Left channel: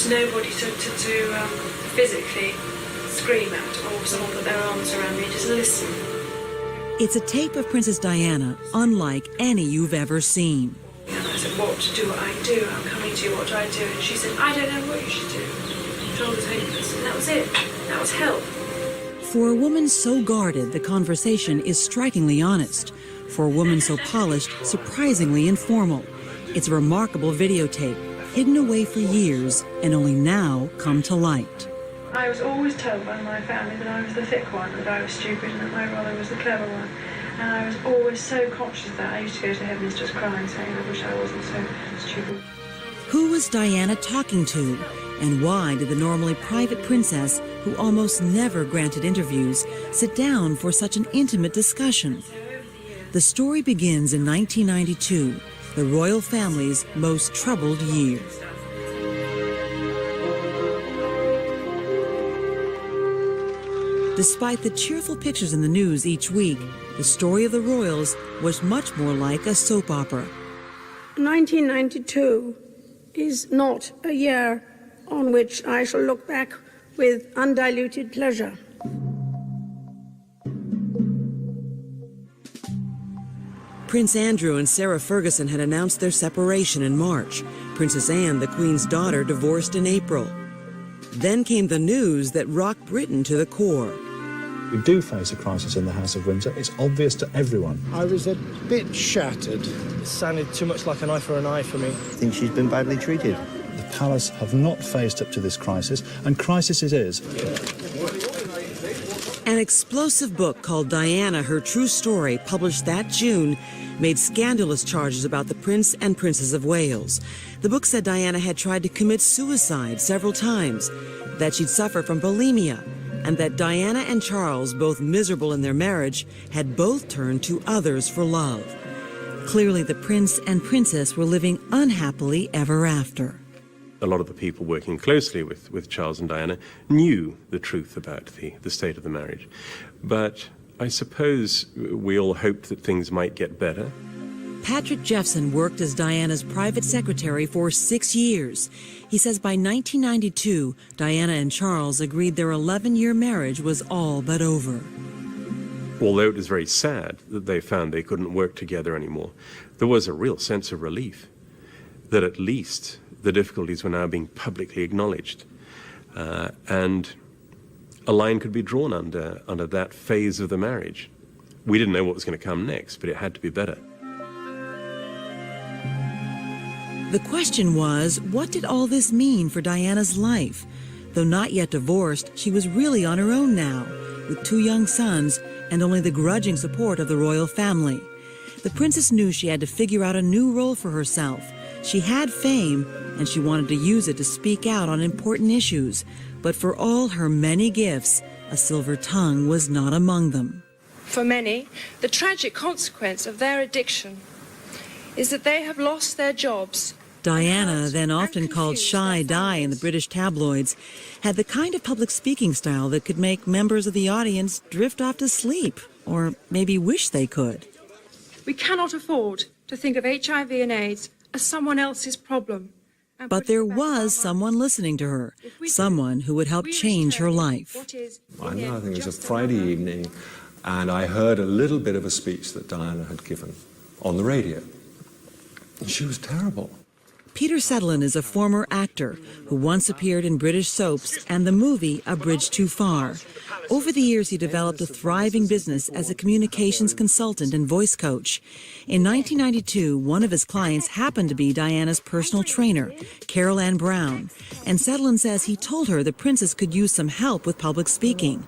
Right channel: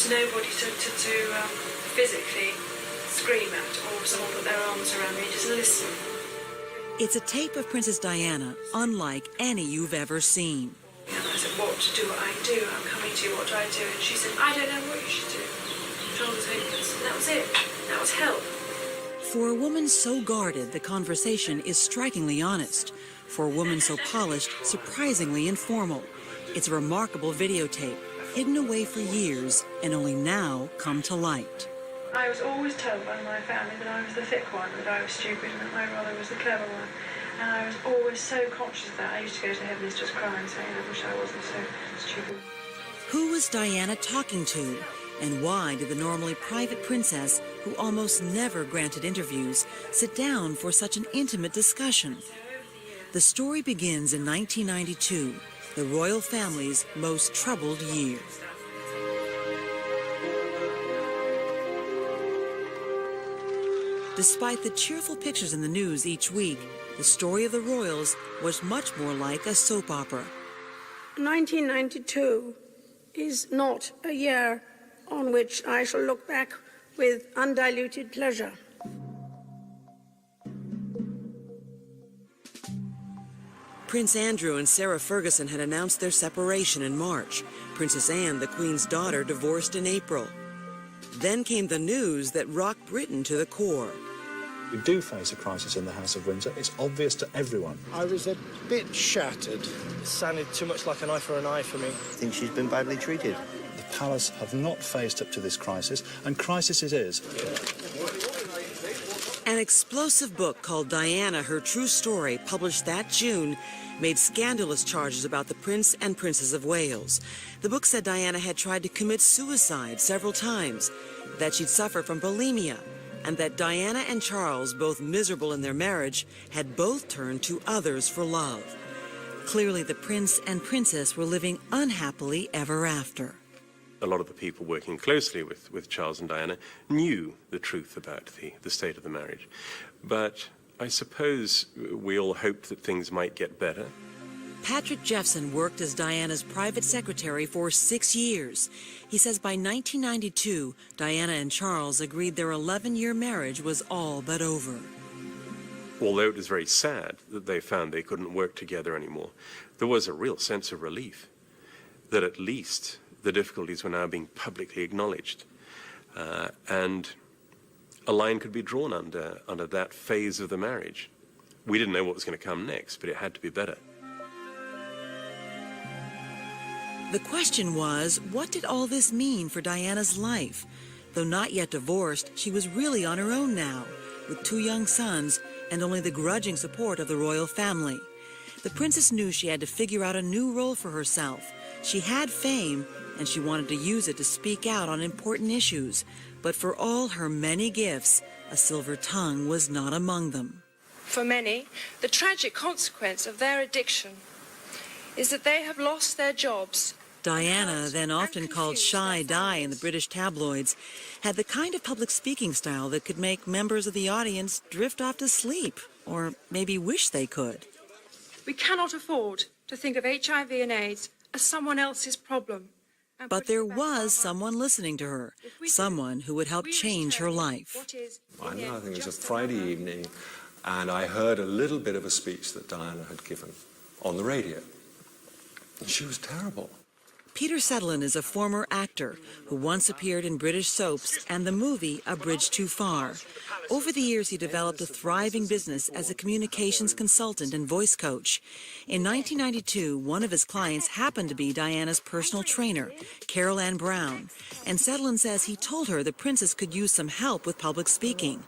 just nobody to physically scream at or someone put their arms around me, just listen. It's a tape of Princess Diana unlike any you've ever seen. And I said, what do I do? I'm coming to you, what do I do? And she said, I don't know what you should do. Shoulders hopeless. And that was it. That was help. For a woman so guarded, the conversation is strikingly honest. For a woman so polished, surprisingly informal. It's a remarkable videotape, hidden away for years and only now come to light. I was always told by my family that I was the thick one, that I was stupid, and that my brother was the clever one. And I was always so conscious of that. I used to go to heavens just crying, saying I wish I wasn't so stupid. Who was Diana talking to? And why did the normally private princess, who almost never granted interviews, sit down for such an intimate discussion? The story begins in 1992, the royal family's most troubled year. Despite the cheerful pictures in the news each week, the story of the royals was much more like a soap opera. 1992 is not a year on which I shall look back with undiluted pleasure. Prince Andrew and Sarah Ferguson had announced their separation in March. Princess Anne, the Queen's daughter, divorced in April. Then came the news that rocked Britain to the core. We do face a crisis in the House of Windsor. It's obvious to everyone. I was a bit shattered. It sounded too much like an eye for an eye for me. I think she's been badly treated. The palace have not faced up to this crisis, and crisis it is. An explosive book called Diana, Her True Story, published that June, made scandalous charges about the Prince and Princess of Wales. The book said Diana had tried to commit suicide several times, that she'd suffered from bulimia, and that Diana and Charles, both miserable in their marriage, had both turned to others for love. Clearly, the Prince and Princess were living unhappily ever after. A lot of the people working closely with Charles and Diana knew the truth about the state of the marriage. But I suppose we all hoped that things might get better. Patrick Jeffson worked as Diana's private secretary for 6 years. He says by 1992, Diana and Charles agreed their 11-year marriage was all but over. Although it was very sad that they found they couldn't work together anymore, there was a real sense of relief that at least the difficulties were now being publicly acknowledged. And a line could be drawn under that phase of the marriage. We didn't know what was going to come next, but it had to be better. The question was, what did all this mean for Diana's life? Though not yet divorced, she was really on her own now, with 2 young sons and only the grudging support of the royal family. The princess knew she had to figure out a new role for herself. She had fame, and she wanted to use it to speak out on important issues. But for all her many gifts, a silver tongue was not among them. For many, the tragic consequence of their addiction is that they have lost their jobs. Diana, then often called Shy Di in the British tabloids, had the kind of public speaking style that could make members of the audience drift off to sleep, or maybe wish they could. We cannot afford to think of HIV and AIDS as someone else's problem. But there was someone listening to her, someone who would help change her life. I think it was a Friday evening, and I heard a little bit of a speech that Diana had given on the radio. And she was terrible. Peter Sutherland is a former actor who once appeared in British soaps and the movie A Bridge Too Far. Over the years, he developed a thriving business as a communications consultant and voice coach. In 1992, one of his clients happened to be Diana's personal trainer, Carol Ann Brown, and Sutherland says he told her the princess could use some help with public speaking.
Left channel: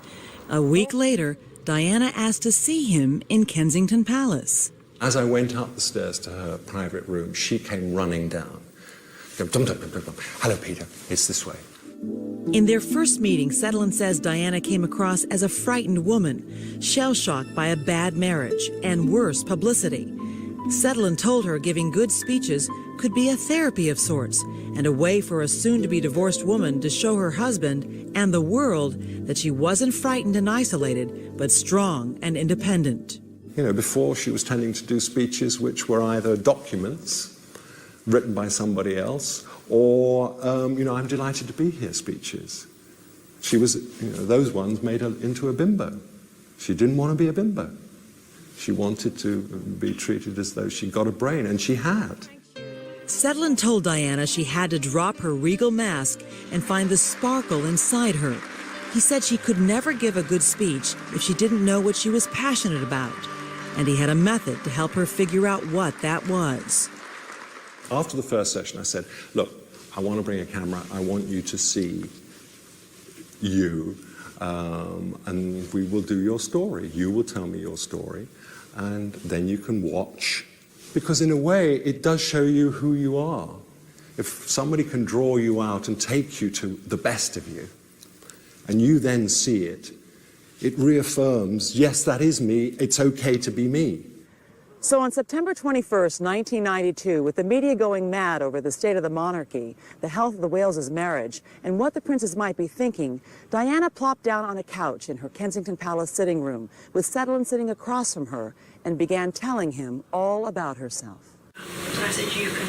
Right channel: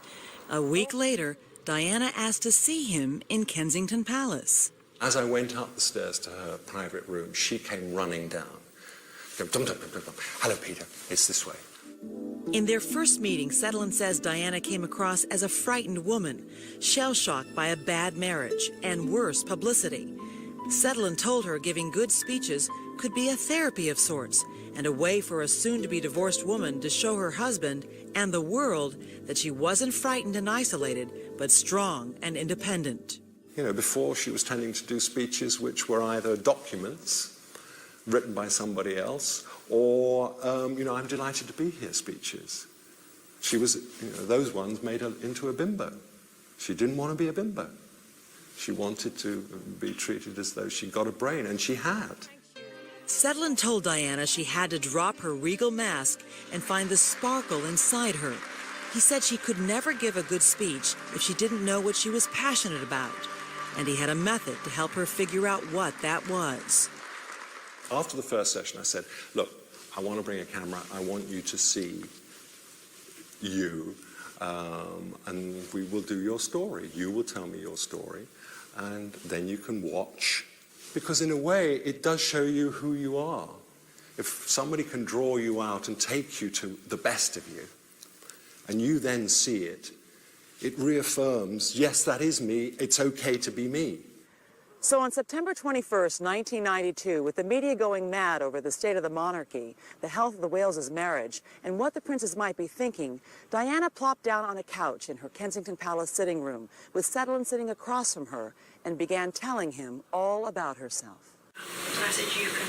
A week later, Diana asked to see him in Kensington Palace. As I went up the stairs to her private room, she came running down. Hello, Peter. It's this way. In their first meeting, Sutherland says Diana came across as a frightened woman, shell-shocked by a bad marriage and worse publicity. Sutherland told her giving good speeches could be a therapy of sorts and a way for a soon-to-be divorced woman to show her husband and the world that she wasn't frightened and isolated, but strong and independent. You know, before she was tending to do speeches which were either documents written by somebody else or, I'm delighted to be here speeches. She was, those ones made her into a bimbo. She didn't want to be a bimbo. She wanted to be treated as though she got a brain, and she had. Sedlin told Diana she had to drop her regal mask and find the sparkle inside her. He said she could never give a good speech if she didn't know what she was passionate about, and he had a method to help her figure out what that was. After the first session, I said, look, I want to bring a camera. I want you to see you, and we will do your story. You will tell me your story, and then you can watch. Because in a way, it does show you who you are. If somebody can draw you out and take you to the best of you, and you then see it, it reaffirms, yes, that is me, it's okay to be me. So on September 21st, 1992, with the media going mad over the state of the monarchy, the health of the Wales' marriage, and what the princess might be thinking, Diana plopped down on a couch in her Kensington Palace sitting room, with Sedlin sitting across from her, and began telling him all about herself. I said, you can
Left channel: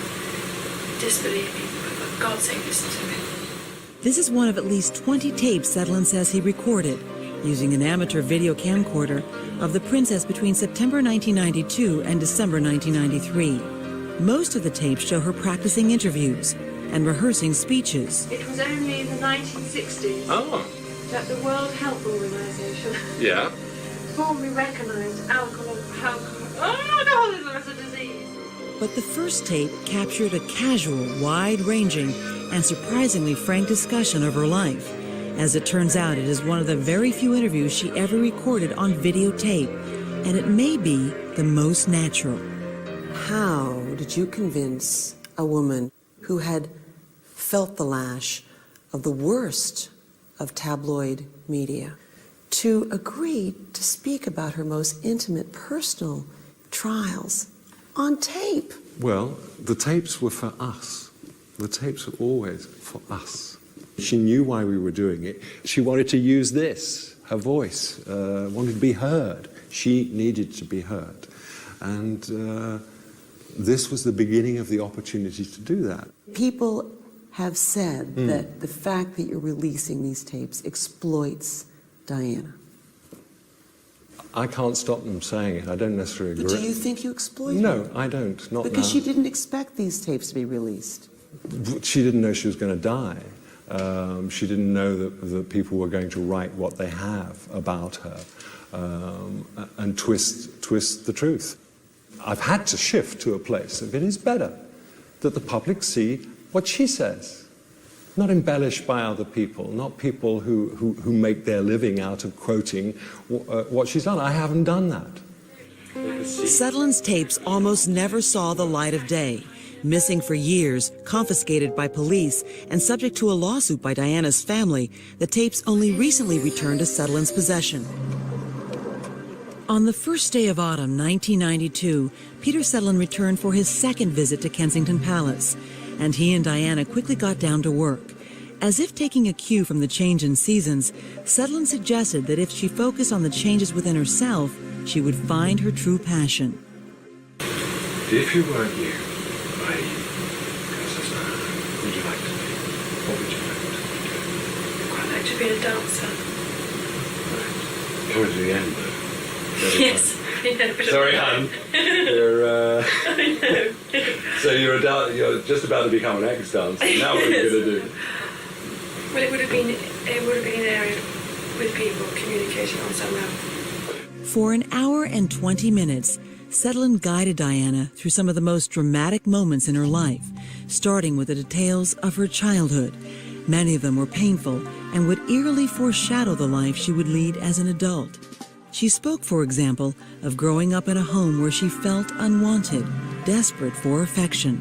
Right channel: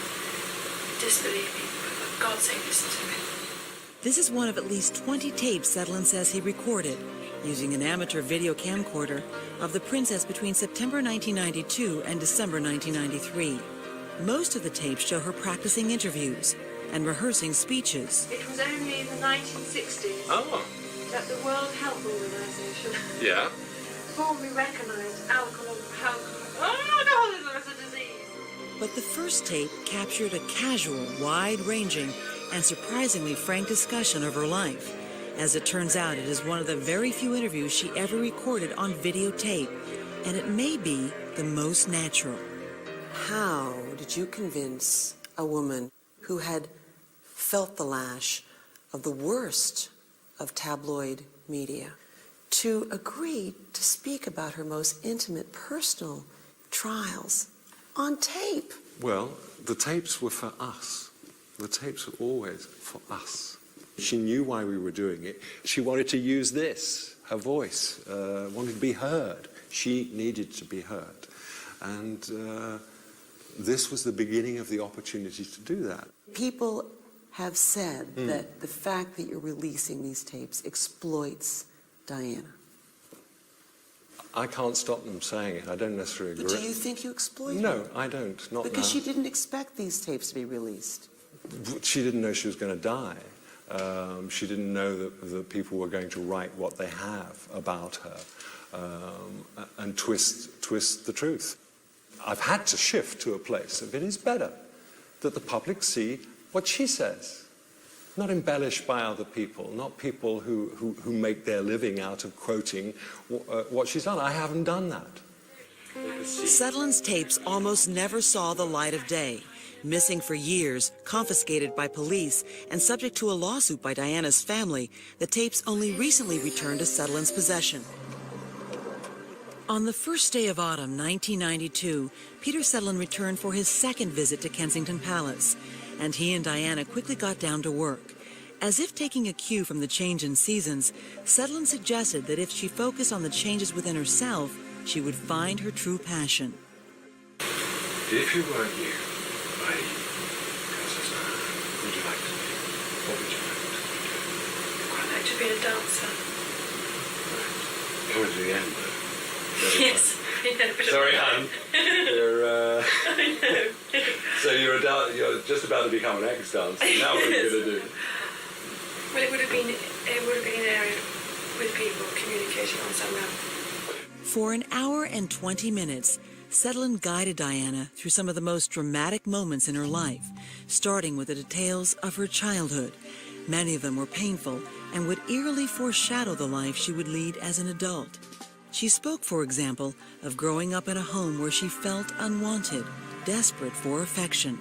disbelieve me, but for God's sake, listen to me. This is one of at least 20 tapes Sedlin says he recorded, using an amateur video camcorder, of the princess between September 1992 and December 1993. Most of the tapes show her practicing interviews and rehearsing speeches. It was only in the 1960s that the World Health Organization formally recognized alcohol as a disease. But the first tape captured a casual, wide-ranging, and surprisingly frank discussion of her life. As it turns out, it is one of the very few interviews she ever recorded on videotape, and it may be the most natural. How did you convince a woman who had felt the lash of the worst of tabloid media to agree to speak about her most intimate personal trials on tape? Well, the tapes were for us. The tapes were always for us. She knew why we were doing it. She wanted to use this, her voice, wanted to be heard. She needed to be heard. And this was the beginning of the opportunity to do that. People have said that the fact that you're releasing these tapes exploits Diana. I can't stop them saying it. I don't necessarily agree. But do you think you exploit her? No, I don't. Not Because now. she didn't expect these tapes to be released. She didn't know she was going to die. She didn't know that people were going to write what they have about her and twist the truth. I've had to shift to a place that it is better that the public see what she says, not embellished by other people, not people who make their living out of quoting what she's done. I haven't done that. Sedlin's tapes almost never saw the light of day. Missing for years, confiscated by police, and subject to a lawsuit by Diana's family, the tapes only recently returned to Sedlin's possession. On the first day of autumn, 1992, Peter Sedlin returned for his second visit to Kensington Palace, and he and Diana quickly got down to work. As if taking a cue from the change in seasons, Sedlin suggested that if she focused on the changes within herself, she would find her true passion. If you weren't you, would you like to be? What would you like to be? I'd like to be a dancer. Coming to the end, though. Yes. Sorry, hon. So you're just about to become an ex-dancer. Now what are you going to do? Well, it would have been an area with people communicating on some level. For an hour and 20 minutes, Sedlin guided Diana through some of the most dramatic moments in her life, starting with the details of her childhood. Many of them were painful and would eerily foreshadow the life she would lead as an adult. She spoke, for example, of growing up in a home where she felt unwanted, desperate for affection.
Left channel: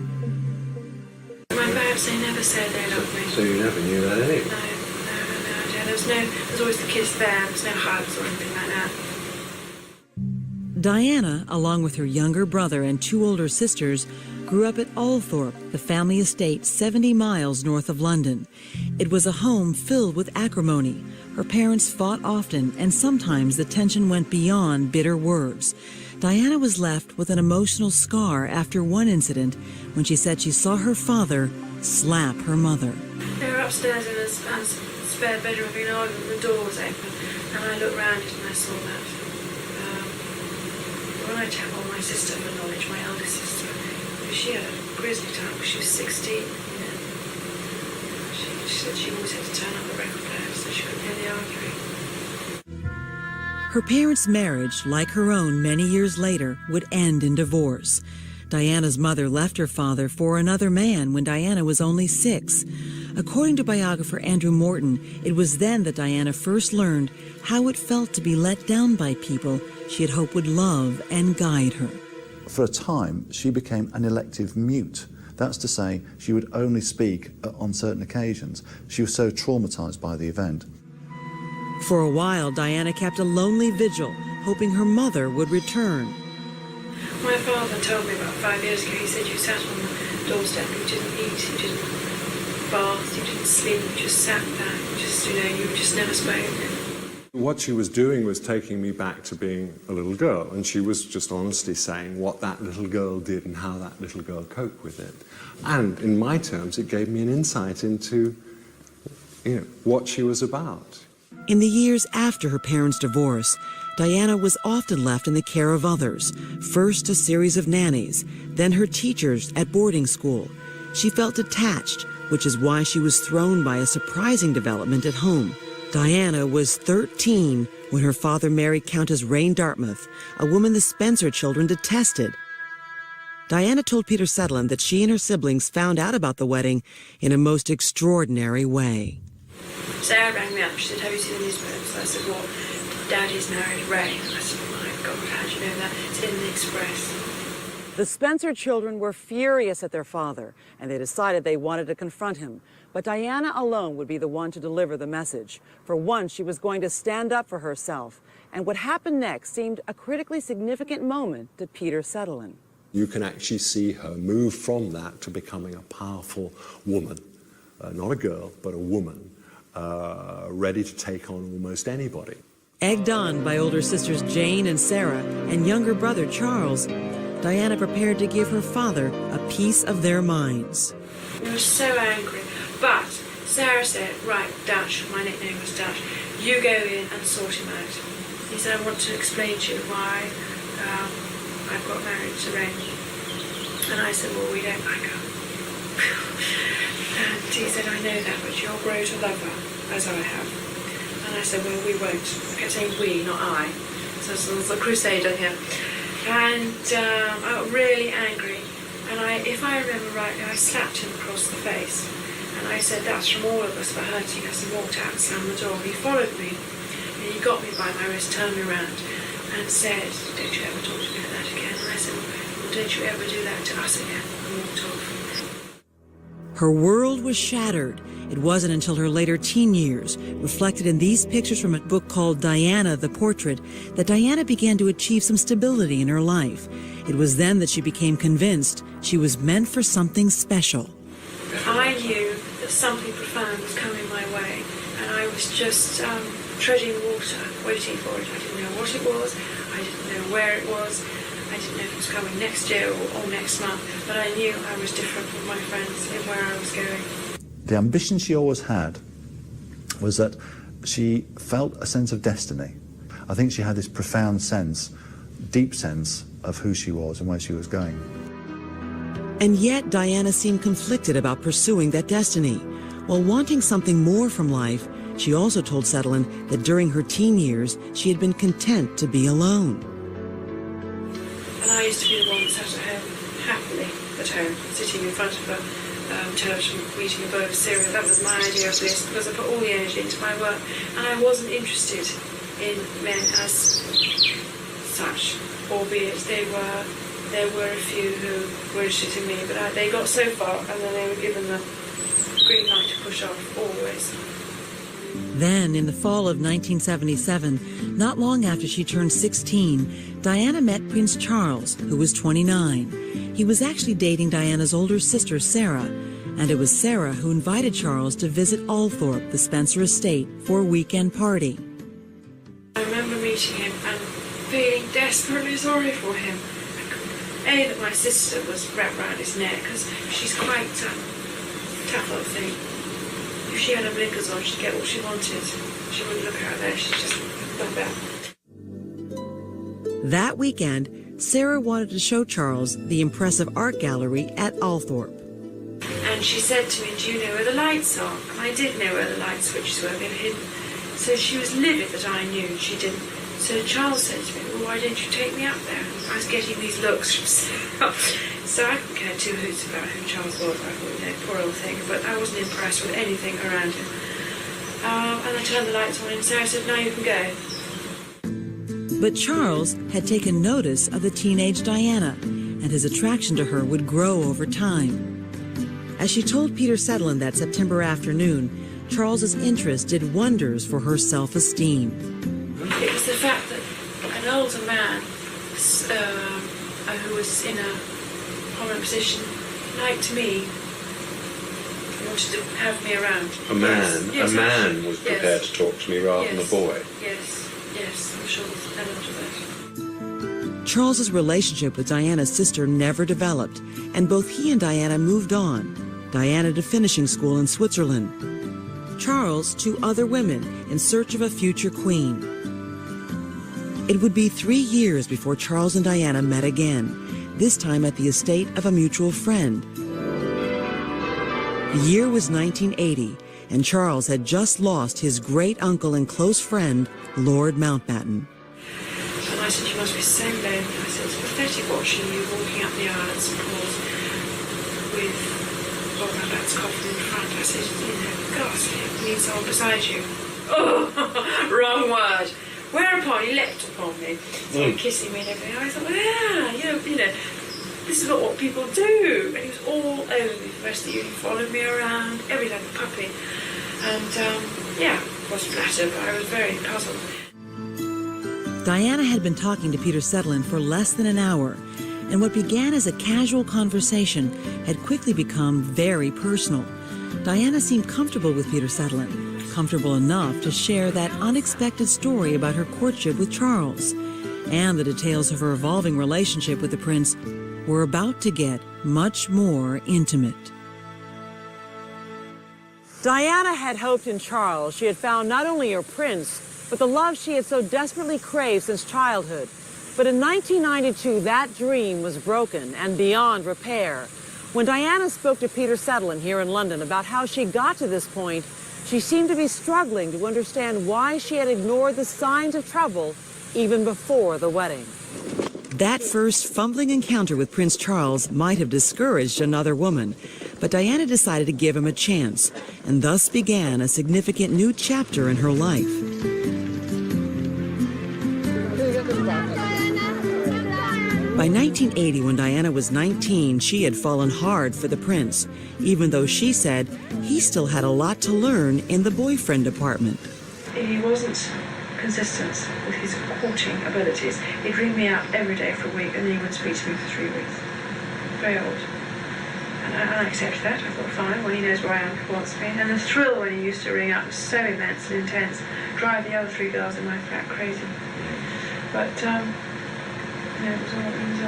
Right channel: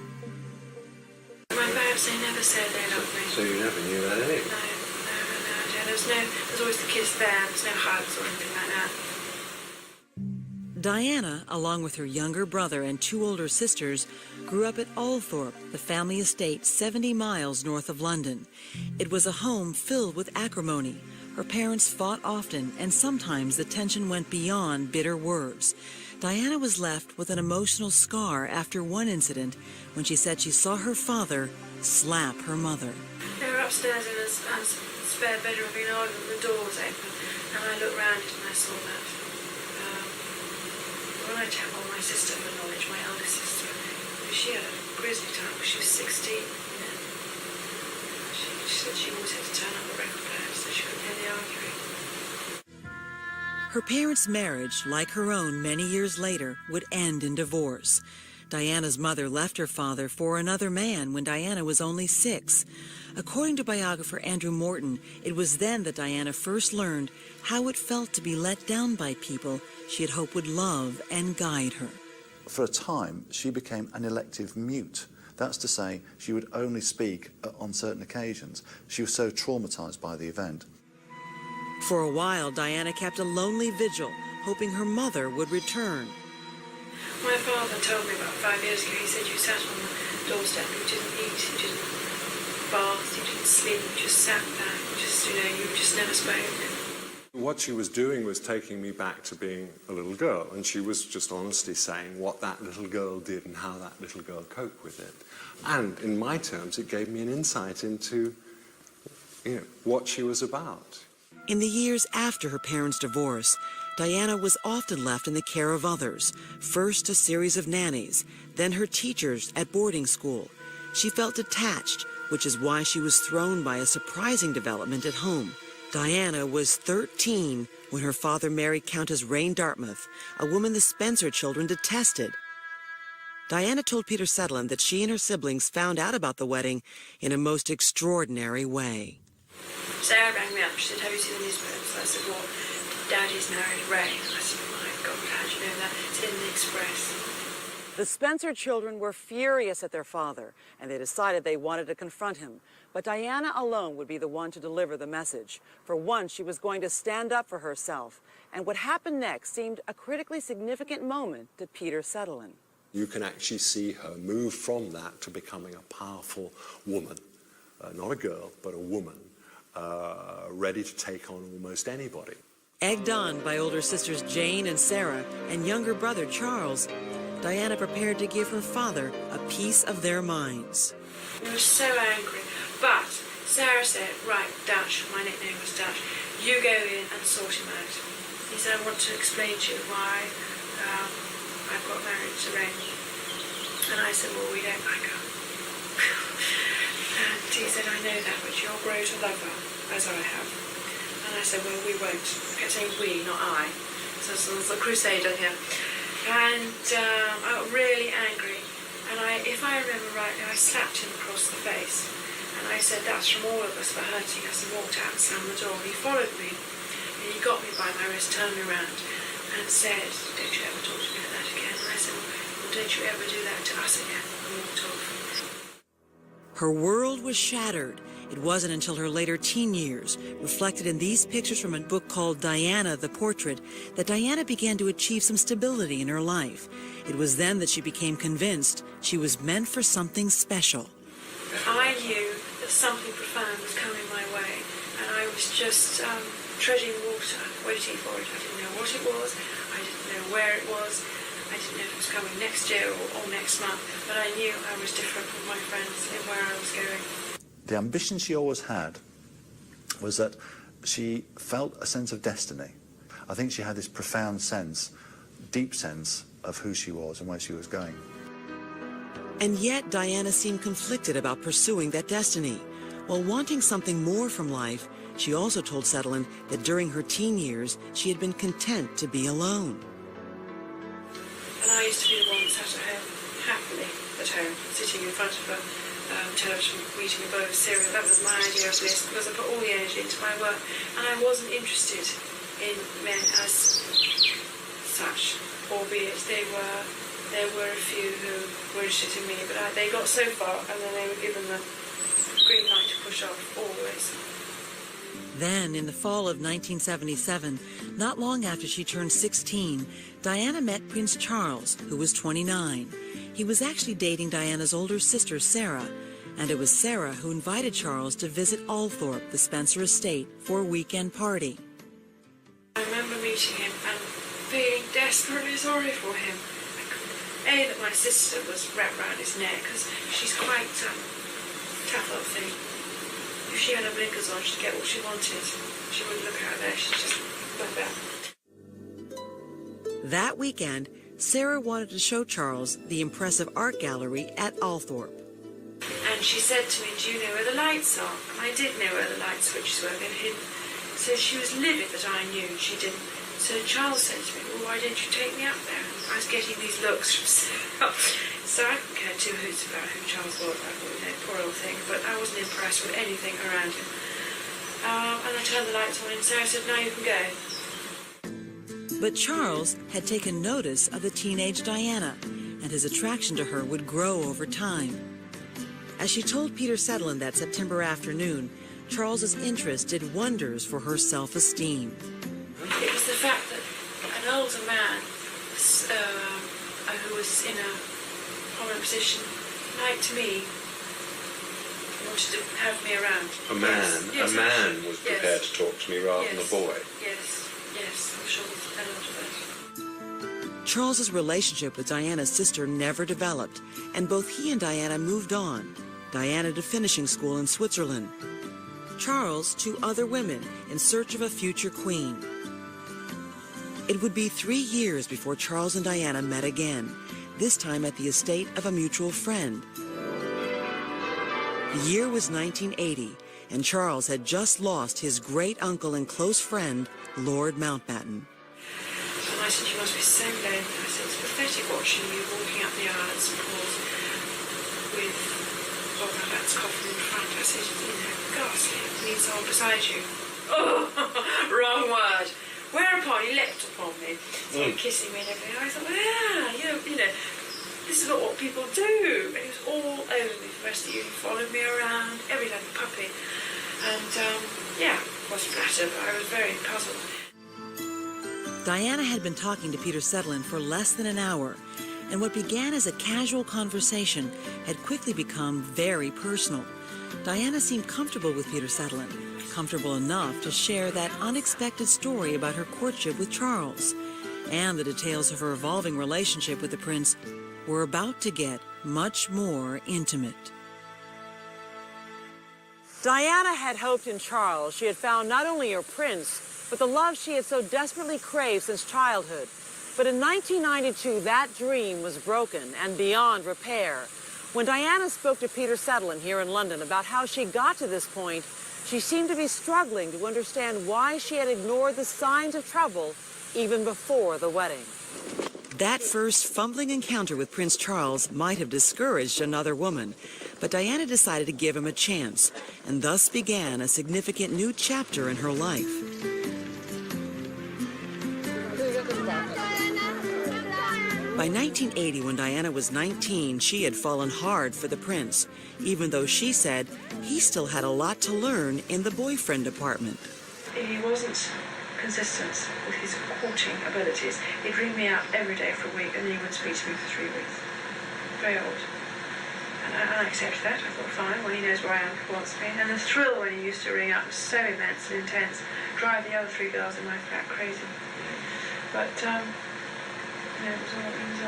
My parents, they never said they loved me. So you never knew that anyway? No. There's always the kiss there. There's no hugs or anything like that. Diana, along with her younger brother and two older sisters, grew up at Althorpe, the family estate 70 miles north of London. It was a home filled with acrimony. Her parents fought often, and sometimes the tension went beyond bitter words. Diana was left with an emotional scar after one incident when she said she saw her father slap her mother. They were upstairs in a spare bedroom being arguing, the door was open, and I looked round and I saw that. When I told my sister for knowledge, my eldest sister, she had a grisly time, she was 16. She said she always had to turn up the record player so she couldn't hear the arguing. Her parents' marriage, like her own many years later, would end in divorce. Diana's mother left her father for another man when Diana was only 6. According to biographer Andrew Morton, it was then that Diana first learned how it felt to be let down by people she had hoped would love and guide her. For a time, she became an elective mute. That's to say, she would only speak on certain occasions. She was so traumatized by the event. For a while, Diana kept a lonely vigil, hoping her mother would return. My father told me about 5 years ago, he said you sat on the doorstep, you didn't eat, you didn't bath, you didn't sleep, you just sat there, you just never spoke. What she was doing was taking me back to being a little girl, and she was just honestly saying what that little girl did and how that little girl coped with it. And in my terms, it gave me an insight into, what she was about. In the years after her parents' divorce, Diana was often left in the care of others, first a series of nannies, then her teachers at boarding school. She felt detached, which is why she was thrown by a surprising development at home. Diana was 13 when her father married Countess Rain Dartmouth, a woman the Spencer children detested. Diana told Peter Sutherland that she and her siblings found out about the wedding in a most extraordinary way. Sarah rang me up. She said, have you seen the newspapers? I said, well, Daddy's married Ray. I said, oh my God, how do you know that? It's in the Express. The Spencer children were furious at their father, and they decided they wanted to confront him. But Diana alone would be the one to deliver the message. For once, she was going to stand up for herself. And what happened next seemed a critically significant moment to Peter Sutherland. You can actually see her move from that to becoming a powerful woman. Not a girl, but a woman, ready to take on almost anybody. Egged on by older sisters Jane and Sarah and younger brother Charles, Diana prepared to give her father a piece of their minds. I was so angry, but Sarah said, right, Dutch, my nickname was Dutch, you go in and sort him out. He said, I want to explain to you why I've got married to Ray. And I said, well, we don't back up. And he said, I know that, but you'll grow to love her, as I have. And I said, well, we won't. I kept saying we, not I. So it was a crusader here. And I got really angry. And if I remember rightly, I slapped him across the face. And I said, that's from all of us for hurting us, and walked out and slammed the door. And he followed me, and he got me by my wrist, turned me around, and said, don't you ever talk to me like that again. And I said, well, don't you ever do that to us again. And walked off. Her world was shattered. It wasn't until her later teen years, reflected in these pictures from a book called Diana, the Portrait, that Diana began to achieve some stability in her life. It was then that she became convinced she was meant for something special. I knew that something profound was coming my way, and I was just treading water, waiting for it. I didn't know what it was, I didn't know where it was, I didn't know if it was coming next year or next month, but I knew I was different from my friends in where I was going. The ambition she always had was that she felt a sense of destiny. I think she had this profound sense, deep sense of who she was and where she was going. And yet Diana seemed conflicted about pursuing that destiny. While wanting something more from life, she also told Sutherland that during her teen years, she had been content to be alone. And I used to be the one that sat at home, happily at home, sitting in front of a television, eating a bowl of cereal. That was my idea of bliss, because I put all the energy into my work, and I wasn't interested in men as such, albeit there were a few who were interested in me, but they got so far, and then they were given the green light to push off, always. Then, in the fall of 1977, not long after she turned 16, Diana met Prince Charles, who was 29. He was actually dating Diana's older sister, Sarah, and it was Sarah who invited Charles to visit Althorpe, the Spencer estate, for a weekend party. I remember meeting him, and feeling desperately sorry for him. That my sister was wrapped round his neck, because she's quite tough little thing. If she had her blinkers on, she'd get what she wanted. She wouldn't look out there, she's just like that. That weekend, Sarah wanted to show Charles the impressive art gallery at Althorpe. And she said to me, do you know where the lights are? And I did know where the light switches were, they were hidden. So she was livid that I knew and she didn't. So Charles said to me, well, why don't you take me up there? I was getting these looks from Sarah. So I couldn't care two hoots about who Charles was. I thought, you know, poor old thing. But I wasn't impressed with anything around him. And I turned the lights on and Sarah said, now you can go. But Charles had taken notice of the teenage Diana, and his attraction to her would grow over time. As she told Peter Sutherland that September afternoon, Charles's interest did wonders for her self-esteem. It was the fact that an older man who was in a prominent position liked me, wanted to have me around. A man, Yes, a man was prepared yes. to talk to me rather than a boy. Yes, yes, I'm sure there's an element of that. Charles's relationship with Diana's sister never developed, and both he and Diana moved on. Diana to finishing school in Switzerland. Charles to other women in search of a future queen. It would be 3 years before Charles and Diana met again, this time at the estate of a mutual friend. The year was 1980, and Charles had just lost his great-uncle and close friend, Lord Mountbatten. And I said, you must be so lonely. I said, it's pathetic watching you walking up the aisle at St Paul's with Lord Mountbatten's coffin in front. I said, you know, gosh, you need someone beside you. Oh, wrong word. Whereupon he leapt upon me, started kissing me and everything. I thought, well, yeah, you know, this is not what people do. And he was all over me for the rest of the evening, followed me around, every day like a puppy. And, yeah, I was flattered, but I was very puzzled. Diana had been talking to Peter Sutherland for less than an hour, and what began as a casual conversation had quickly become very personal. Diana seemed comfortable with Peter Sutherland, comfortable enough to share that unexpected story about her courtship with Charles, and the details of her evolving relationship with the prince were about to get much more intimate. Diana had hoped in Charles she had found not only her prince, but the love she had so desperately craved since childhood. But in 1992, that dream was broken and beyond repair. When Diana spoke to Peter Sutherland here in London about how she got to this point, she seemed to be struggling to understand why she had ignored the signs of trouble even before the wedding. That first fumbling encounter with Prince Charles might have discouraged another woman, but Diana decided to give him a chance, and thus began a significant new chapter in her life. By 1980, when Diana was 19, she had fallen hard for the prince, even though she said he still had a lot to learn in the boyfriend department. He wasn't consistent with his courting abilities. He'd ring me up every day for a week and then he wouldn't speak to me for 3 weeks. Very odd. And I accepted that. I thought, fine, well, he knows where I am if he wants me. And the thrill when he used to ring up was so immense and intense, drive the other 3 girls in my flat crazy. But, it was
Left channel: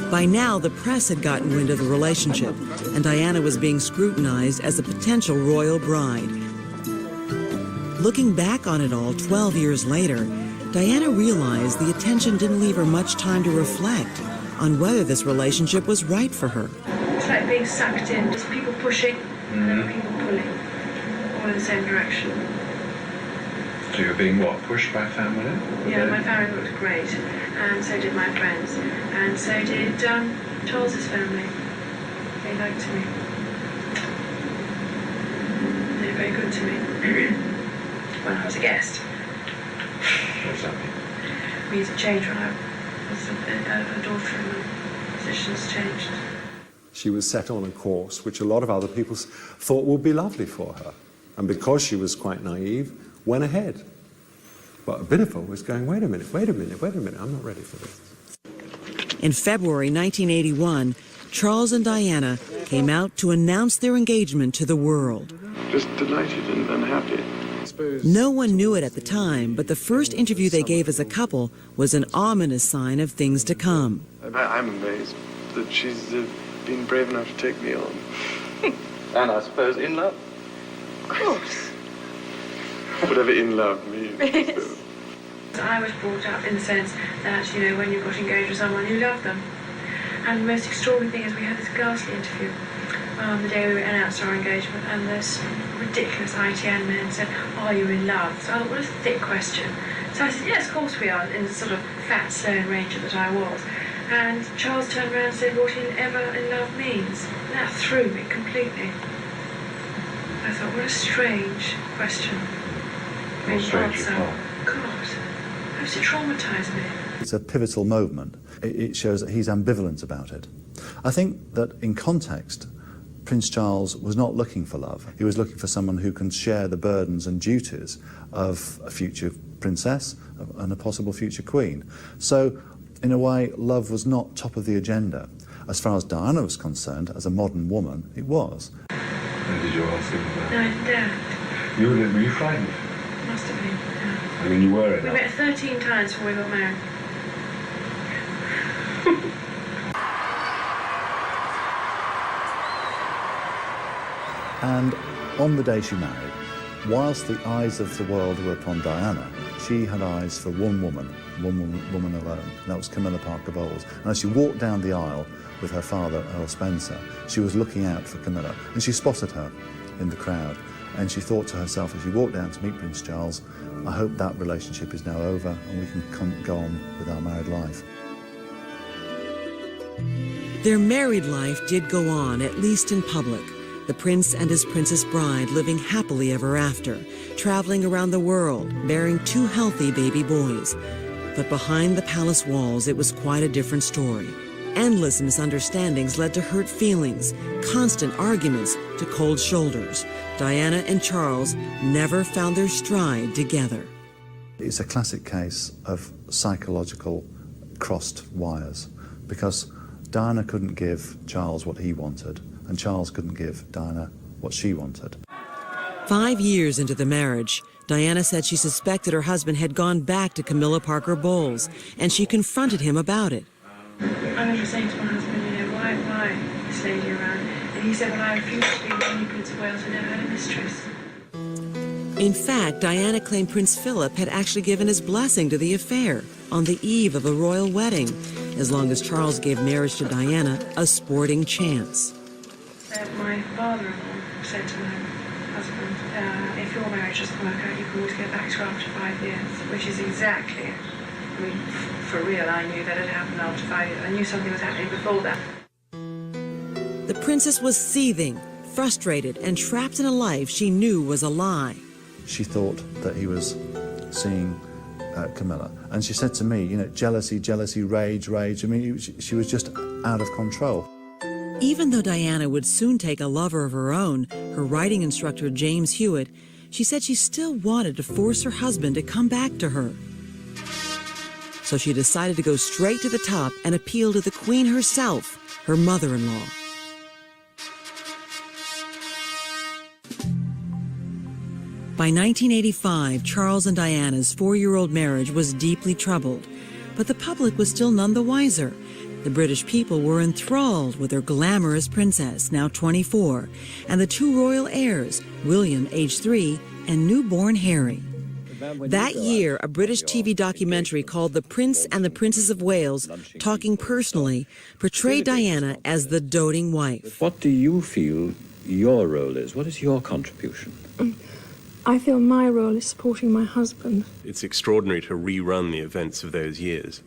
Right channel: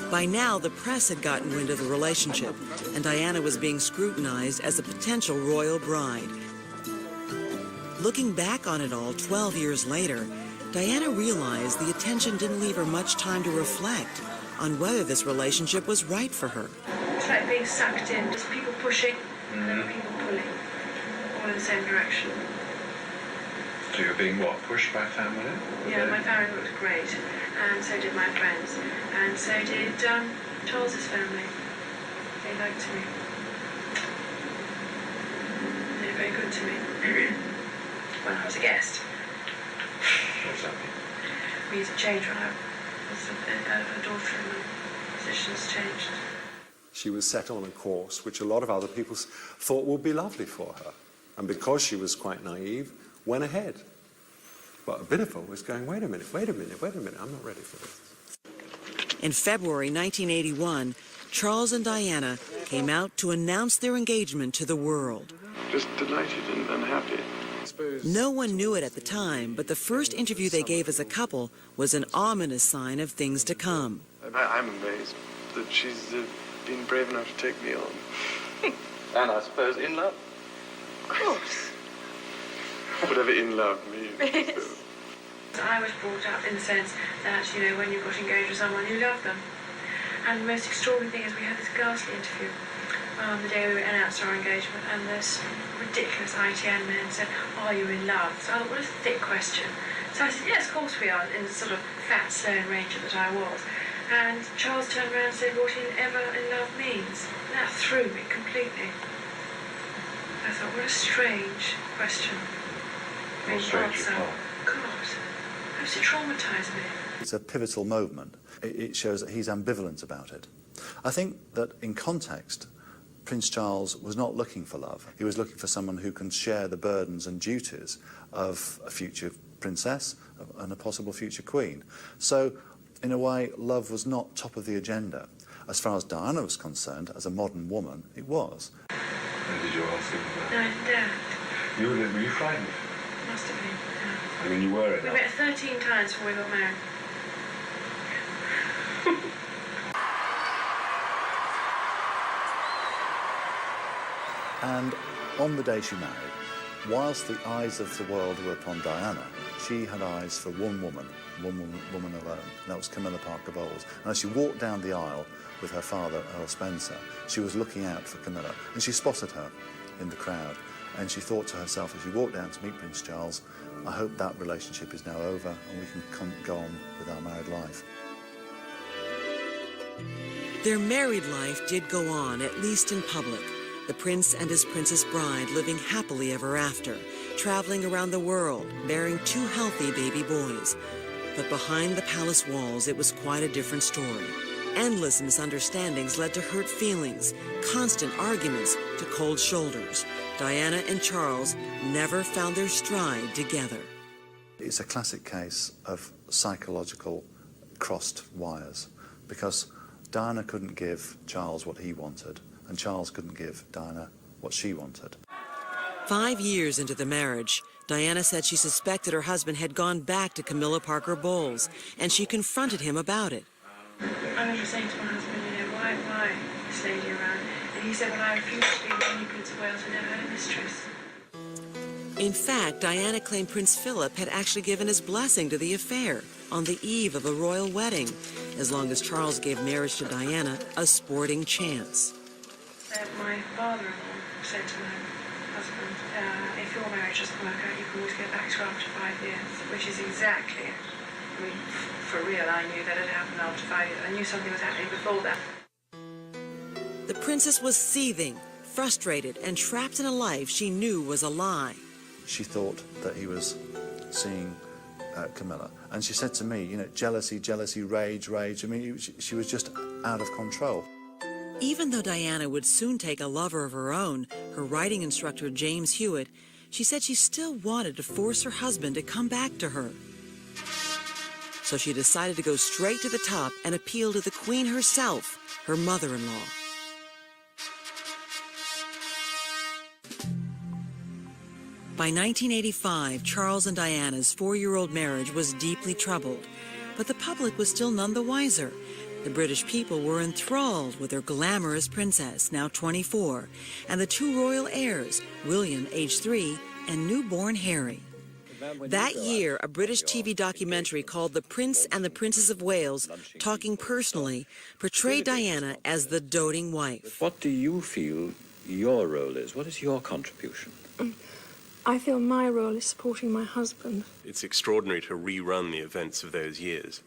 odd. By now, the press had gotten wind of the relationship, and Diana was being scrutinized as a potential royal bride. Looking back on it all 12 years later, Diana realized the attention didn't leave her much time to reflect on whether this relationship was right for her. It's like being sucked in, just people pushing and people pulling, all in the same direction. So you're being what, pushed by family? Yeah, my family looked great, and so did my friends, and so did Charles's family. They liked me. They were very good to me when I was a guest. What does that mean? It means it changed when I was a daughter and the positions changed. She was set on a course which a lot of other people thought would be lovely for her. And because she was quite naive, went ahead. But a bit of her was going, wait a minute, I'm not ready for this. In February 1981, Charles and Diana came out to announce their engagement to the world. Just delighted and happy. No one knew it at the time, but the first interview they gave as a couple was an ominous sign of things to come. I'm amazed that she's been brave enough to take me on. And I suppose in love. Of course. Whatever in love means. I was brought up in the sense that, you know, when you got engaged with someone, you loved them. And the most extraordinary thing is we had this ghastly interview the day we announced our engagement, and this ridiculous ITN man said, "Are you in love?" So I thought, what a thick question. So I said, yes, of course we are, in the sort of fat, stern ranger that I was. And Charles turned around and said, what ever in love means. And that threw me completely. I thought, what a strange question. What strange answer. God, how does it traumatise me? It's a pivotal moment. It shows that he's ambivalent about it. I think that in context, Prince Charles was not looking for love. He was looking for someone who can share the burdens and duties of a future princess and a possible future queen. So, in a way, love was not top of the agenda. As far as Diana was concerned, as a modern woman, it was. And did you ask him about No, I didn't. Were you frightened? Must have been, yeah. I mean, you were in We that. met 13 times before we got married. And on the day she married, whilst the eyes of the world were upon Diana, she had eyes for one woman alone, and that was Camilla Parker Bowles. And as she walked down the aisle with her father, Earl Spencer, she was looking out for Camilla, and she spotted her in the crowd, and she thought to herself, as she walked down to meet Prince Charles, I hope that relationship is now over and we can go on with our married life. Their married life did go on, at least in public. The prince and his princess bride living happily ever after, traveling around the world, bearing 2 healthy baby boys. But behind the palace walls, it was quite a different story. Endless misunderstandings led to hurt feelings, constant arguments to cold shoulders. Diana and Charles never found their stride together. It's a classic case of psychological crossed wires, because Diana couldn't give Charles what he wanted, and Charles couldn't give Diana what she wanted. 5 years into the marriage, Diana said she suspected her husband had gone back to Camilla Parker Bowles, and she confronted him about it. I remember saying to my husband, you know, why this lady around? And he said, well, I refuse to be the new Prince of Wales. I never had a mistress. In fact, Diana claimed Prince Philip had actually given his blessing to the affair on the eve of the royal wedding, as long as Charles gave marriage to Diana a sporting chance. My father-in-law said to my husband, if your marriage doesn't work out, you can always get back to after 5 years, which is exactly it. I mean, for real, I knew that had happened after 5 years. I knew something was happening before that. The princess was seething, frustrated, and trapped in a life she knew was a lie. She thought that he was seeing Camilla. And she said to me, you know, jealousy, rage. I mean, she was just out of control. Even though Diana would soon take a lover of her own, her writing instructor James Hewitt, she said she still wanted to force her husband to come back to her. So she decided to go straight to the top and appeal to the Queen herself, her mother-in-law. By 1985, Charles and Diana's 4-year-old marriage was deeply troubled, but the public was still none the wiser. The British people were enthralled with their glamorous princess, now 24, and the 2 royal heirs, William, aged 3, and newborn Harry. That year, a British TV documentary called The Prince and the Princess of Wales, Talking Personally, portrayed Diana as the doting wife. What do you feel your role is? What is your contribution? I feel my role is supporting my husband. It's extraordinary to rerun the events of those years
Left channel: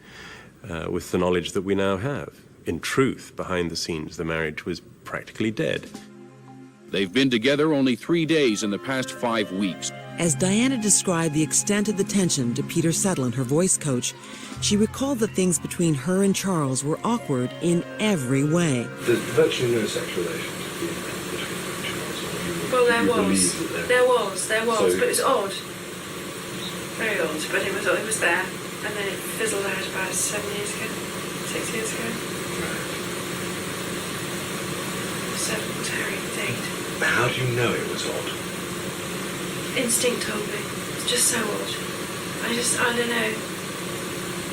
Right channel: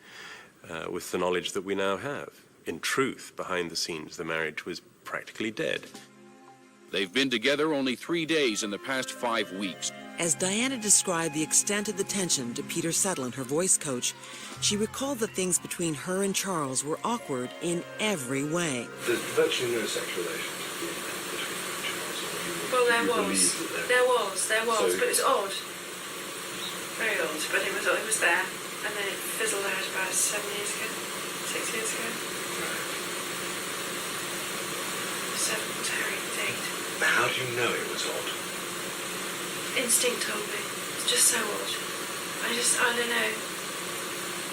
with the knowledge that we now have. In truth, behind the scenes, the marriage was practically dead. They've been together only 3 days in the past 5 weeks. As Diana described the extent of the tension to Peter Sutherland, her voice coach, she recalled that things between her and Charles were awkward in every way. There's virtually no sex relations between Well, there was, but it was odd. Very odd, but it was there. And then it fizzled out about 6 years ago. So, Terry, date. How do you know it was odd? instinct told me. It's just so odd. I don't know.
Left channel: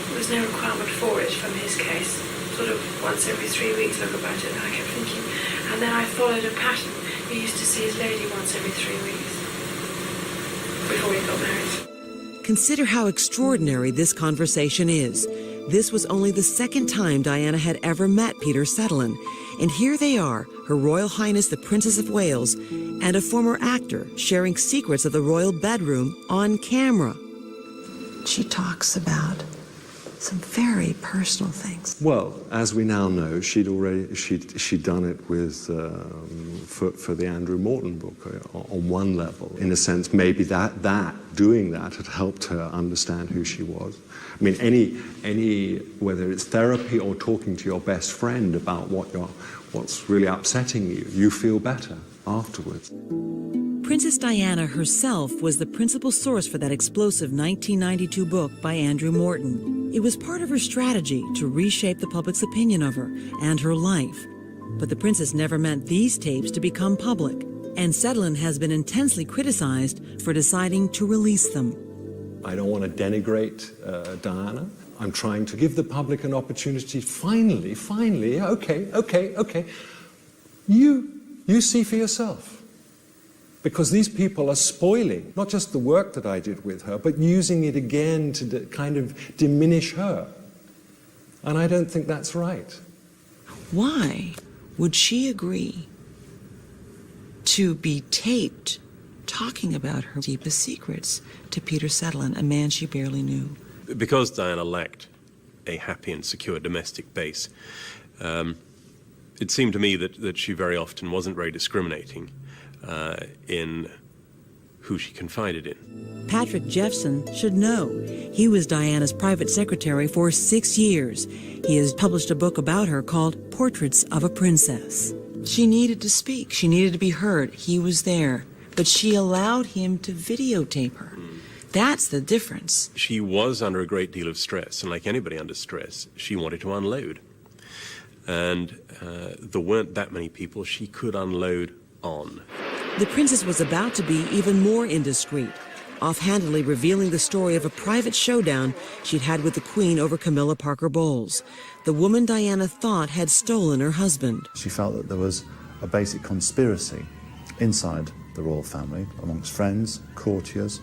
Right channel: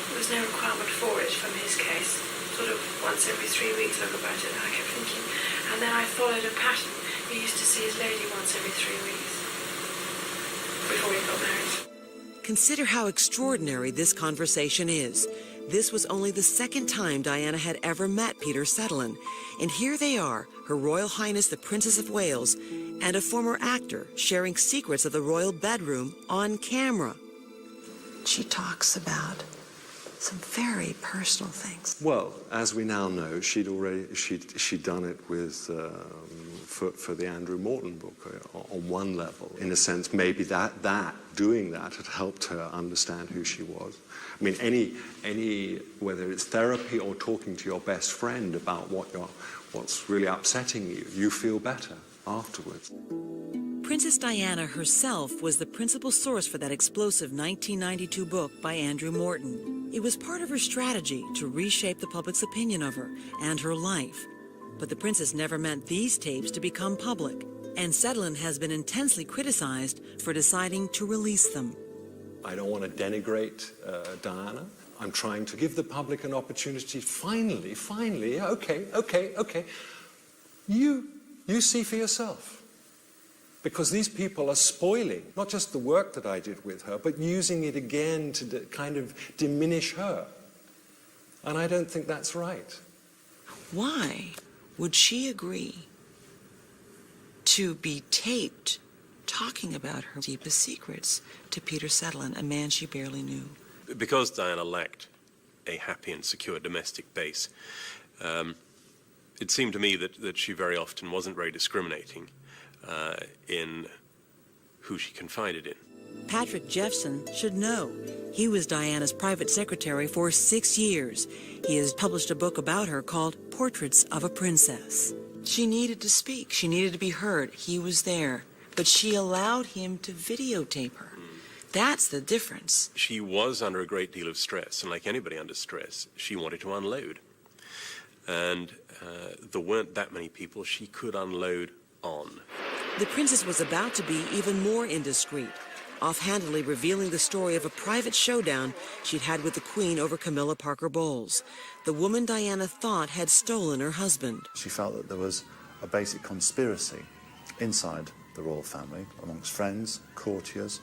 There was no requirement for it from his case. Sort of once every 3 weeks look about it, I kept thinking. And then I followed a pattern. He used to see his lady once every 3 weeks before he got married. Consider how extraordinary this conversation is. This was only the second time Diana had ever met Peter Sutherland. And here they are, Her Royal Highness the Princess of Wales and a former actor sharing secrets of the royal bedroom on camera. She talks about some very personal things. Well, as we now know, she'd done it with for the Andrew Morton book on one level. In a sense, maybe doing that had helped her understand who she was. I mean, any whether it's therapy or talking to your best friend about what's really upsetting you, you feel better afterwards. Princess Diana herself was the principal source for that explosive 1992 book by Andrew Morton. It was part of her strategy to reshape the public's opinion of her and her life. But the princess never meant these tapes to become public, and Sutherland has been intensely criticized for deciding to release them. I don't want to denigrate Diana. I'm trying to give the public an opportunity. Finally, okay. You see for yourself. Because these people are spoiling not just the work that I did with her, but using it again to kind of diminish her. And I don't think that's right. Why would she agree to be taped talking about her deepest secrets to Peter Sutherland, a man she barely knew? Because Diana lacked a happy and secure domestic base, it seemed to me that she very often wasn't very discriminating in who she confided in. Patrick Jeffson should know. He was Diana's private secretary for 6 years. He has published a book about her called Portraits of a Princess. She needed to speak. She needed to be heard. He was there. But she allowed him to videotape her. That's the difference. She was under a great deal of stress, and like anybody under stress, she wanted to unload. And there weren't that many people she could unload on. The princess was about to be even more indiscreet, offhandedly revealing the story of a private showdown she'd had with the Queen over Camilla Parker Bowles, the woman Diana thought had stolen her husband. She felt that there was a basic conspiracy inside the royal family, amongst friends, courtiers,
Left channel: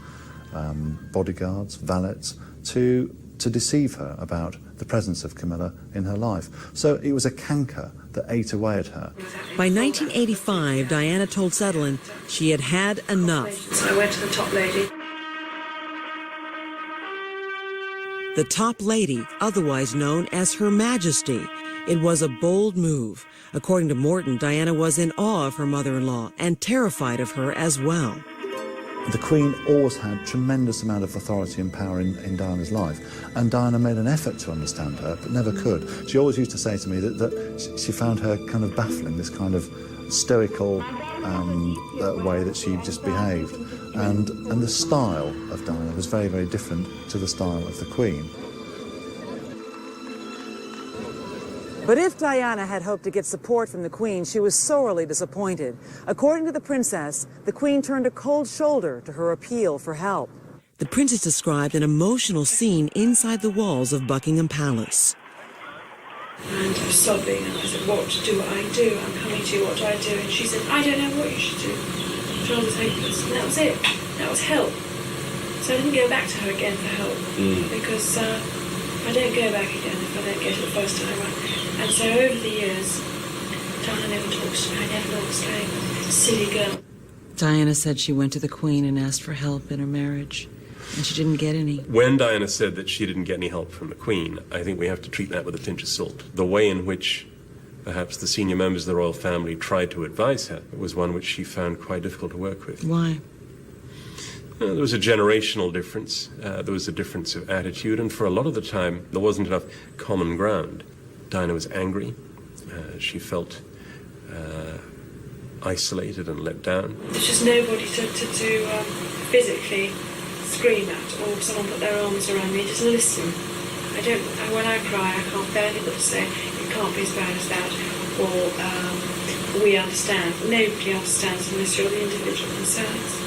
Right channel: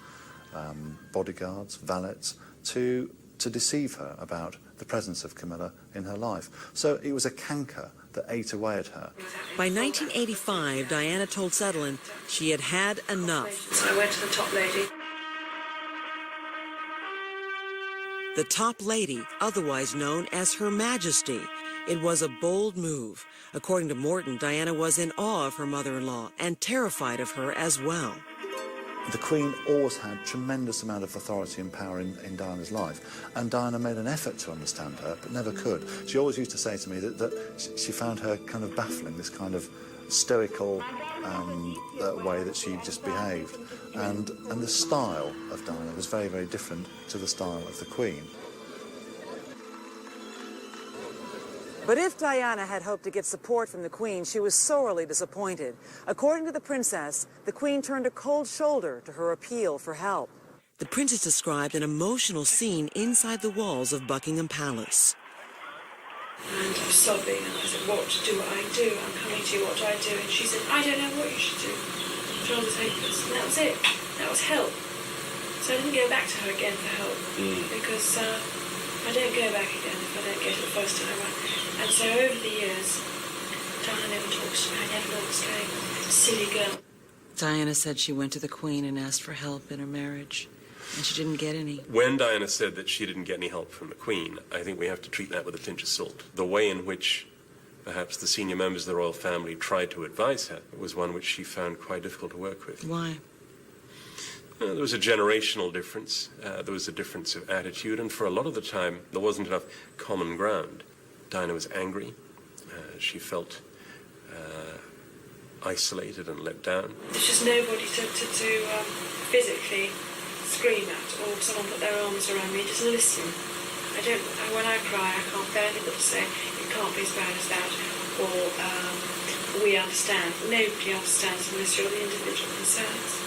bodyguards, valets, to deceive her about the presence of Camilla in her life. So it was a canker that ate away at her. By 1985, Diana told Sutherland she had had enough. So I went to the top lady. The top lady, otherwise known as Her Majesty. It was a bold move. According to Morton, Diana was in awe of her mother-in-law and terrified of her as well. The Queen always had tremendous amount of authority and power in Diana's life, and Diana made an effort to understand her, but never could. She always used to say to me that she found her kind of baffling, this kind of stoical way that she just behaved. And the style of Diana was very, very different to the style of the Queen. But if Diana had hoped to get support from the Queen, she was sorely disappointed. According to the princess, the Queen turned a cold shoulder to her appeal for help. The princess described an emotional scene inside the walls of Buckingham Palace. And I was sobbing, and I said, what do I do? I'm coming to you, what do I do? And she said, I don't know what you should do. John was hopeless. And that was it. That was help. So I didn't go back to her again for help, because I don't go back again if I don't get it the first time right. And so over the years, Diana never talks to me. I never lost a silly girl. Diana said she went to the Queen and asked for help in her marriage, and she didn't get any. When Diana said that she didn't get any help from the Queen, I think we have to treat that with a pinch of salt. The way in which perhaps the senior members of the royal family tried to advise her was one which she found quite difficult to work with. Why? There was a generational difference. There was a difference of attitude, and for a lot of the time, there wasn't enough common ground. Diana was angry. She felt isolated and let down. There's just nobody to physically scream at, or someone put their arms around me, just listen. When I cry, I can't bear people to say, it can't be as bad as that, or we understand. Nobody understands unless you're the individual themselves.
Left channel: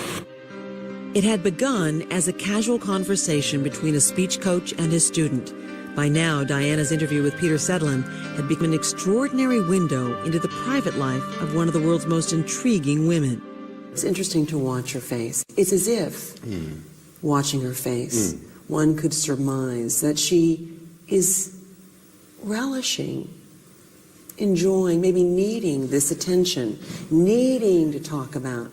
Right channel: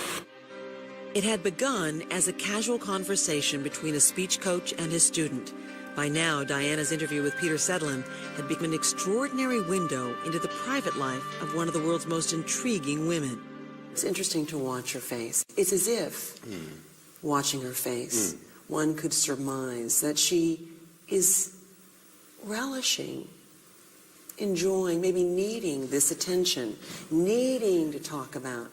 It had begun as a casual conversation between a speech coach and his student. By now, Diana's interview with Peter Sedlin had become an extraordinary window into the private life of one of the world's most intriguing women. It's interesting to watch her face. It's as if, watching her face, one could surmise that she is relishing, enjoying, maybe needing this attention, needing to talk about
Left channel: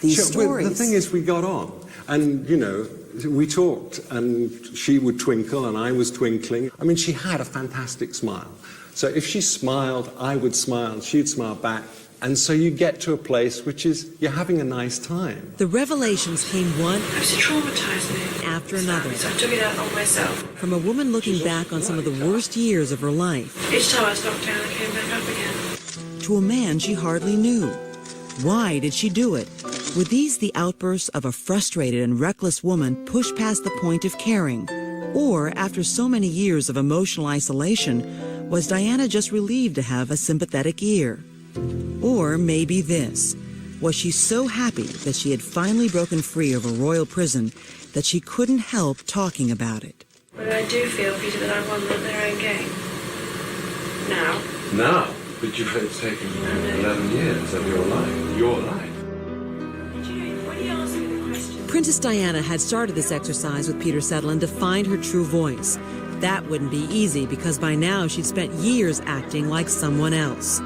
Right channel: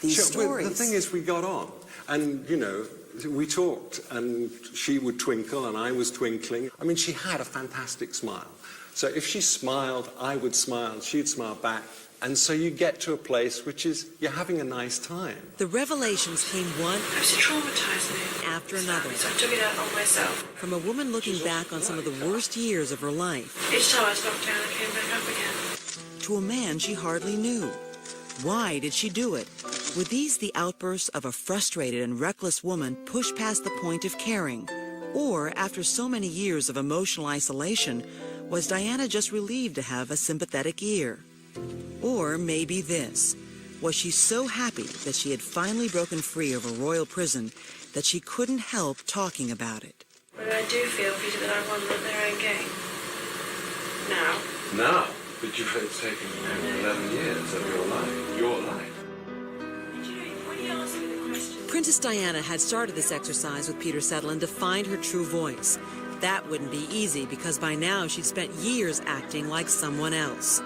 these stories. The thing is, we got on, and, you know, we talked, and she would twinkle, and I was twinkling. I mean, she had a fantastic smile. So if she smiled, I would smile, she'd smile back. And so you get to a place which is, you're having a nice time. The revelations came one traumatized me after another. So I took it out on myself. From a woman looking back on some of the worst years of her life. Each time I was knocked down, I came back up again. To a man she hardly knew. Why did she do it? Were these the outbursts of a frustrated and reckless woman pushed past the point of caring? Or, after so many years of emotional isolation, was Diana just relieved to have a sympathetic ear? Or maybe this. Was she so happy that she had finally broken free of a royal prison that she couldn't help talking about it? But I do feel, Peter, that I won their own game. Now. Now? But you've taken 11 years of your life. Your life. Princess Diana had started this exercise with Peter Sedlin to find her true voice. That wouldn't be easy because by now she'd spent years acting like someone else.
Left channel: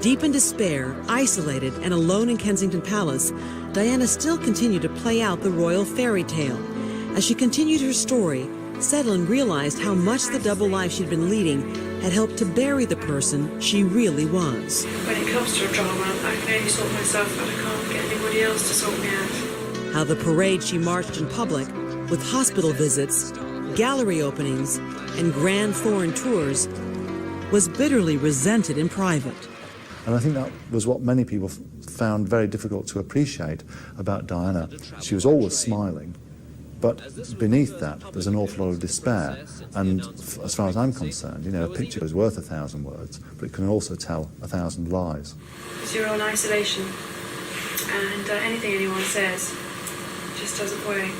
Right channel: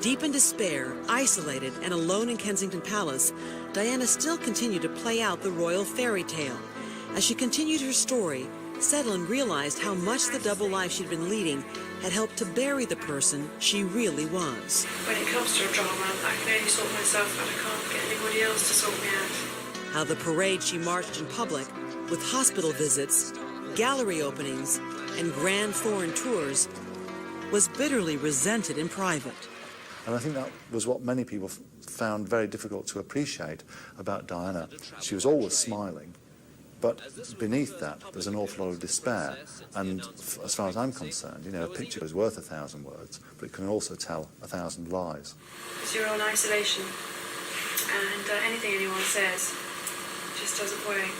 Deep in despair, isolated, and alone in Kensington Palace, Diana still continued to play out the royal fairy tale. As she continued her story, Sedlin realized how much the double life she'd been leading had helped to bury the person she really was. When it comes to a drama, I can only sort myself out. I can't get anybody else to sort me out. How the parade she marched in public, with hospital visits, gallery openings, and grand foreign tours, was bitterly resented in private. And I think that was what many people found very difficult to appreciate about Diana. She was always smiling, but beneath that there's an awful lot of despair. And as far as I'm concerned, you know, a picture is worth 1,000 words, but it can also tell 1,000 lies. Because you're on isolation, and anything anyone says just doesn't weigh.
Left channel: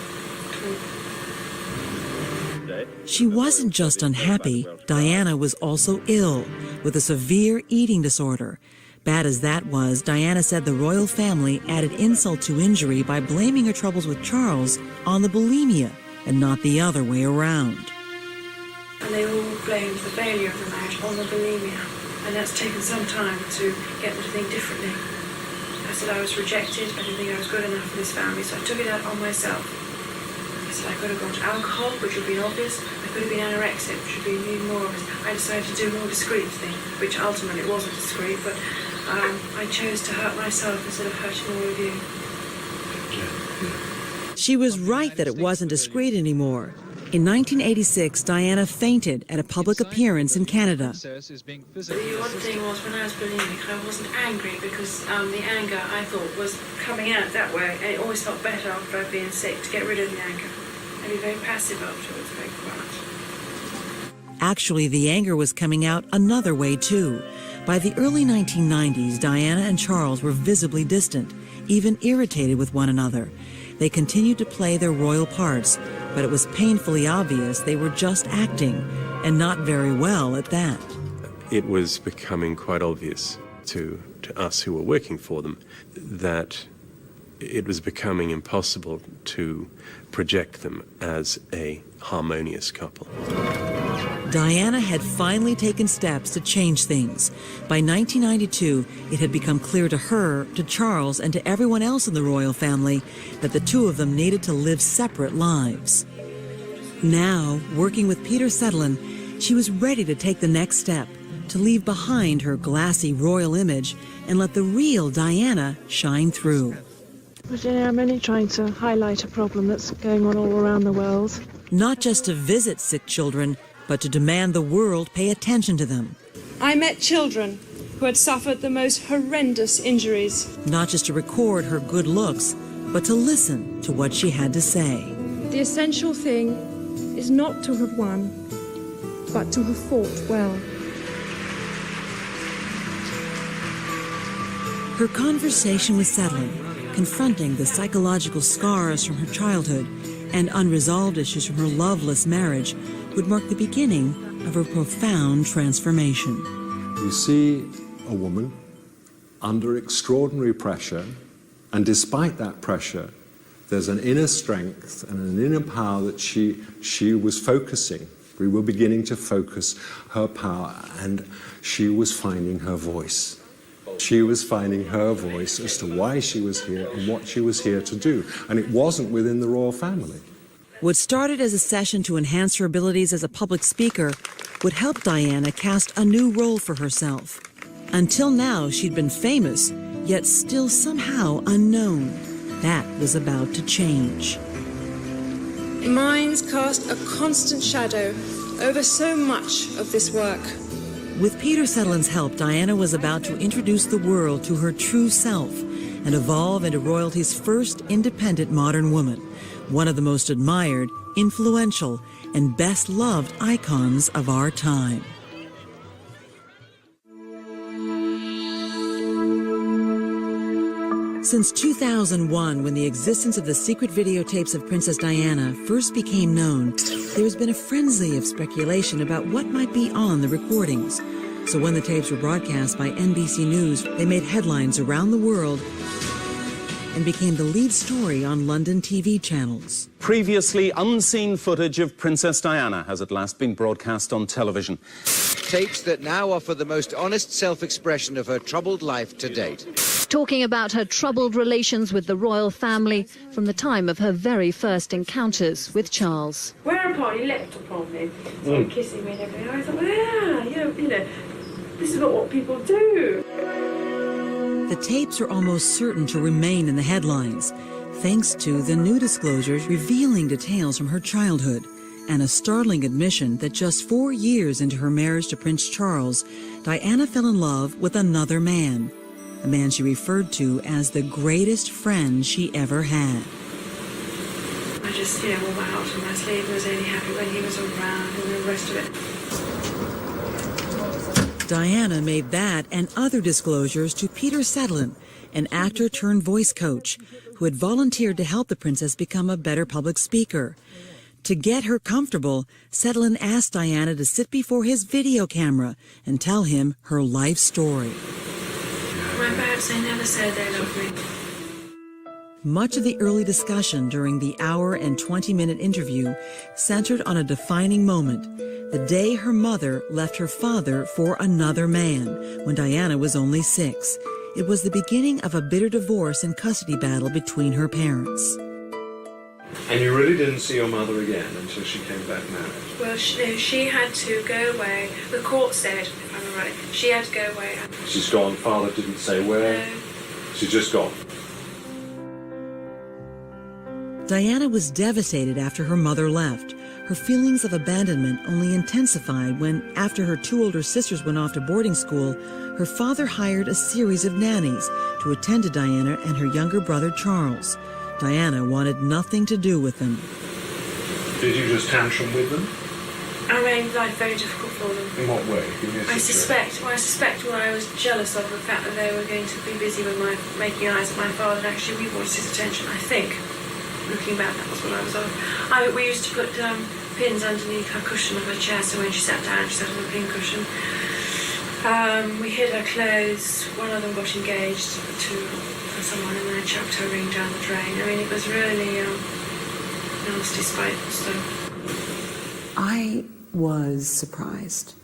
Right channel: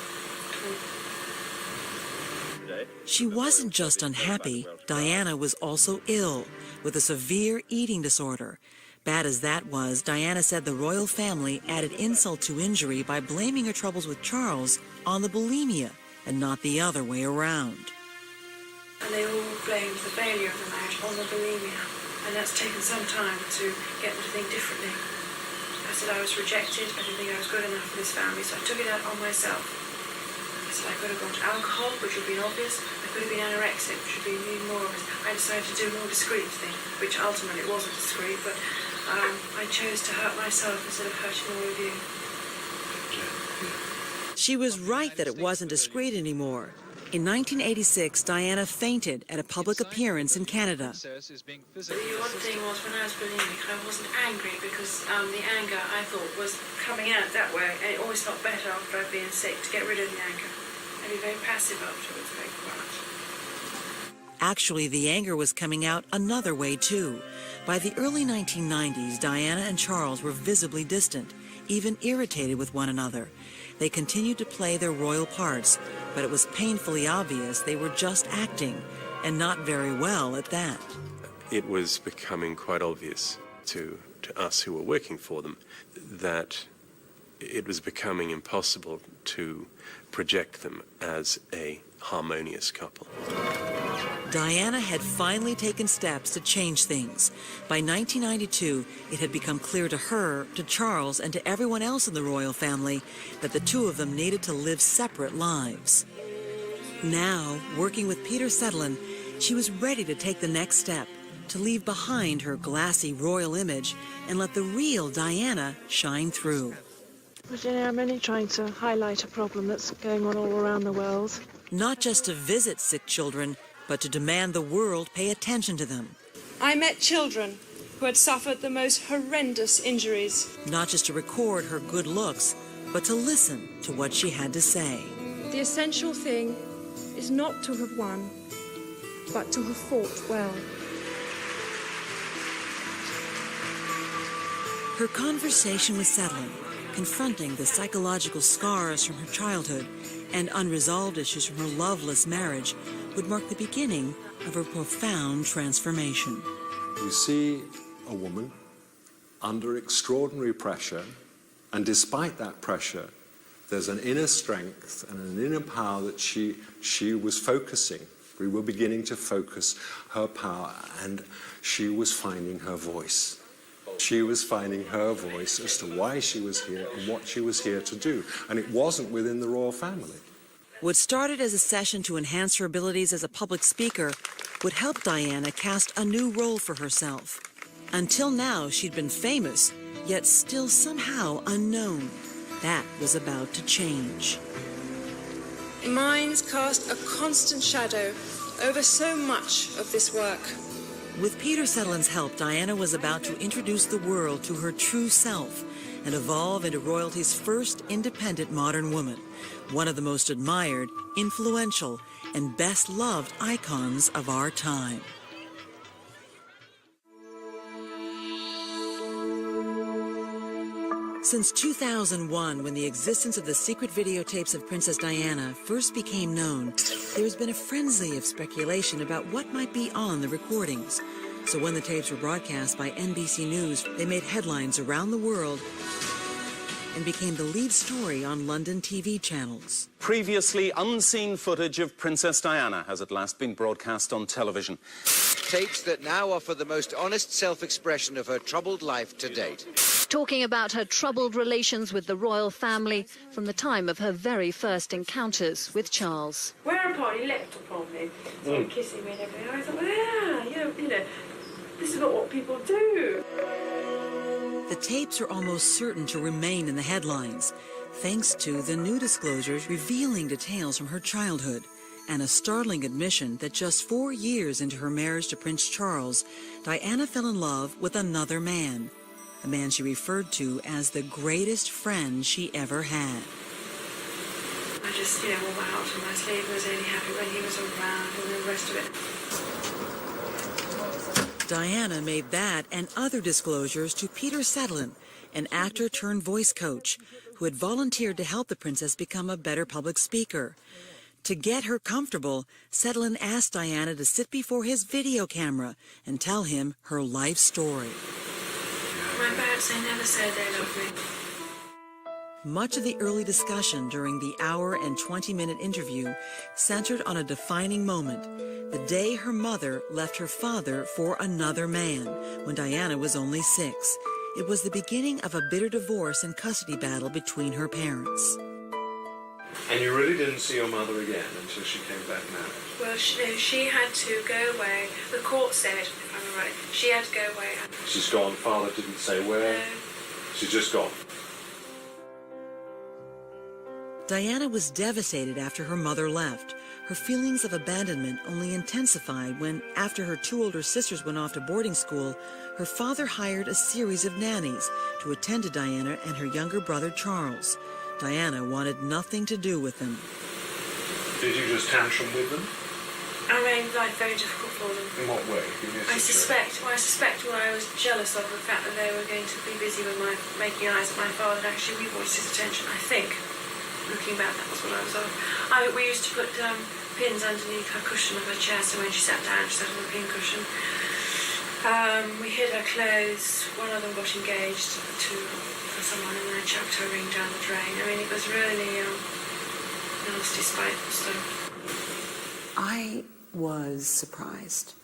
She wasn't just unhappy. Diana was also ill with a severe eating disorder. Bad as that was, Diana said the royal family added insult to injury by blaming her troubles with Charles on the bulimia and not the other way around. And they all blamed the failure of the marriage on the bulimia, and that's taken some time to get them to think differently. I said I was rejected, I didn't think I was good enough for this family, so I took it out on myself. I said I could have gone to alcohol, which would have been obvious. I could have been anorexic, which would have been even more obvious. I decided to do a more discreet thing, which ultimately wasn't discreet, but I chose to hurt myself instead of hurting all of you. She was right that it wasn't discreet anymore. In 1986, Diana fainted at a public appearance in Canada. The one thing was, when I was bulimic, I wasn't angry because the anger, I thought, was coming out that way, and it always felt better after I'd been sick to get rid of the anger. I'd be very passive afterwards, very quiet. Actually, the anger was coming out another way, too. By the early 1990s, Diana and Charles were visibly distant, even irritated with one another. They continued to play their royal parts, but it was painfully obvious they were just acting, and not very well at that. It was becoming quite obvious to us who were working for them that it was becoming impossible to project them as a harmonious couple. Diana had finally taken steps to change things. By 1992, it had become clear to her, to Charles, and to everyone else in the royal family that the two of them needed to live separate lives. Now, working with Peter Sedlin, she was ready to take the next step, to leave behind her glassy royal image and let the real Diana shine through. Virginia, I'm only trying to highlight a problem that's going on all around the world. Not just to visit sick children, but to demand the world pay attention to them. I met children who had suffered the most horrendous injuries. Not just to record her good looks, but to listen to what she had to say. The essential thing is not to have won, but to have fought well. Her conversation with Sedlin confronting the psychological scars from her childhood and unresolved issues from her loveless marriage would mark the beginning of her profound transformation. You see a woman under extraordinary pressure, and despite that pressure, there's an inner strength and an inner power that she was focusing. We were beginning to focus her power, and she was finding her voice. She was finding her voice as to why she was here and what she was here to do. And it wasn't within the royal family. What started as a session to enhance her abilities as a public speaker would help Diana cast a new role for herself. Until now, she'd been famous, yet still somehow unknown. That was about to change. Minds cast a constant shadow over so much of this work. With Peter Sutherland's help, Diana was about to introduce the world to her true self and evolve into royalty's first independent modern woman, one of the most admired, influential, and best-loved icons of our time. Since 2001, when the existence of the secret videotapes of Princess Diana first became known, there's been a frenzy of speculation about what might be on the recordings. So when the tapes were broadcast by NBC News, they made headlines around the world and became the lead story on London TV channels. Previously unseen footage of Princess Diana has at last been broadcast on television. Tapes that now offer the most honest self-expression of her troubled life to date. Talking about her troubled relations with the royal family from the time of her very first encounters with Charles. Whereupon he leapt upon me, started kissing me and everything. I thought, well, yeah, you know, this is not what people do. The tapes are almost certain to remain in the headlines, thanks to the new disclosures revealing details from her childhood and a startling admission that just 4 years into her marriage to Prince Charles, Diana fell in love with another man, a man she referred to as the greatest friend she ever had. I just, wore my heart on my sleeve and was only happy when he was around and the rest of it. Diana made that and other disclosures to Peter Sutherland, an actor turned voice coach, who had volunteered to help the princess become a better public speaker. To get her comfortable, Sutherland asked Diana to sit before his video camera and tell him her life story. My parents, they never said they loved me. Much of the early discussion during the hour and 20-minute interview centered on a defining moment, the day her mother left her father for another man when Diana was only 6. It was the beginning of a bitter divorce and custody battle between her parents. And you really didn't see your mother again until she came back married? Well, she had to go away. The court said, if I'm right, she had to go away. She's gone. Father didn't say where. No. She's just gone. Diana was devastated after her mother left. Her feelings of abandonment only intensified when, after her 2 older sisters went off to boarding school, her father hired a series of nannies to attend to Diana and her younger brother Charles. Diana wanted nothing to do with them. Did you just tantrum with them? I made life very difficult for them. In what way? I suspect I was jealous of the fact that they were going to be busy with making eyes at my father and actually we wanted his attention, I think. Looking back, that was what I was on. We used to put pins underneath her cushion of her chair, so when she sat down, she sat on a pin cushion. We hid her clothes. One of them got engaged to someone and then chucked her ring down the drain. I mean, it was really nasty, spiteful stuff. I was surprised.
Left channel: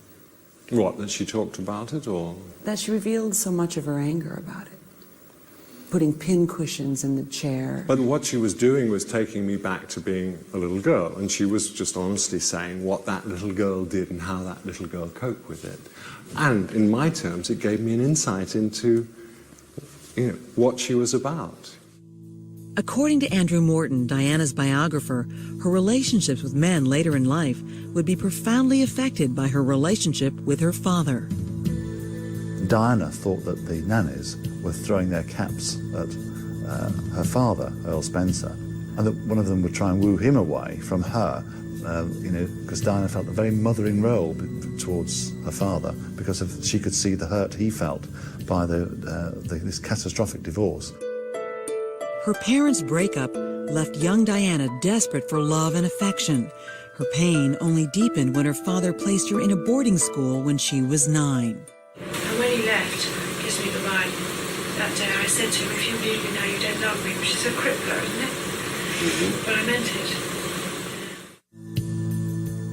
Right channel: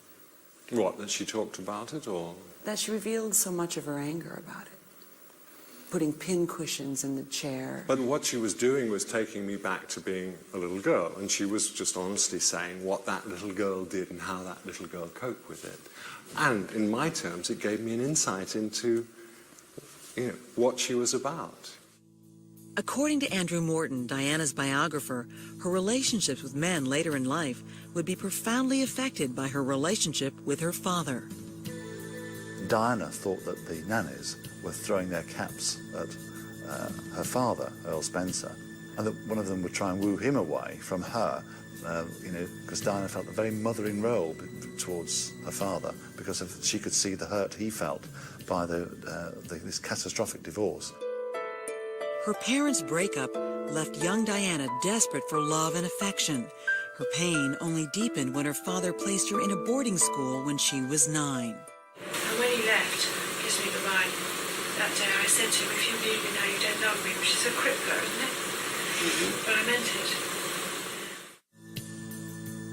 What, that she talked about it, or? That she revealed so much of her anger about it. Putting pin cushions in the chair. But what she was doing was taking me back to being a little girl, and she was just honestly saying what that little girl did and how that little girl coped with it. And in my terms, it gave me an insight into, what she was about. According to Andrew Morton, Diana's biographer, her relationships with men later in life would be profoundly affected by her relationship with her father. Diana thought that the nannies were throwing their caps at her father, Earl Spencer, and that one of them would try and woo him away from her, because Diana felt a very mothering role towards her father because she could see the hurt he felt by this catastrophic divorce. Her parents' breakup left young Diana desperate for love and affection. Her pain only deepened when her father placed her in a boarding school when she was 9. And when he left, kissed me goodbye that day, I said to him, if you leave me now, you don't love me, which is a crippler, isn't it? But I meant it.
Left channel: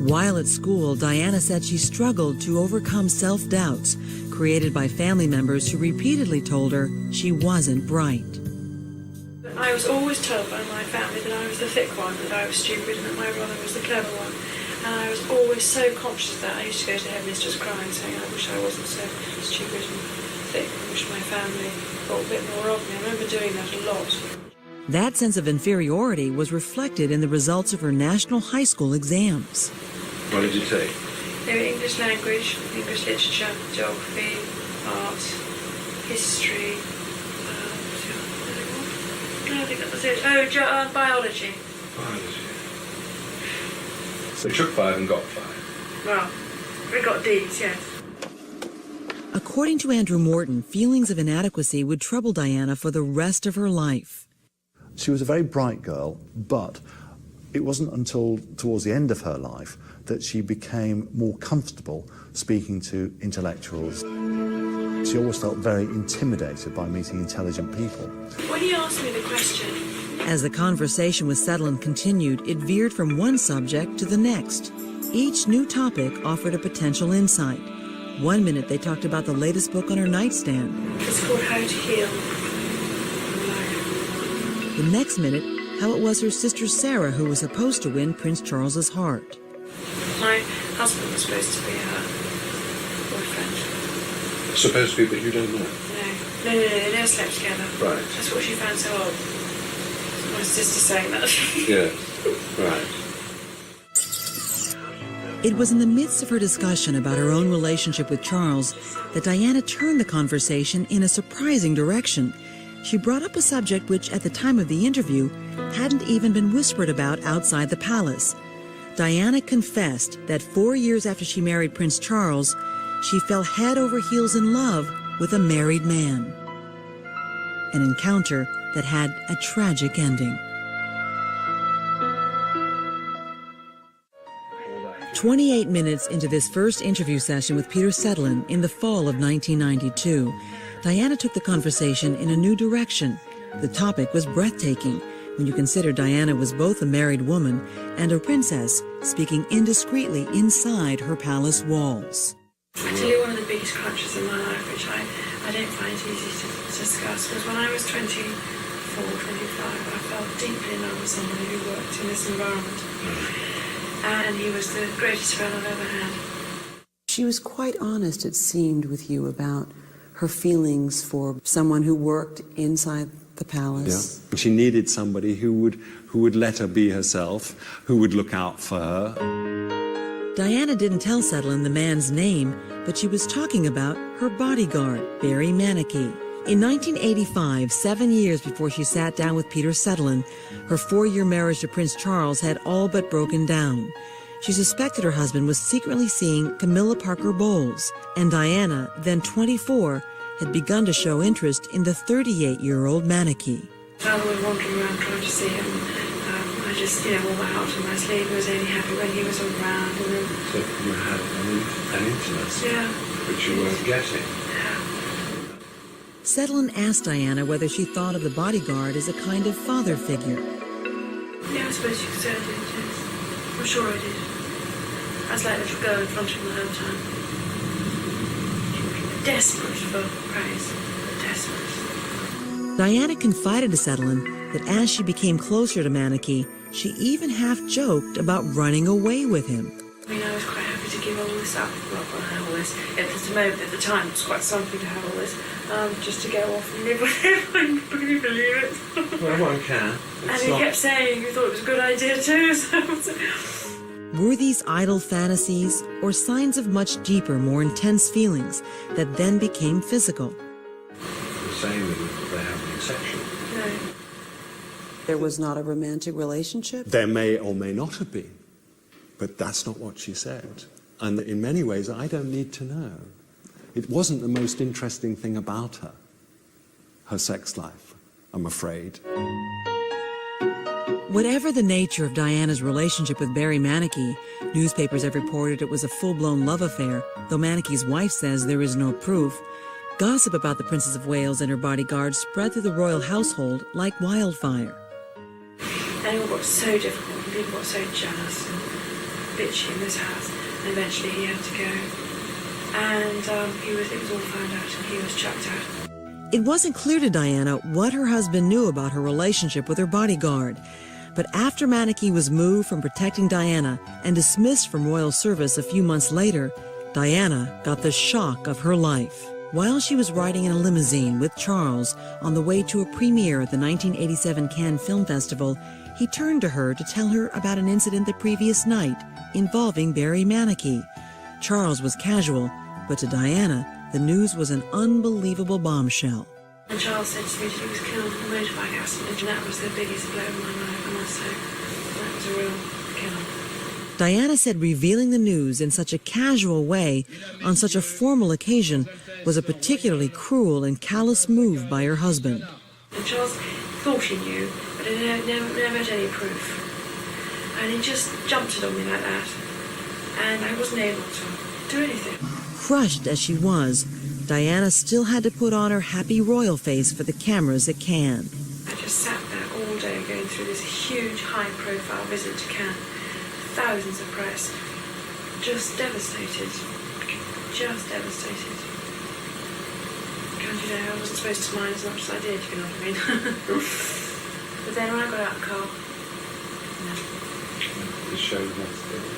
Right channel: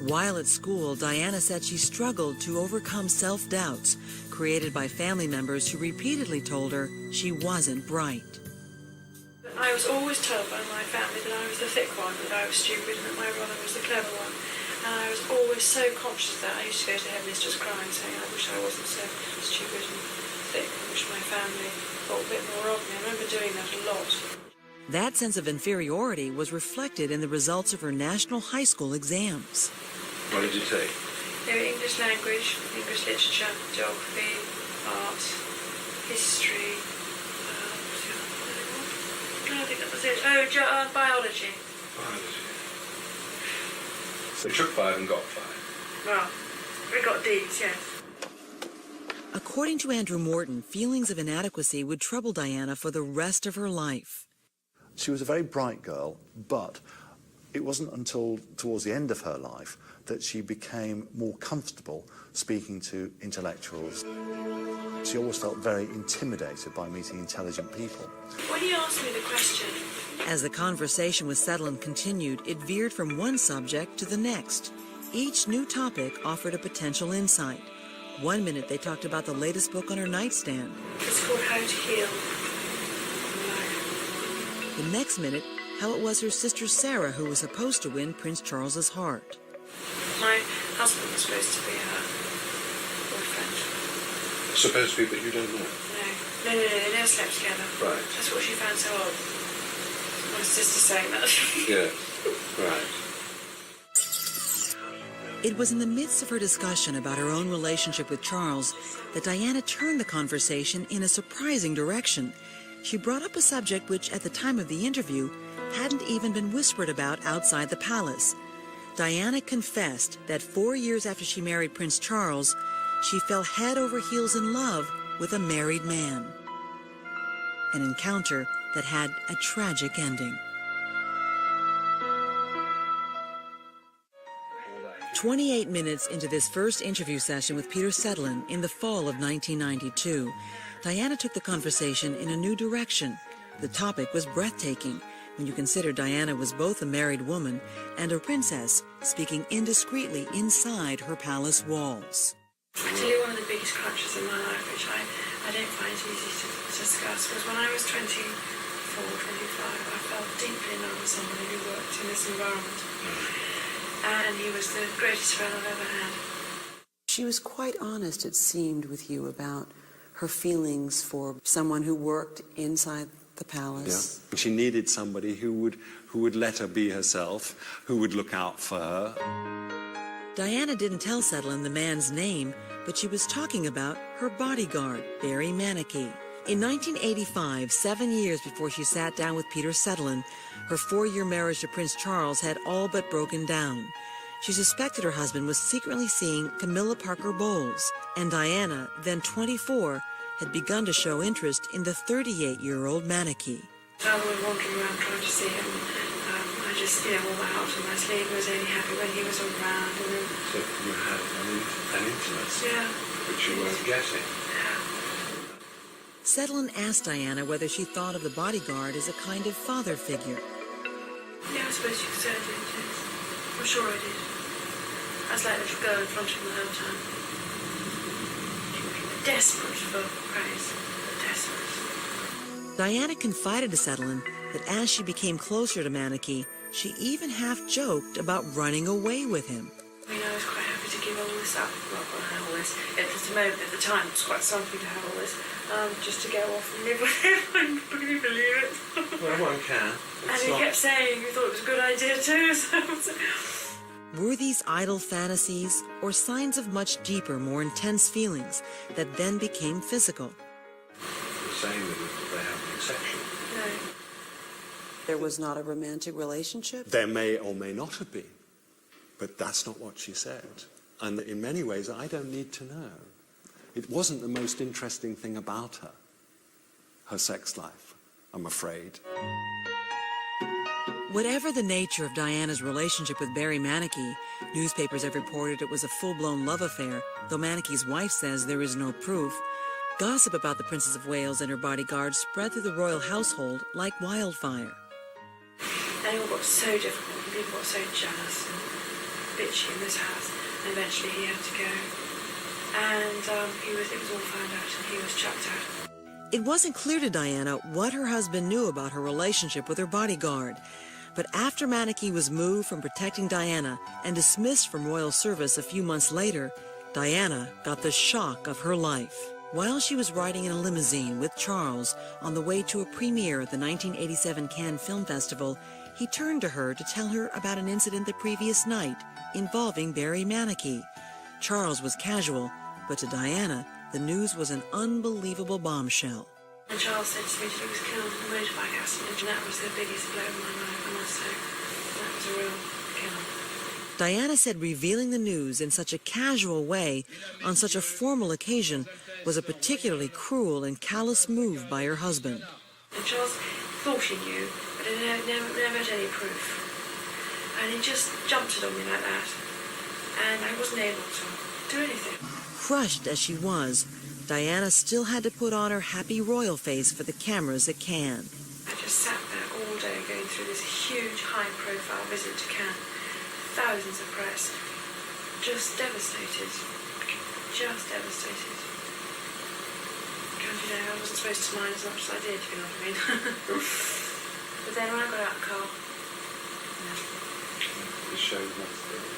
While at school, Diana said she struggled to overcome self-doubts created by family members who repeatedly told her she wasn't bright. I was always told by my family that I was the thick one, that I was stupid, and that my brother was the clever one. And I was always so conscious of that. I used to go to headmistress crying, saying, I wish I wasn't so stupid and thick. I wish my family thought a bit more of me. I remember doing that a lot. That sense of inferiority was reflected in the results of her national high school exams. What did you take? They were English language, English literature, geography, art, history. I think that was it. Oh, biology. Biology. So you took 5 and got 5? Well, we got D's, yes. According to Andrew Morton, feelings of inadequacy would trouble Diana for the rest of her life. She was a very bright girl, but it wasn't until towards the end of her life that she became more comfortable speaking to intellectuals. She always felt very intimidated by meeting intelligent people. When you asked me the question... As the conversation with Sutherland continued, it veered from one subject to the next. Each new topic offered a potential insight. One minute they talked about the latest book on her nightstand. It's called How to Heal. The next minute, how it was her sister Sarah who was supposed to win Prince Charles's heart. My husband was supposed to be her boyfriend. Supposed to be, but you don't know. No, they never slept together. Right. That's what she found so odd. My sister saying that. Yeah, right. It was in the midst of her discussion about her own relationship with Charles that Diana turned the conversation in a surprising direction. She brought up a subject which, at the time of the interview, hadn't even been whispered about outside the palace. Diana confessed that 4 years after she married Prince Charles, she fell head over heels in love with a married man. An encounter that had a tragic ending. 28 minutes into this first interview session with Peter Sutherland in the fall of 1992, Diana took the conversation in a new direction. The topic was breathtaking when you consider Diana was both a married woman and a princess speaking indiscreetly inside her palace walls. I tell you, one of the biggest crunches in my life, which I don't find easy to discuss, was when I was 24, 25, I fell deeply in love with somebody who worked in this environment. And he was the greatest friend I've ever had. She was quite honest, it seemed, with you about her feelings for someone who worked inside the palace. Yeah. She needed somebody who would let her be herself, who would look out for her. Diana didn't tell Sutherland the man's name, but she was talking about her bodyguard, Barry Manicky. In 1985, 7 years before she sat down with Peter Sutherland, her 4-year marriage to Prince Charles had all but broken down. She suspected her husband was secretly seeing Camilla Parker Bowles, and Diana, then 24, had begun to show interest in the 38-year-old Manicky. I was wandering around trying to see him. I just, wore my heart on my sleeve. I was only happy when he was around. So you had an intimacy, yeah, which you weren't getting. Sutherland asked Diana whether she thought of the bodyguard as a kind of father figure. Yeah, I suppose you could say I did, yes. I'm sure I did. I was like a little girl in front of him the whole time. Desperate for praise. Desperate. Diana confided to Sutherland that as she became closer to Manicky, she even half joked about running away with him. I mean, I was quite happy to give all this up. Well, not have all this. At the time, it was quite something to have all this. Just to go off and live with him. Can you believe it? Well, one can. And he kept saying he thought it was a good idea too. So. Were these idle fantasies or signs of much deeper, more intense feelings that then became physical? You're saying that they have an exception. No. There was not a romantic relationship? There may or may not have been, but that's not what she said. And in many ways, I don't need to know. It wasn't the most interesting thing about her sex life. I'm afraid. Whatever the nature of Diana's relationship with Barry Manicky, newspapers have reported it was a full-blown love affair, though Manicky's wife says there is no proof. Gossip about the Princess of Wales and her bodyguard spread through the royal household like wildfire. And it all got so difficult, and people got so jealous and bitchy in this house, and eventually he had to go. And it was all found out, and he was chucked out. It wasn't clear to Diana what her husband knew about her relationship with her bodyguard. But after Manicky was moved from protecting Diana and dismissed from royal service a few months later, Diana got the shock of her life. While she was riding in a limousine with Charles on the way to a premiere at the 1987 Cannes Film Festival, he turned to her to tell her about an incident the previous night involving Barry Manicky. Charles was casual, but to Diana, the news was an unbelievable bombshell. And Charles said to me he was killed in a motorbike accident, and that was the biggest blow in my life, I must say. That was a real kill. Diana said revealing the news in such a casual way on such a formal occasion was a particularly cruel and callous move by her husband. And Charles thought he knew, but he never had any proof. And he just jumped it on me like that. And I wasn't able to do anything. Crushed as she was, Diana still had to put on her happy royal face for the cameras at Cannes. I just sat there all day going through this huge high-profile visit to Cannes. Thousands of press. Just devastated. Just devastated. And, I wasn't supposed to mind as much as I did, if you know what I mean. But then when I got out of the car, The show yesterday.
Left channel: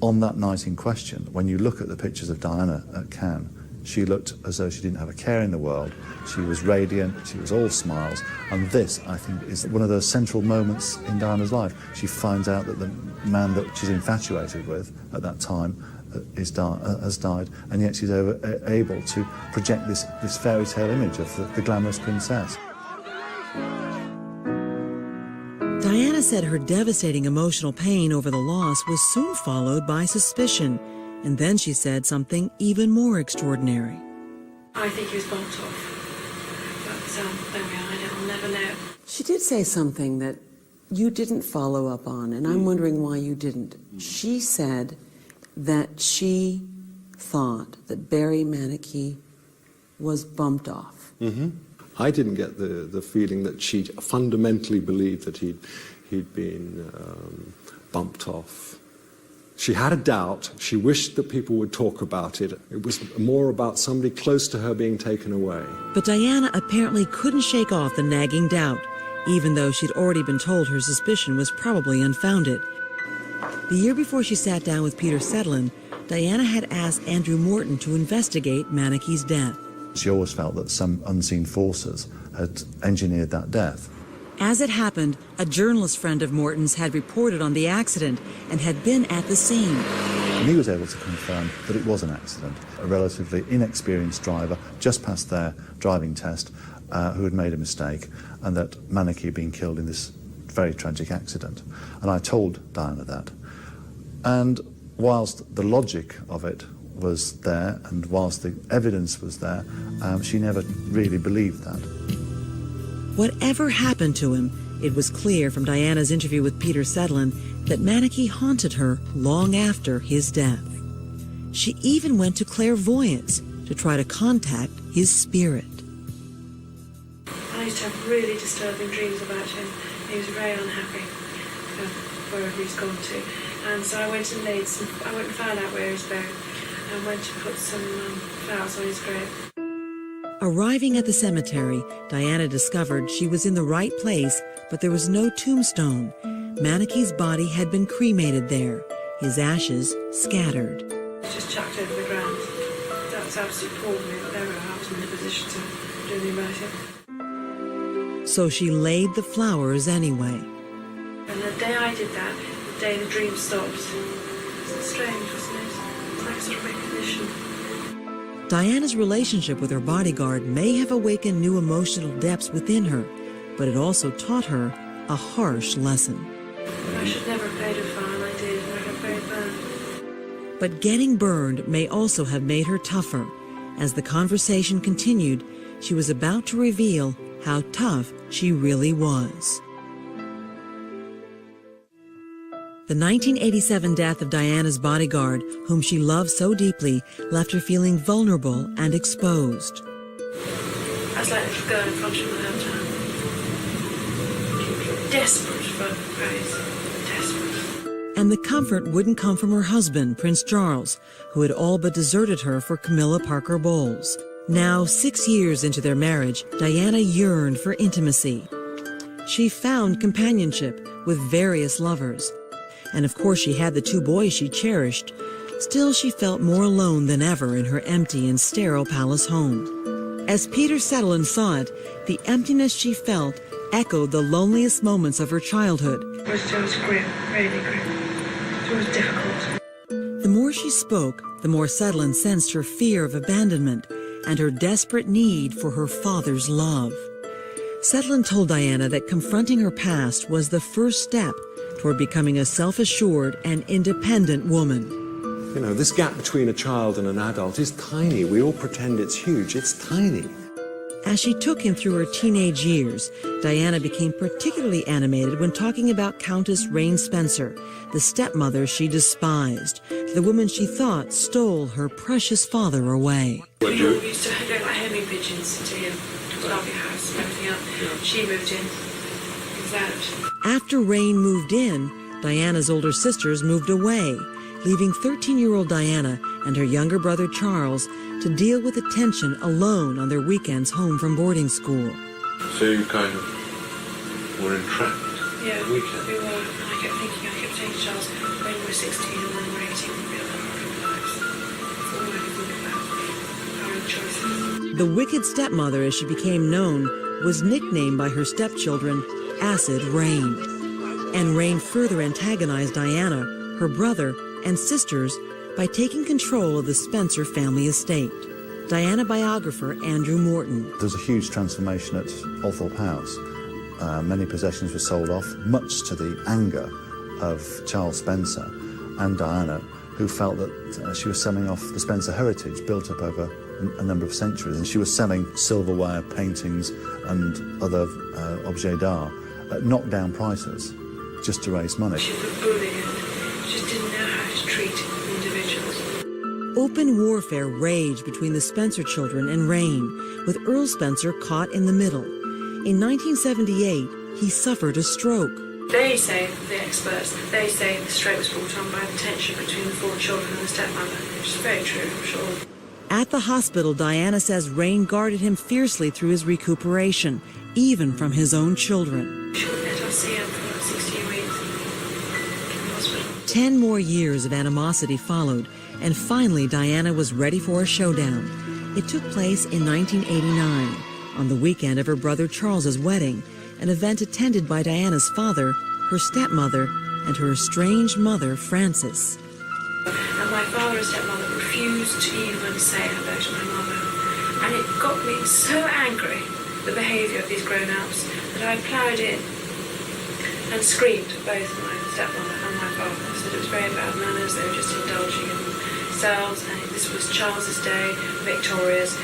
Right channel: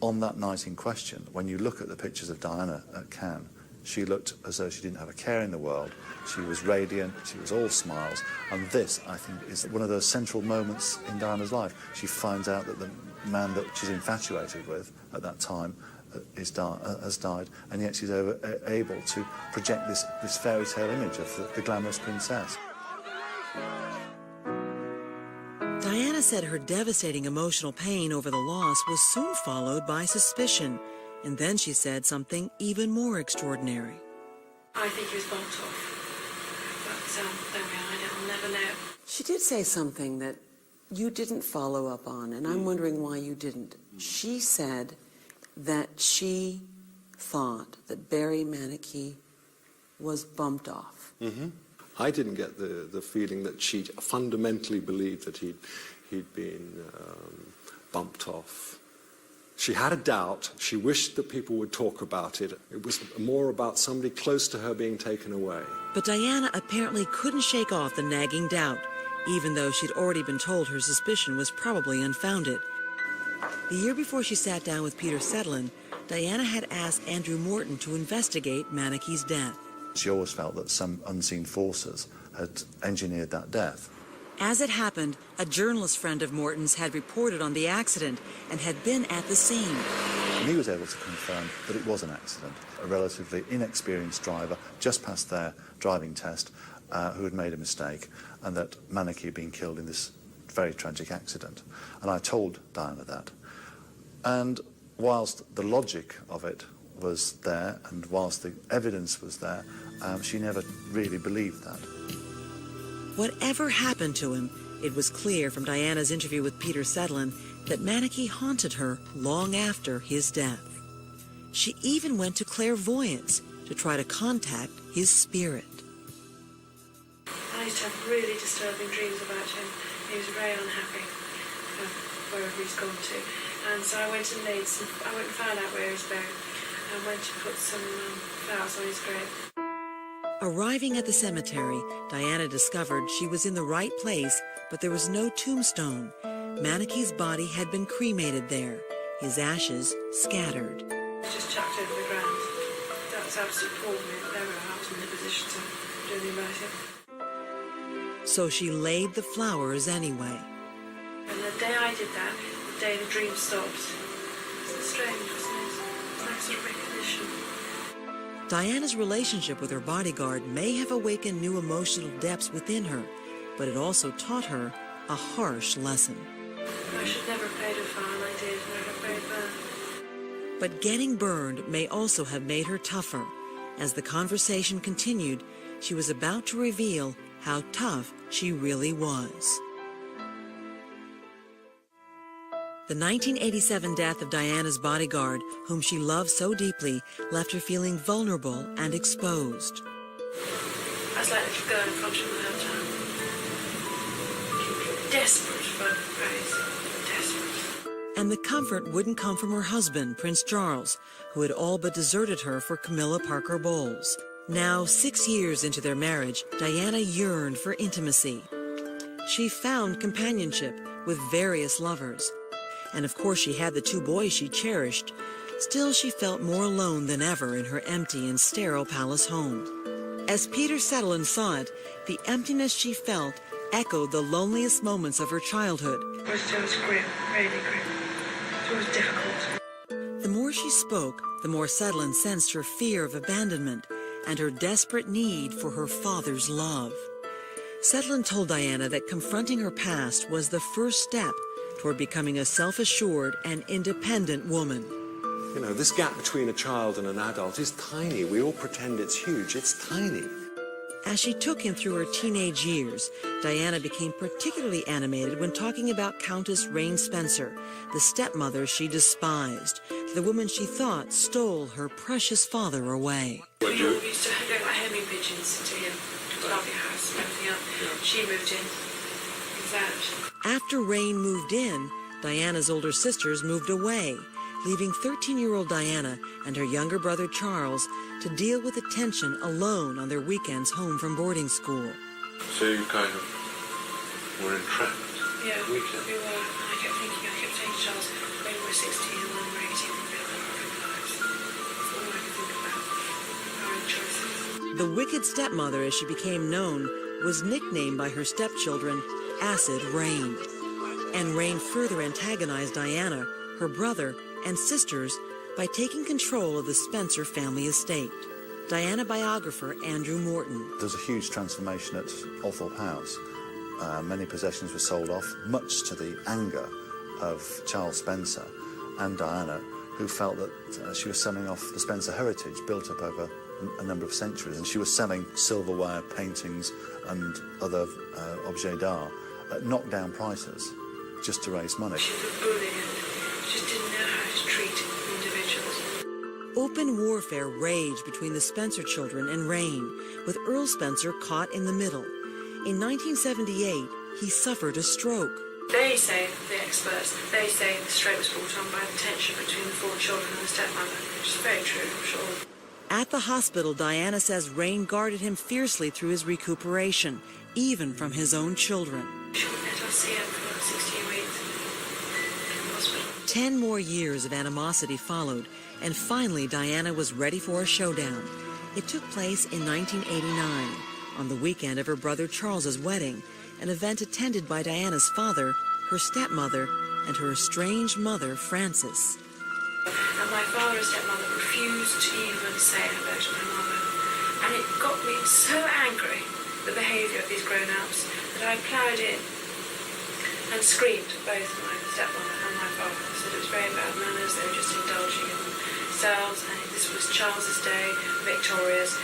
On that night in question, when you look at the pictures of Diana at Cannes, she looked as though she didn't have a care in the world. She was radiant, she was all smiles, and this, I think, is one of those central moments in Diana's life. She finds out that the man that she's infatuated with at that time has died, and yet she's able to project this fairy tale image of the glamorous princess. Diana said her devastating emotional pain over the loss was soon followed by suspicion, and then she said something even more extraordinary. I think he was bumped off. But there we are, I'll never know. She did say something that you didn't follow up on, and I'm wondering why you didn't. She said that she thought that Barry Manicky was bumped off. Mm-hmm. I didn't get the feeling that she fundamentally believed that he'd been bumped off. She had a doubt. She wished that people would talk about it. It was more about somebody close to her being taken away. But Diana apparently couldn't shake off the nagging doubt, even though she'd already been told her suspicion was probably unfounded. The year before she sat down with Peter Sedlin, Diana had asked Andrew Morton to investigate Manicky's death. She always felt that some unseen forces had engineered that death. As it happened, a journalist friend of Morton's had reported on the accident and had been at the scene. And he was able to confirm that it was an accident. A relatively inexperienced driver just passed their driving test who had made a mistake, and that Manicky had been killed in this very tragic accident. And I told Diana that. And whilst the logic of it was there, and whilst the evidence was there, she never really believed that. Whatever happened to him, it was clear from Diana's interview with Peter Sedlin that Manicky haunted her long after his death. She even went to clairvoyance to try to contact his spirit. I used to have really disturbing dreams about him. He was very unhappy wherever he's gone to. And so I went and found out where he's buried, and went to put some flowers on his grave. Arriving at the cemetery, Diana discovered she was in the right place, but there was no tombstone. Manicky's body had been cremated there, his ashes scattered. Just chucked over the ground. That was absolutely appalling, but there we are. I was in a position to do anything about it. So she laid the flowers anyway. And the day I did that, the day the dream stopped, it's strange, isn't it? It's like sort of recognition. Diana's relationship with her bodyguard may have awakened new emotional depths within her, but it also taught her a harsh lesson. I should never have played a fire, and I did. I got very burned. But getting burned may also have made her tougher. As the conversation continued, she was about to reveal how tough she really was. The 1987 death of Diana's bodyguard, whom she loved so deeply, left her feeling vulnerable and exposed. I was like a little girl in front of my hometown. Desperate for praise. Desperate. And the comfort wouldn't come from her husband, Prince Charles, who had all but deserted her for Camilla Parker Bowles. Now, 6 years into their marriage, Diana yearned for intimacy. She found companionship with various lovers. And of course she had the 2 boys she cherished. Still, she felt more alone than ever in her empty and sterile palace home. As Peter Sutherland saw it, the emptiness she felt echoed the loneliest moments of her childhood. It was grim, really grim. It was difficult. The more she spoke, the more Sutherland sensed her fear of abandonment and her desperate need for her father's love. Sutherland told Diana that confronting her past was the first step toward becoming a self-assured and independent woman. You know, this gap between a child and an adult is tiny. We all pretend it's huge. It's tiny. As she took him through her teenage years, Diana became particularly animated when talking about Countess Rain Spencer, the stepmother she despised, the woman she thought stole her precious father away. We all used to go like homing pigeons to him, to the lovely house and everything else. She moved in. After Rain moved in, Diana's older sisters moved away, leaving 13-year-old Diana and her younger brother Charles to deal with the tension alone on their weekends home from boarding school. So you kind of were entrapped? Yeah, we were. I kept saying to Charles, when we were 16 and then we were 18, we'll be our lives. That's all I could think about, our own choices. The wicked stepmother, as she became known, was nicknamed by her stepchildren Acid Rain. And Rain further antagonized Diana, her brother, and sisters by taking control of the Spencer family estate. Diana biographer Andrew Morton. There was a huge transformation at Althorpe House. Many possessions were sold off, much to the anger of Charles Spencer and Diana, who felt that she was selling off the Spencer heritage built up over a number of centuries, and she was selling silverware, paintings and other objets d'art at knockdown prices just to raise money. She was bullying and just didn't know how to treat individuals. Open warfare raged between the Spencer children and Rain, with Earl Spencer caught in the middle. In 1978, he suffered a stroke. They say, the experts, they say the stroke was brought on by the tension between the 4 children and the stepmother, which is very true, I'm sure. At the hospital, Diana says Rain guarded him fiercely through his recuperation, even from his own children. She wouldn't let us see him for 16 weeks. 10 more years of animosity followed, and finally Diana was ready for a showdown. It took place in 1989, on the weekend of her brother Charles's wedding, an event attended by Diana's father, her stepmother, and her estranged mother, Frances. And my father and stepmother refused to even say hello to my mother. And it got me so angry, the behaviour of these grown-ups, that I ploughed in and screamed at both my stepmother and my father. I said it was very bad manners, they were just indulging in themselves, and this was Charles's day, Victoria's.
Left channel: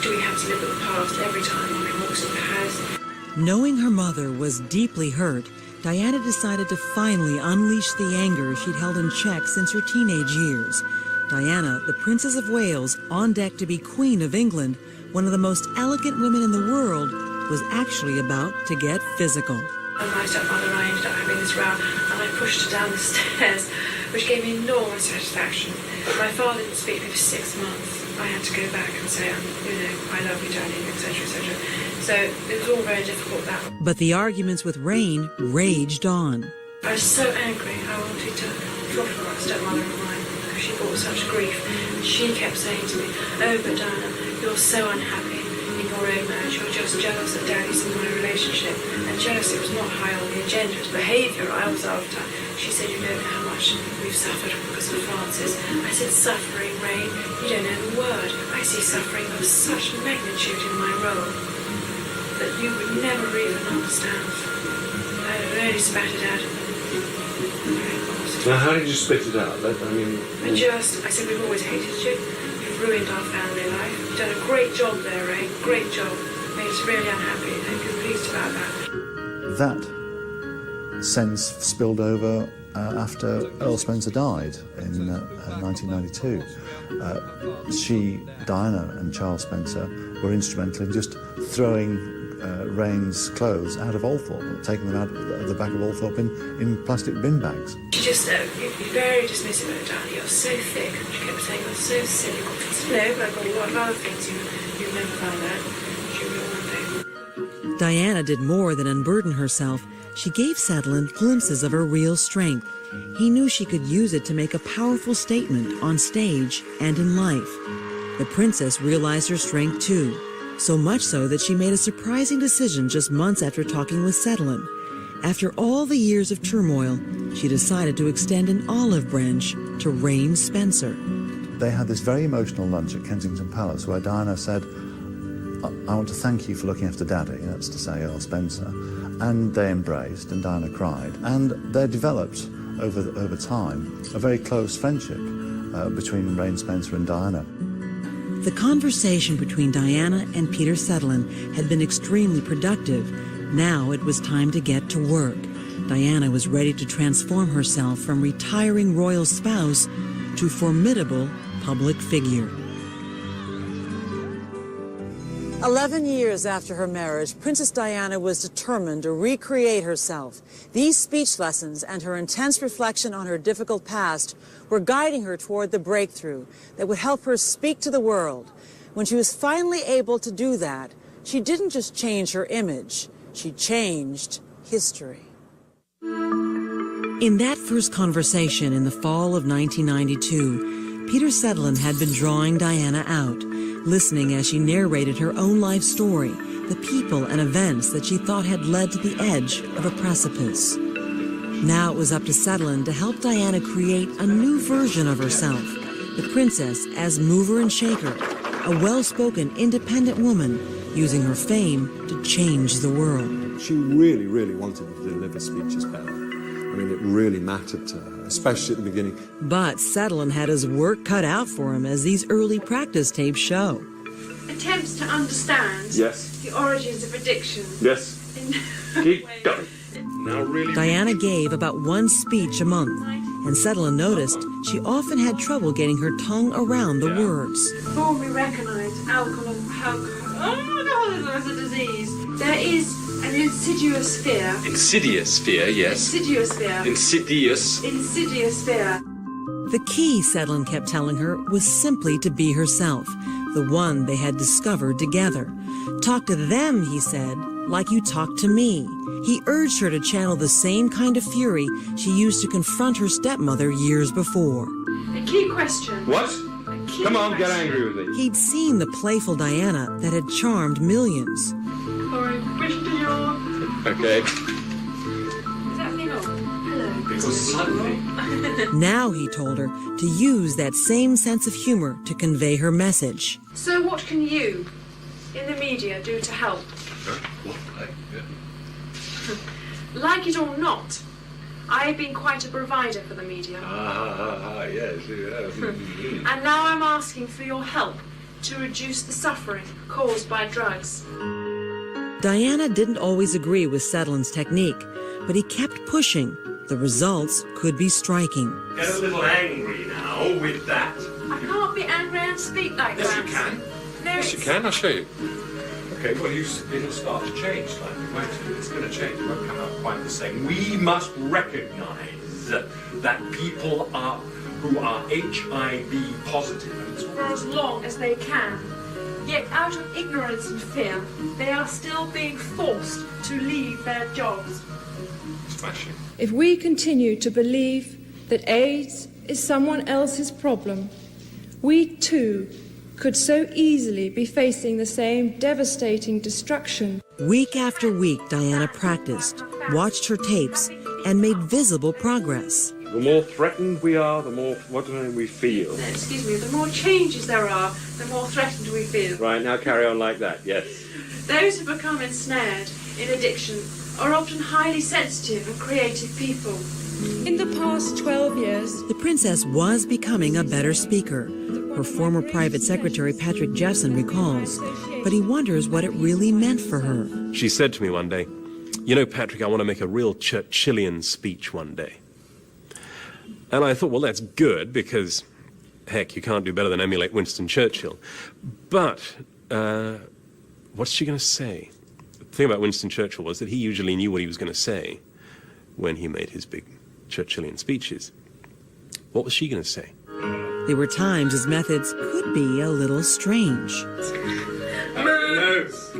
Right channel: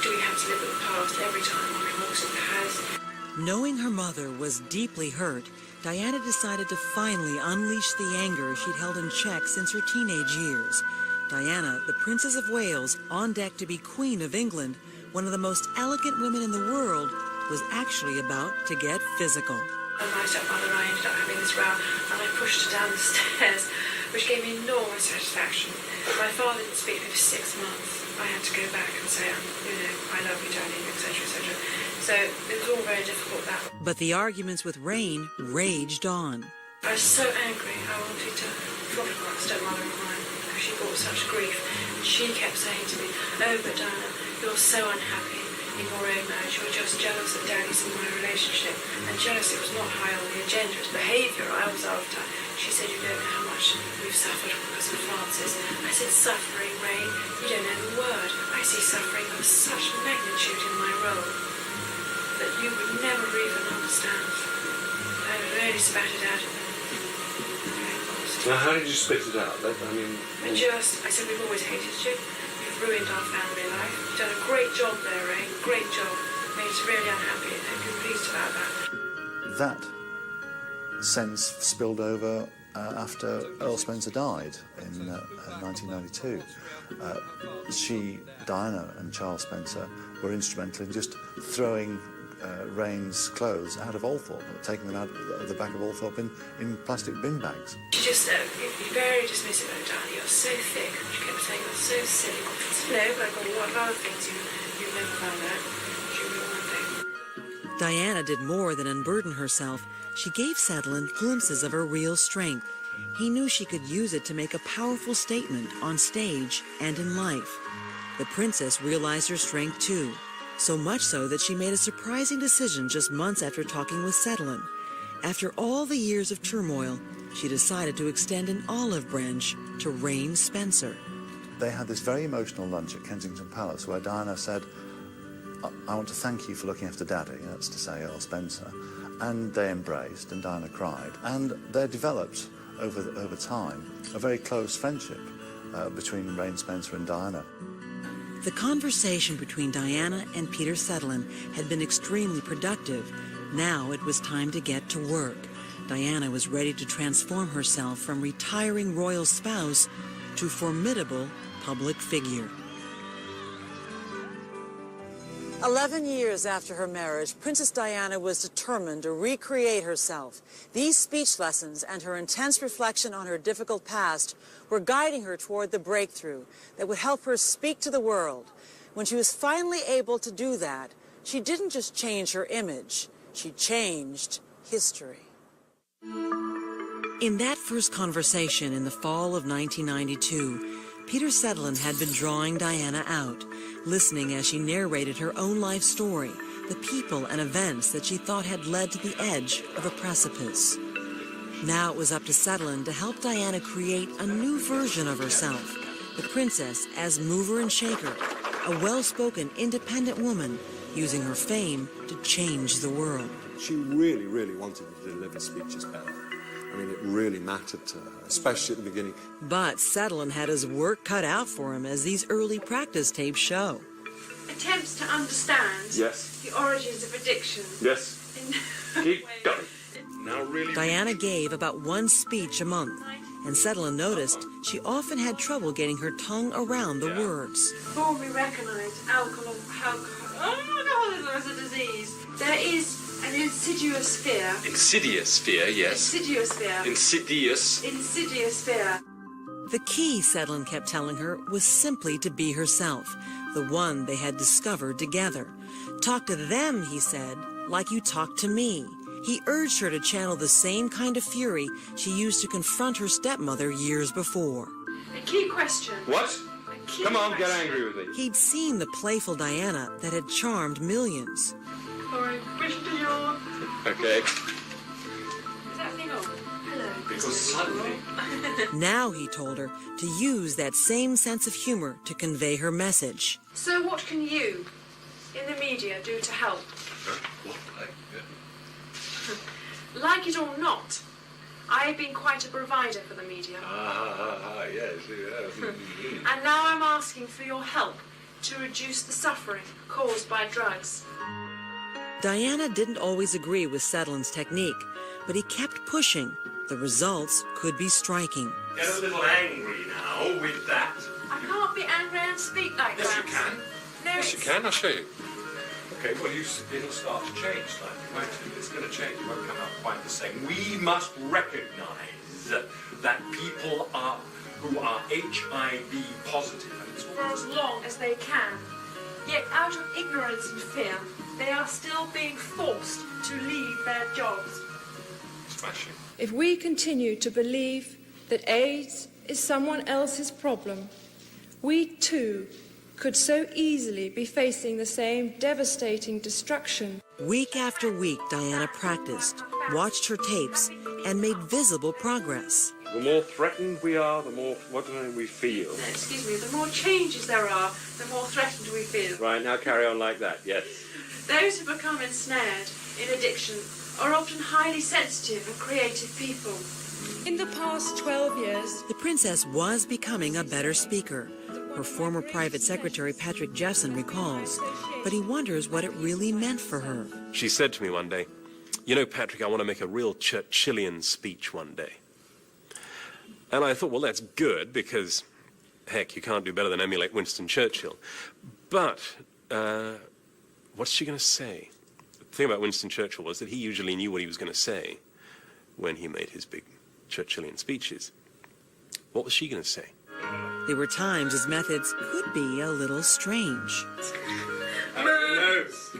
Do we have to live with the past every time we walk in the house? Knowing her mother was deeply hurt, Diana decided to finally unleash the anger she'd held in check since her teenage years. Diana, the Princess of Wales, on deck to be Queen of England, one of the most elegant women in the world, was actually about to get physical. And my stepmother and I ended up having this row, and I pushed her down the stairs, which gave me enormous satisfaction. My father didn't speak to me for 6 months. I had to go back and say, I love you, darling, etc., etc. So it was all very difficult that. But the arguments with Rain raged on. I was so angry. I wanted to throttle my stepmother of mine because she brought such grief. And she kept saying to me, "Oh, but Diana, you're so unhappy in your own marriage. You're just jealous of Daddy's and my relationship." And jealousy was not high on the agenda. It was behaviour I was after. She said, "You don't know how much we've suffered because of Francis." I said, "Suffering, Ray? You don't know the word. I see suffering of such magnitude in my role that you would never even understand." I really spat it out. Now, how did you spit it out? I said, "We've always hated you. You've ruined our family life. You've done a great job there, Ray. Great job. made us really unhappy and confused about that. That sense spilled over after Earl Spencer died in 1992. Diana and Charles Spencer were instrumental in just throwing Rain's clothes out of Althorpe, taking them out of the back of Althorpe in plastic bin bags. She just you'd be very dismissive of Diana. You're so thick. She kept saying, you're so silly. Possibly I've got a lot of other things you've never found out. She'll be all day. Diana did more than unburden herself. She gave Sutherland glimpses of her real strength. He knew she could use it to make a powerful statement on stage and in life. The princess realized her strength too, so much so that she made a surprising decision just months after talking with Sutherland. After all the years of turmoil, she decided to extend an olive branch to Rain Spencer. They had this very emotional lunch at Kensington Palace where Diana said, I want to thank you for looking after Daddy, that's to say Earl Spencer. And they embraced, and Diana cried. And they developed, over time, a very close friendship between Rain Spencer and Diana. The conversation between Diana and Peter Sutherland had been extremely productive. Now it was time to get to work. Diana was ready to transform herself from retiring royal spouse to formidable public figure. 11 years after her marriage, Princess Diana was determined to recreate herself. These speech lessons and her intense reflection on her difficult past were guiding her toward the breakthrough that would help her speak to the world. When she was finally able to do that, she didn't just change her image, she changed history. In that first conversation in the fall of 1992, Peter Sutherland had been drawing Diana out, listening as she narrated her own life story, the people and events that she thought had led to the edge of a precipice. Now it was up to Sutherland to help Diana create a new version of herself, the princess as mover and shaker, a well-spoken, independent woman using her fame to change the world. She really, really wanted to deliver speeches better. I mean, it really mattered to her, especially at the beginning. But Sutherland had his work cut out for him, as these early practice tapes show. Attempts to understand the origins of addiction. Yes. Keep going. Now really. Diana gave about one speech a month, and Sutherland noticed she often had trouble getting her tongue around the words. Before we recognise alcohol, oh my God, there's a disease. There is an insidious fear. Insidious fear, yes. Insidious fear. Insidious. Insidious fear. The key, Sutherland kept telling her, was simply to be herself, the one they had discovered together. Talk to them, he said, like you talk to me. He urged her to channel the same kind of fury she used to confront her stepmother years before. A key question. What? Come on, get angry with me. He'd seen the playful Diana that had charmed millions. Okay. Is that me? Hello. Because suddenly. Now, he told her, to use that same sense of humor to convey her message. So what can you, in the media, do to help? Like it or not, I have been quite a provider for the media. Yes, yes. And now I'm asking for your help to reduce the suffering caused by drugs. Diana didn't always agree with Sutherland's technique, but he kept pushing. The results could be striking. Get a little angry now with that. I can't be angry and speak like Yes, that. you can. No, Yes, you can. I'll show you. Okay, well, it'll start to change slightly, won't it? It's going to change. It won't come out quite the same. We must recognise that people who are HIV positive for as long as they can. Yet out of ignorance and fear, they are still being forced to leave their jobs. Smashing. If we continue to believe that AIDS is someone else's problem, we too could so easily be facing the same devastating destruction. Week after week, Diana practiced, watched her tapes, and made visible progress. The more threatened we are, the more what do we feel. Excuse me, the more changes there are, the more threatened we feel. Right, now carry on like that, yes. Those who become ensnared in addiction are often highly sensitive and creative people. In the past 12 years, the princess was becoming a better speaker, her former private secretary Patrick Jephson recalls, but he wonders what it really meant for her. She said to me one day, "You know, Patrick, I want to make a real Churchillian speech one day." And I thought, well, that's good, because, heck, you can't do better than emulate Winston Churchill. But what's she going to say? The thing about Winston Churchill was that he usually knew what he was going to say when he made his big Churchillian speeches. What was she going to say? There were times his methods could be a little strange.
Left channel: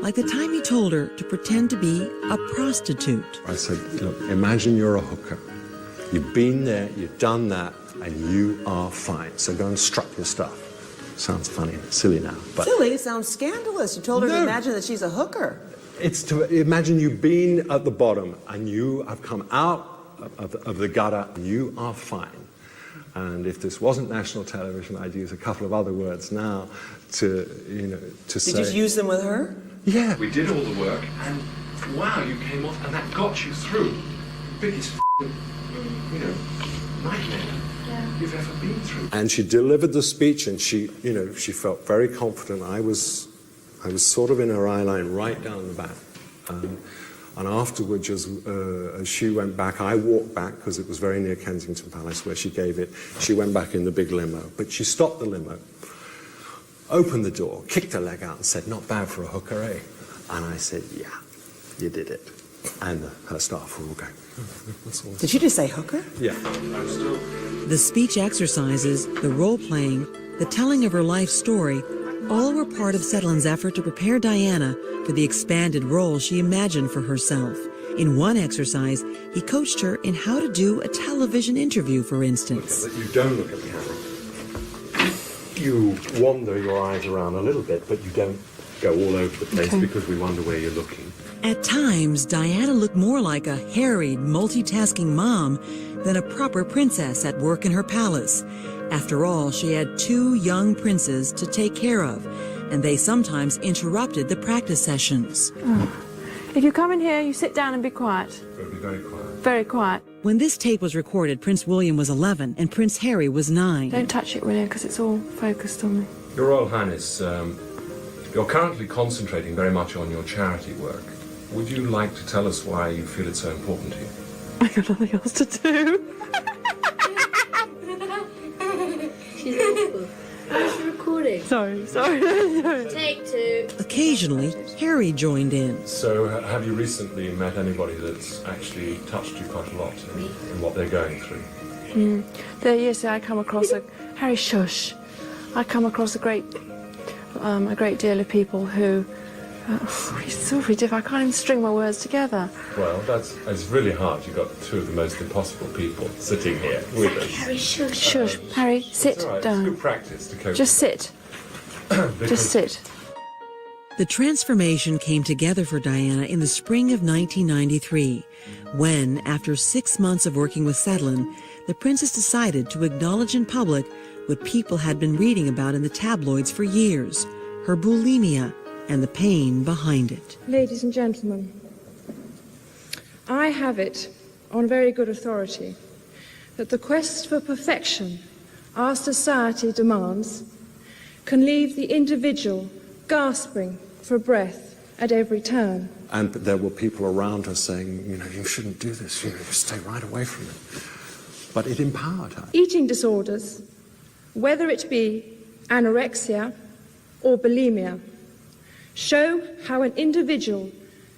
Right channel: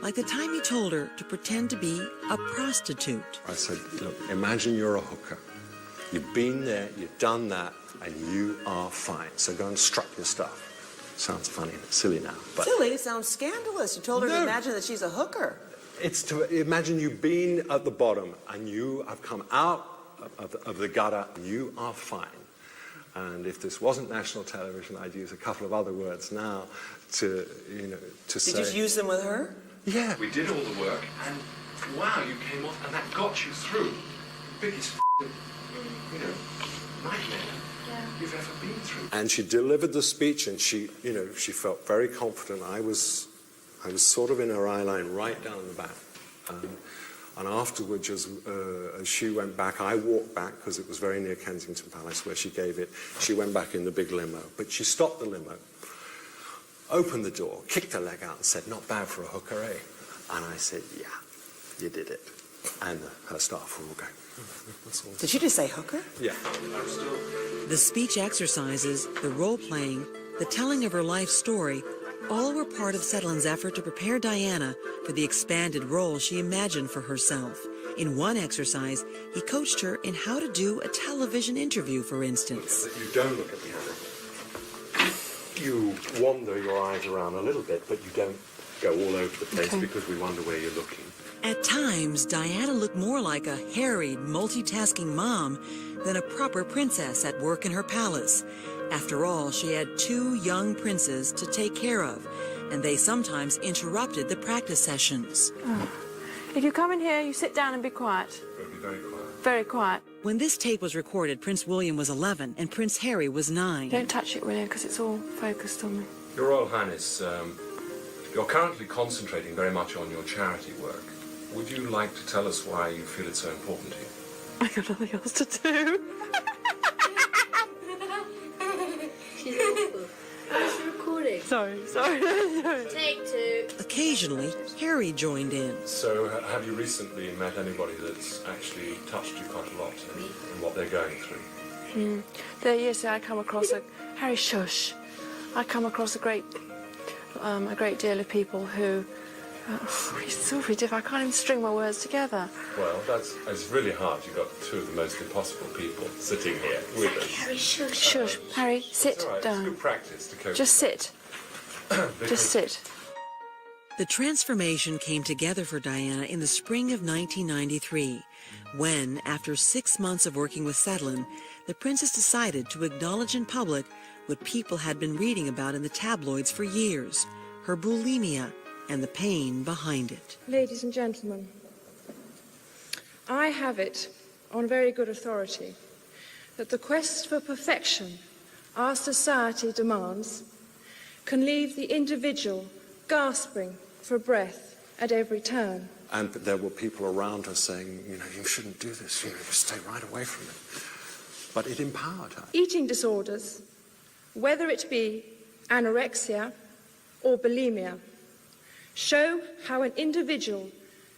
Like the time he told her to pretend to be a prostitute. I said, look, imagine you're a hooker. You've been there, you've done that, and you are fine. So go and strut your stuff. Sounds funny, silly now. But Silly? It sounds scandalous. You told her No. to imagine that she's a hooker. it's to imagine you've been at the bottom and you have come out of the gutter and you are fine. And if this wasn't national television, I'd use a couple of other words now to say. Did you use them with her? Yeah. We did all the work, and wow, you came off, and that got you through. Biggest nightmare you've ever been through. And she delivered the speech, and she felt very confident. I was sort of in her eye line right down the back. And afterwards, as she went back, I walked back because it was very near Kensington Palace where she gave it. She went back in the big limo, but she stopped the limo, opened the door, kicked her leg out and said, "Not bad for a hooker, eh?" And I said, "Yeah, you did it." And her staff were all going, "That's all." Did you just say hooker? Yeah. The speech exercises, the role-playing, the telling of her life story, all were part of Sedlin's effort to prepare Diana for the expanded role she imagined for herself. In one exercise, he coached her in how to do a television interview, for instance. You don't look at the camera. You wander your eyes around a little bit, but you don't go all over the place because we wonder where you're looking. At times, Diana looked more like a harried, multitasking mom than a proper princess at work in her palace. After all, she had 2 young princes to take care of, and they sometimes interrupted the practice sessions. If you come in here, you sit down and be quiet. It'll be very quiet. Very quiet. When this tape was recorded, Prince William was 11 and Prince Harry was 9. Don't touch it, William, because it's all focused on me. Your Royal Highness, you're currently concentrating very much on your charity work. Would you like to tell us why you feel it's so important to you? I got nothing else to do. She's awful. Where's the recording? Sorry. Take 2. Occasionally, Harry joined in. So, have you recently met anybody that's actually touched you quite a lot in what they're going through? Yesterday I come across Harry Shush. I come across a great deal of people who. It's so really difficult. I can't even string my words together. Well, it's really hard. You've got 2 of the most impossible people sitting here with us. Harry, shush. Shush. Harry, sit It's all right. down. It's good practice to cope. Just sit. Just sit. The transformation came together for Diana in the spring of 1993, when, after 6 months of working with Sedlin, the princess decided to acknowledge in public what people had been reading about in the tabloids for years, her bulimia and the pain behind it. Ladies and gentlemen, I have it on very good authority that the quest for perfection our society demands can leave the individual gasping for breath at every turn. And there were people around her saying, you shouldn't do this, you stay right away from it. But it empowered her. Eating disorders, whether it be anorexia or bulimia, show how an individual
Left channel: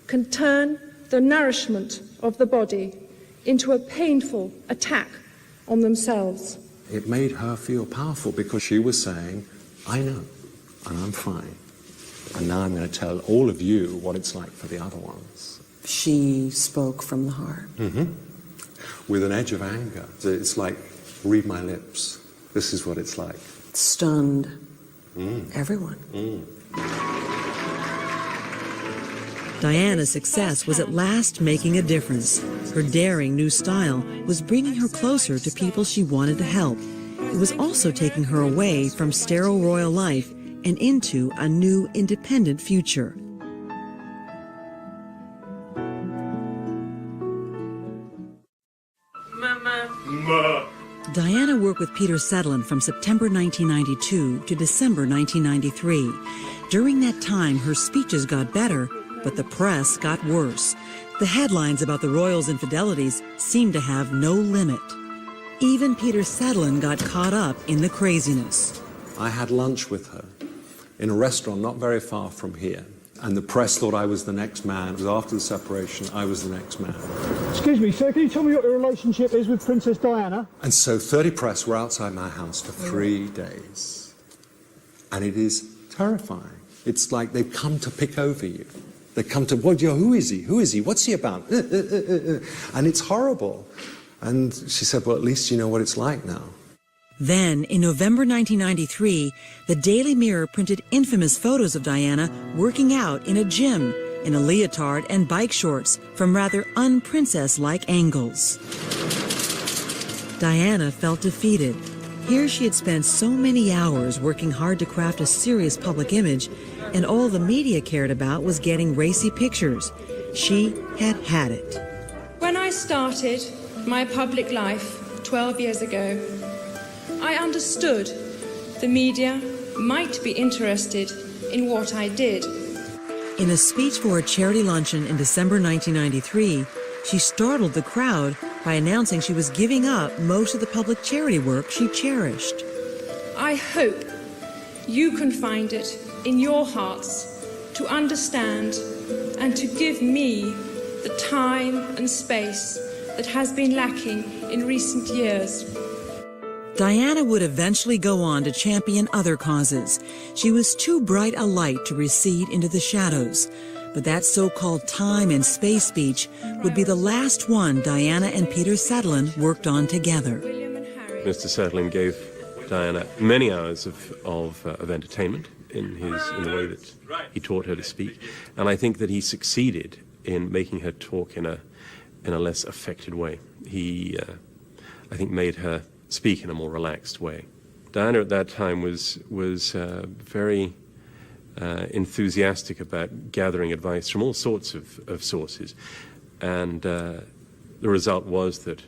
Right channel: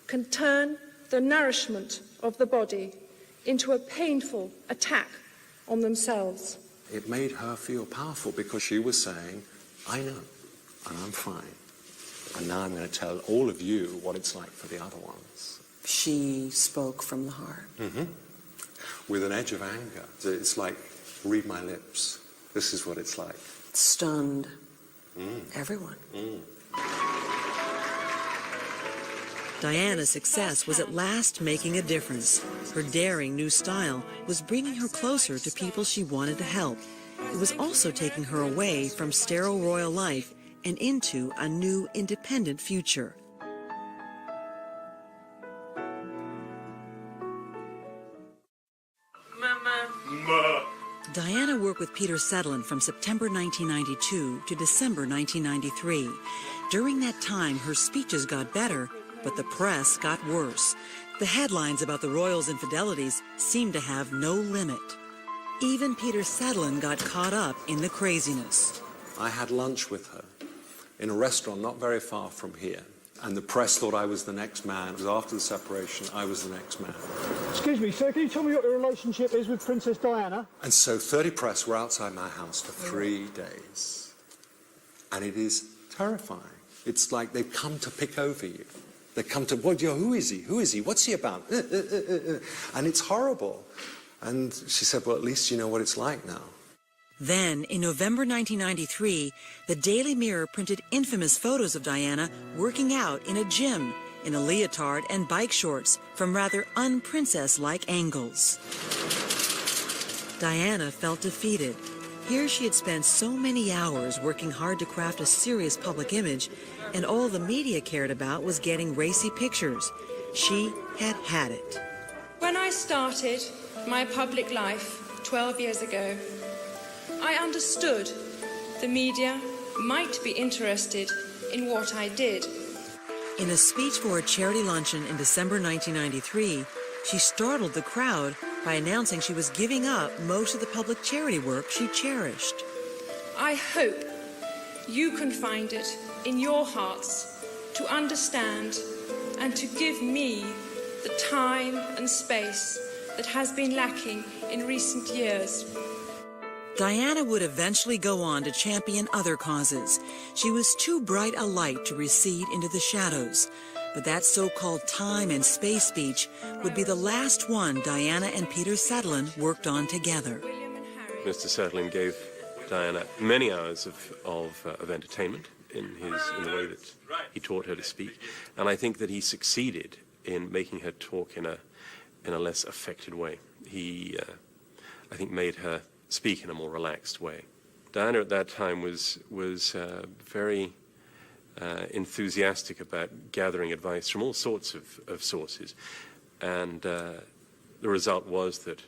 can turn the nourishment of the body into a painful attack on themselves. It made her feel powerful because she was saying, I know, and I'm fine. And now I'm going to tell all of you what it's like for the other ones. She spoke from the heart. Mm-hmm. With an edge of anger. It's like, read my lips. This is what it's like. Stunned everyone. Diana's success was at last making a difference. Her daring new style was bringing her closer to people she wanted to help. It was also taking her away from sterile royal life and into a new independent future. Diana worked with Peter Sedlin from September 1992 to December 1993. During that time, her speeches got better, but the press got worse. The headlines about the royals' infidelities seemed to have no limit. Even Peter Sedlin got caught up in the craziness. I had lunch with her in a restaurant not very far from here, and the press thought I was the next man. It was after the separation, I was the next man. Excuse me, sir, can you tell me what your relationship is with Princess Diana? And so 30 press were outside my house for 3 days. And it is terrifying. It's like they've come to pick over you. They come to, well, who is he? Who is he? What's he about? And it's horrible. And she said, well, at least you know what it's like now. Then, in November 1993, the Daily Mirror printed infamous photos of Diana working out in a gym in a leotard and bike shorts from rather un-princess-like angles. Diana felt defeated. Here she had spent so many hours working hard to craft a serious public image, and all the media cared about was getting racy pictures. She had had it. When I started my public life 12 years ago, I understood the media might be interested in what I did. In a speech for a charity luncheon in December 1993, she startled the crowd by announcing she was giving up most of the public charity work she cherished. I hope you can find it in your hearts to understand and to give me the time and space that has been lacking in recent years. Diana would eventually go on to champion other causes. She was too bright a light to recede into the shadows. But that so-called time and space speech would be the last one Diana and Peter Sedlin worked on together. Mr. Sedlin gave Diana many hours of entertainment in the way that he taught her to speak, and I think that he succeeded in making her talk in a less affected way. He, I think, made her speak in a more relaxed way. Diana at that time was very enthusiastic about gathering advice from all sorts of sources, and the result was that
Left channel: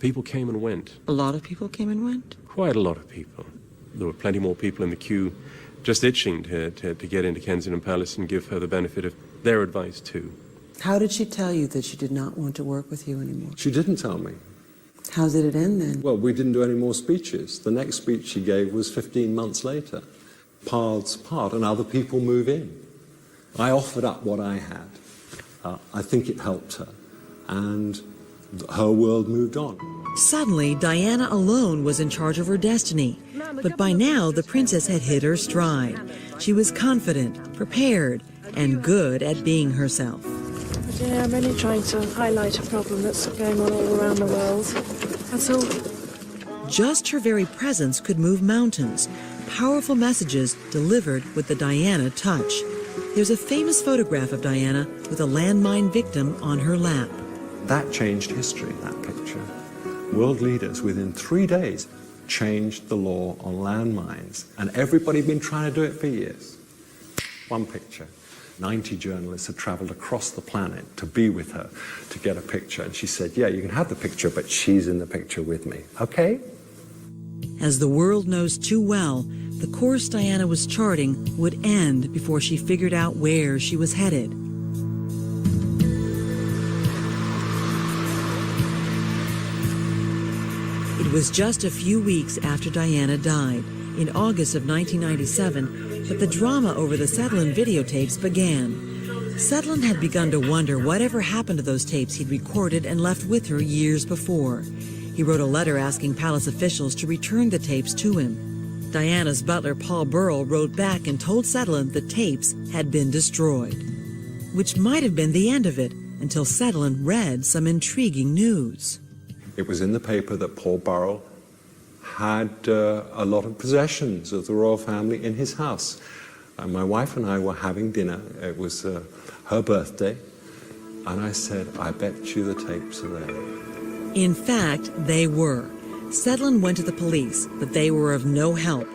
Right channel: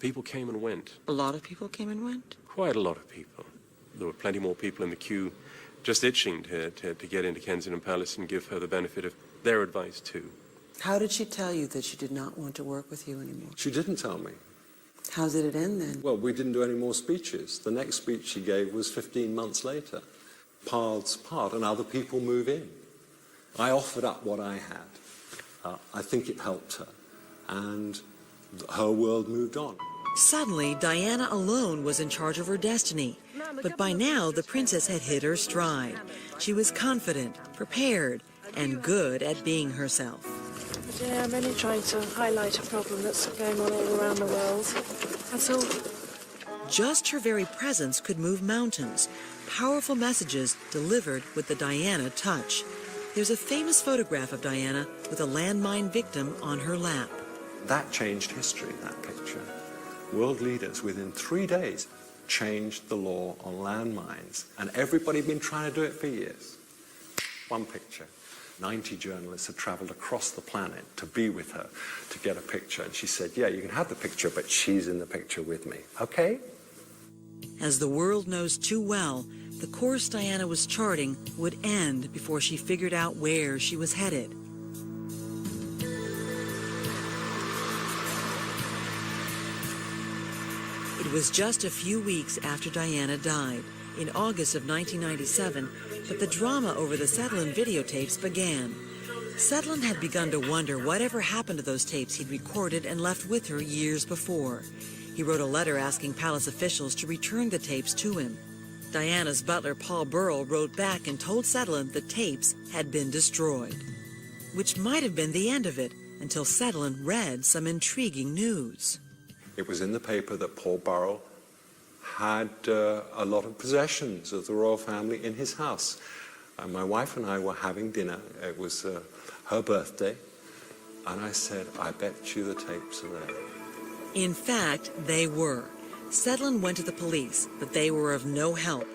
people came and went. A lot of people came and went? Quite a lot of people. There were plenty more people in the queue just itching to get into Kensington Palace and give her the benefit of their advice too. How did she tell you that she did not want to work with you anymore? She didn't tell me. How did it end then? Well, we didn't do any more speeches. The next speech she gave was 15 months later. Paths part, and other people move in. I offered up what I had. I think it helped her, and her world moved on. Suddenly, Diana alone was in charge of her destiny. But by now, the princess had hit her stride. She was confident, prepared, and good at being herself. Yeah, I'm only trying to highlight a problem that's going on all around the world. That's all. Just her very presence could move mountains. Powerful messages delivered with the Diana touch. There's a famous photograph of Diana with a landmine victim on her lap. That changed history, that picture. World leaders, within 3 days, changed the law on landmines. And everybody had been trying to do it for years. One picture. 90 journalists had travelled across the planet to be with her, to get a picture. And she said, yeah, you can have the picture, but she's in the picture with me. Okay? As the world knows too well, the course Diana was charting would end before she figured out where she was headed. It was just a few weeks after Diana died, in August of 1997, that the drama over the Sedlin videotapes began. Sedlin had begun to wonder whatever happened to those tapes he'd recorded and left with her years before. He wrote a letter asking palace officials to return the tapes to him. Diana's butler, Paul Burrell, wrote back and told Sedlin the tapes had been destroyed, which might have been the end of it until Sedlin read some intriguing news. It was in the paper that Paul Burrell had a lot of possessions of the royal family in his house. And my wife and I were having dinner. It was her birthday. And I said, I bet you the tapes are there. In fact, they were. Sedlin went to the police, but they were of no help.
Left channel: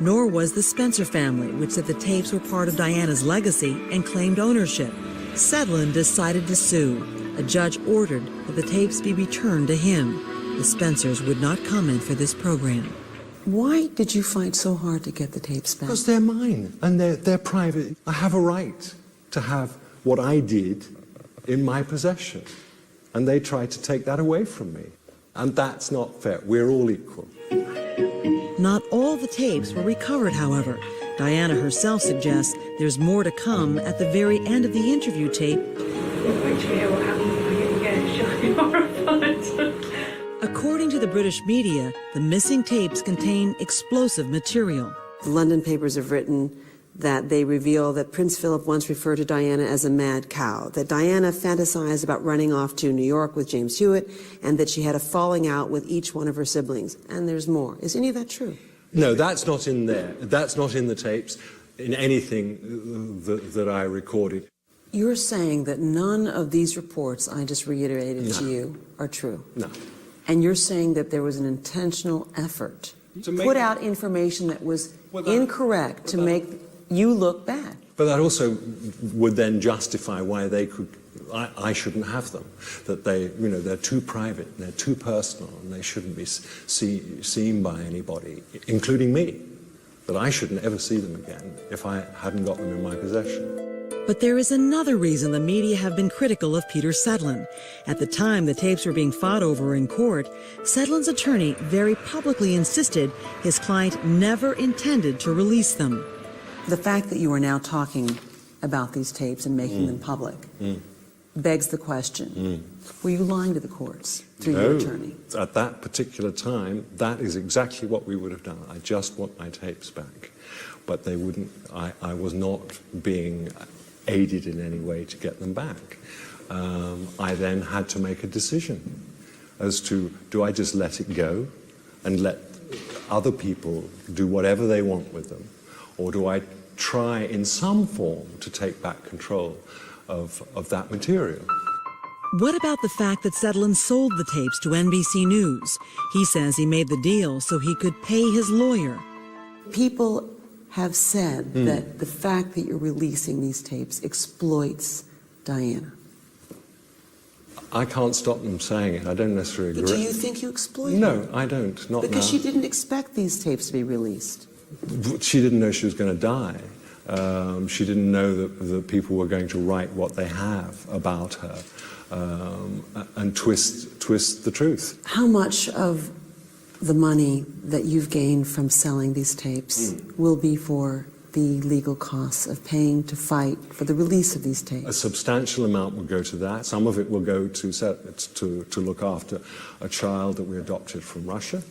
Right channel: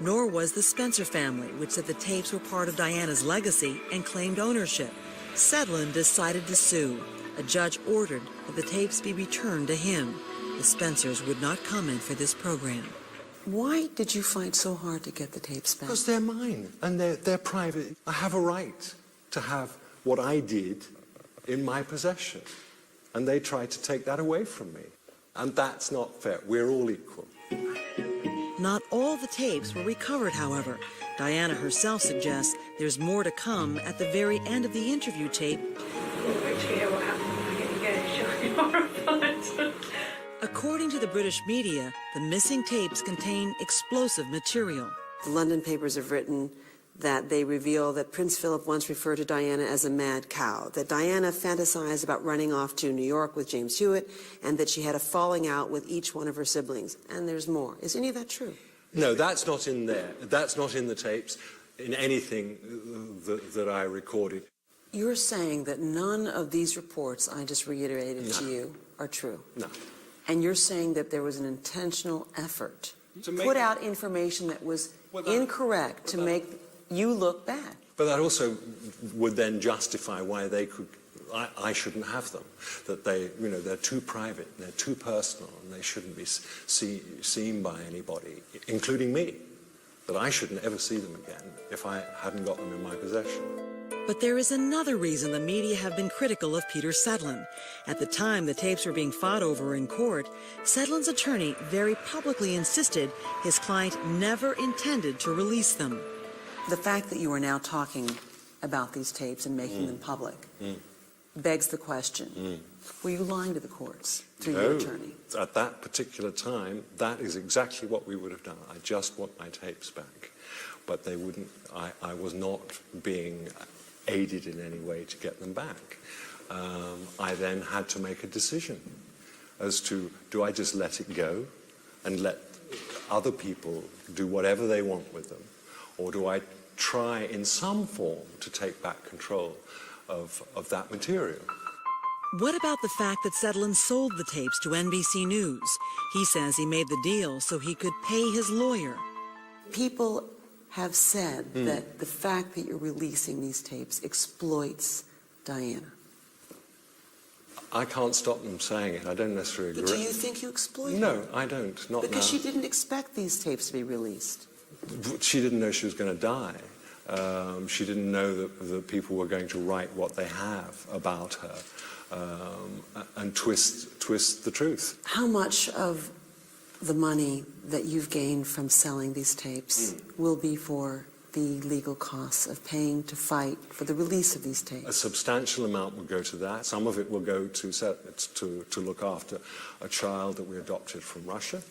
Nor was the Spencer family, which said the tapes were part of Diana's legacy and claimed ownership. Sedlin decided to sue. A judge ordered that the tapes be returned to him. The Spencers would not comment for this program. Why did you fight so hard to get the tapes back? Because they're mine, and they're private. I have a right to have what I did in my possession. And they tried to take that away from me. And that's not fair. We're all equal. Not all the tapes were recovered, however. Diana herself suggests there's more to come at the very end of the interview tape. According to the British media, the missing tapes contain explosive material. The London papers have written that they reveal that Prince Philip once referred to Diana as a mad cow, that Diana fantasized about running off to New York with James Hewitt, and that she had a falling out with each one of her siblings. And there's more. Is any of that true? No, that's not in there. That's not in the tapes, in anything that I recorded. You're saying that none of these reports I just reiterated to you are true? No. And you're saying that there was an intentional effort to put out information that was incorrect to make you look bad? But that also would then justify why they could, I shouldn't have them. That they, they're too private, and they're too personal, and they shouldn't be seen by anybody, including me. That I shouldn't ever see them again if I hadn't got them in my possession. But there is another reason the media have been critical of Peter Sedlin. At the time the tapes were being fought over in court, Sedlin's attorney very publicly insisted his client never intended to release them. The fact that you are now talking about these tapes and making them public begs the question, were you lying to the courts through your attorney? At that particular time, that is exactly what we would have done. I just want my tapes back. But they wouldn't, I was not being aided in any way to get them back. I then had to make a decision as to, do I just let it go and let other people do whatever they want with them, or do I try in some form to take back control of that material? What about the fact that Sedlin sold the tapes to NBC News? He says he made the deal so he could pay his lawyer. People have said that the fact that you're releasing these tapes exploits Diana. I can't stop them saying it. I don't necessarily agree. But do you think you exploit her? No, I don't. Not because now. she didn't expect these tapes to be released. She didn't know she was going to die. She didn't know that people were going to write what they have about her and twist the truth. How much of the money that you've gained from selling these tapes will be for the legal costs of paying to fight for the release of these tapes? A substantial amount will go to that. Some of it will go to look after a child that we adopted from Russia,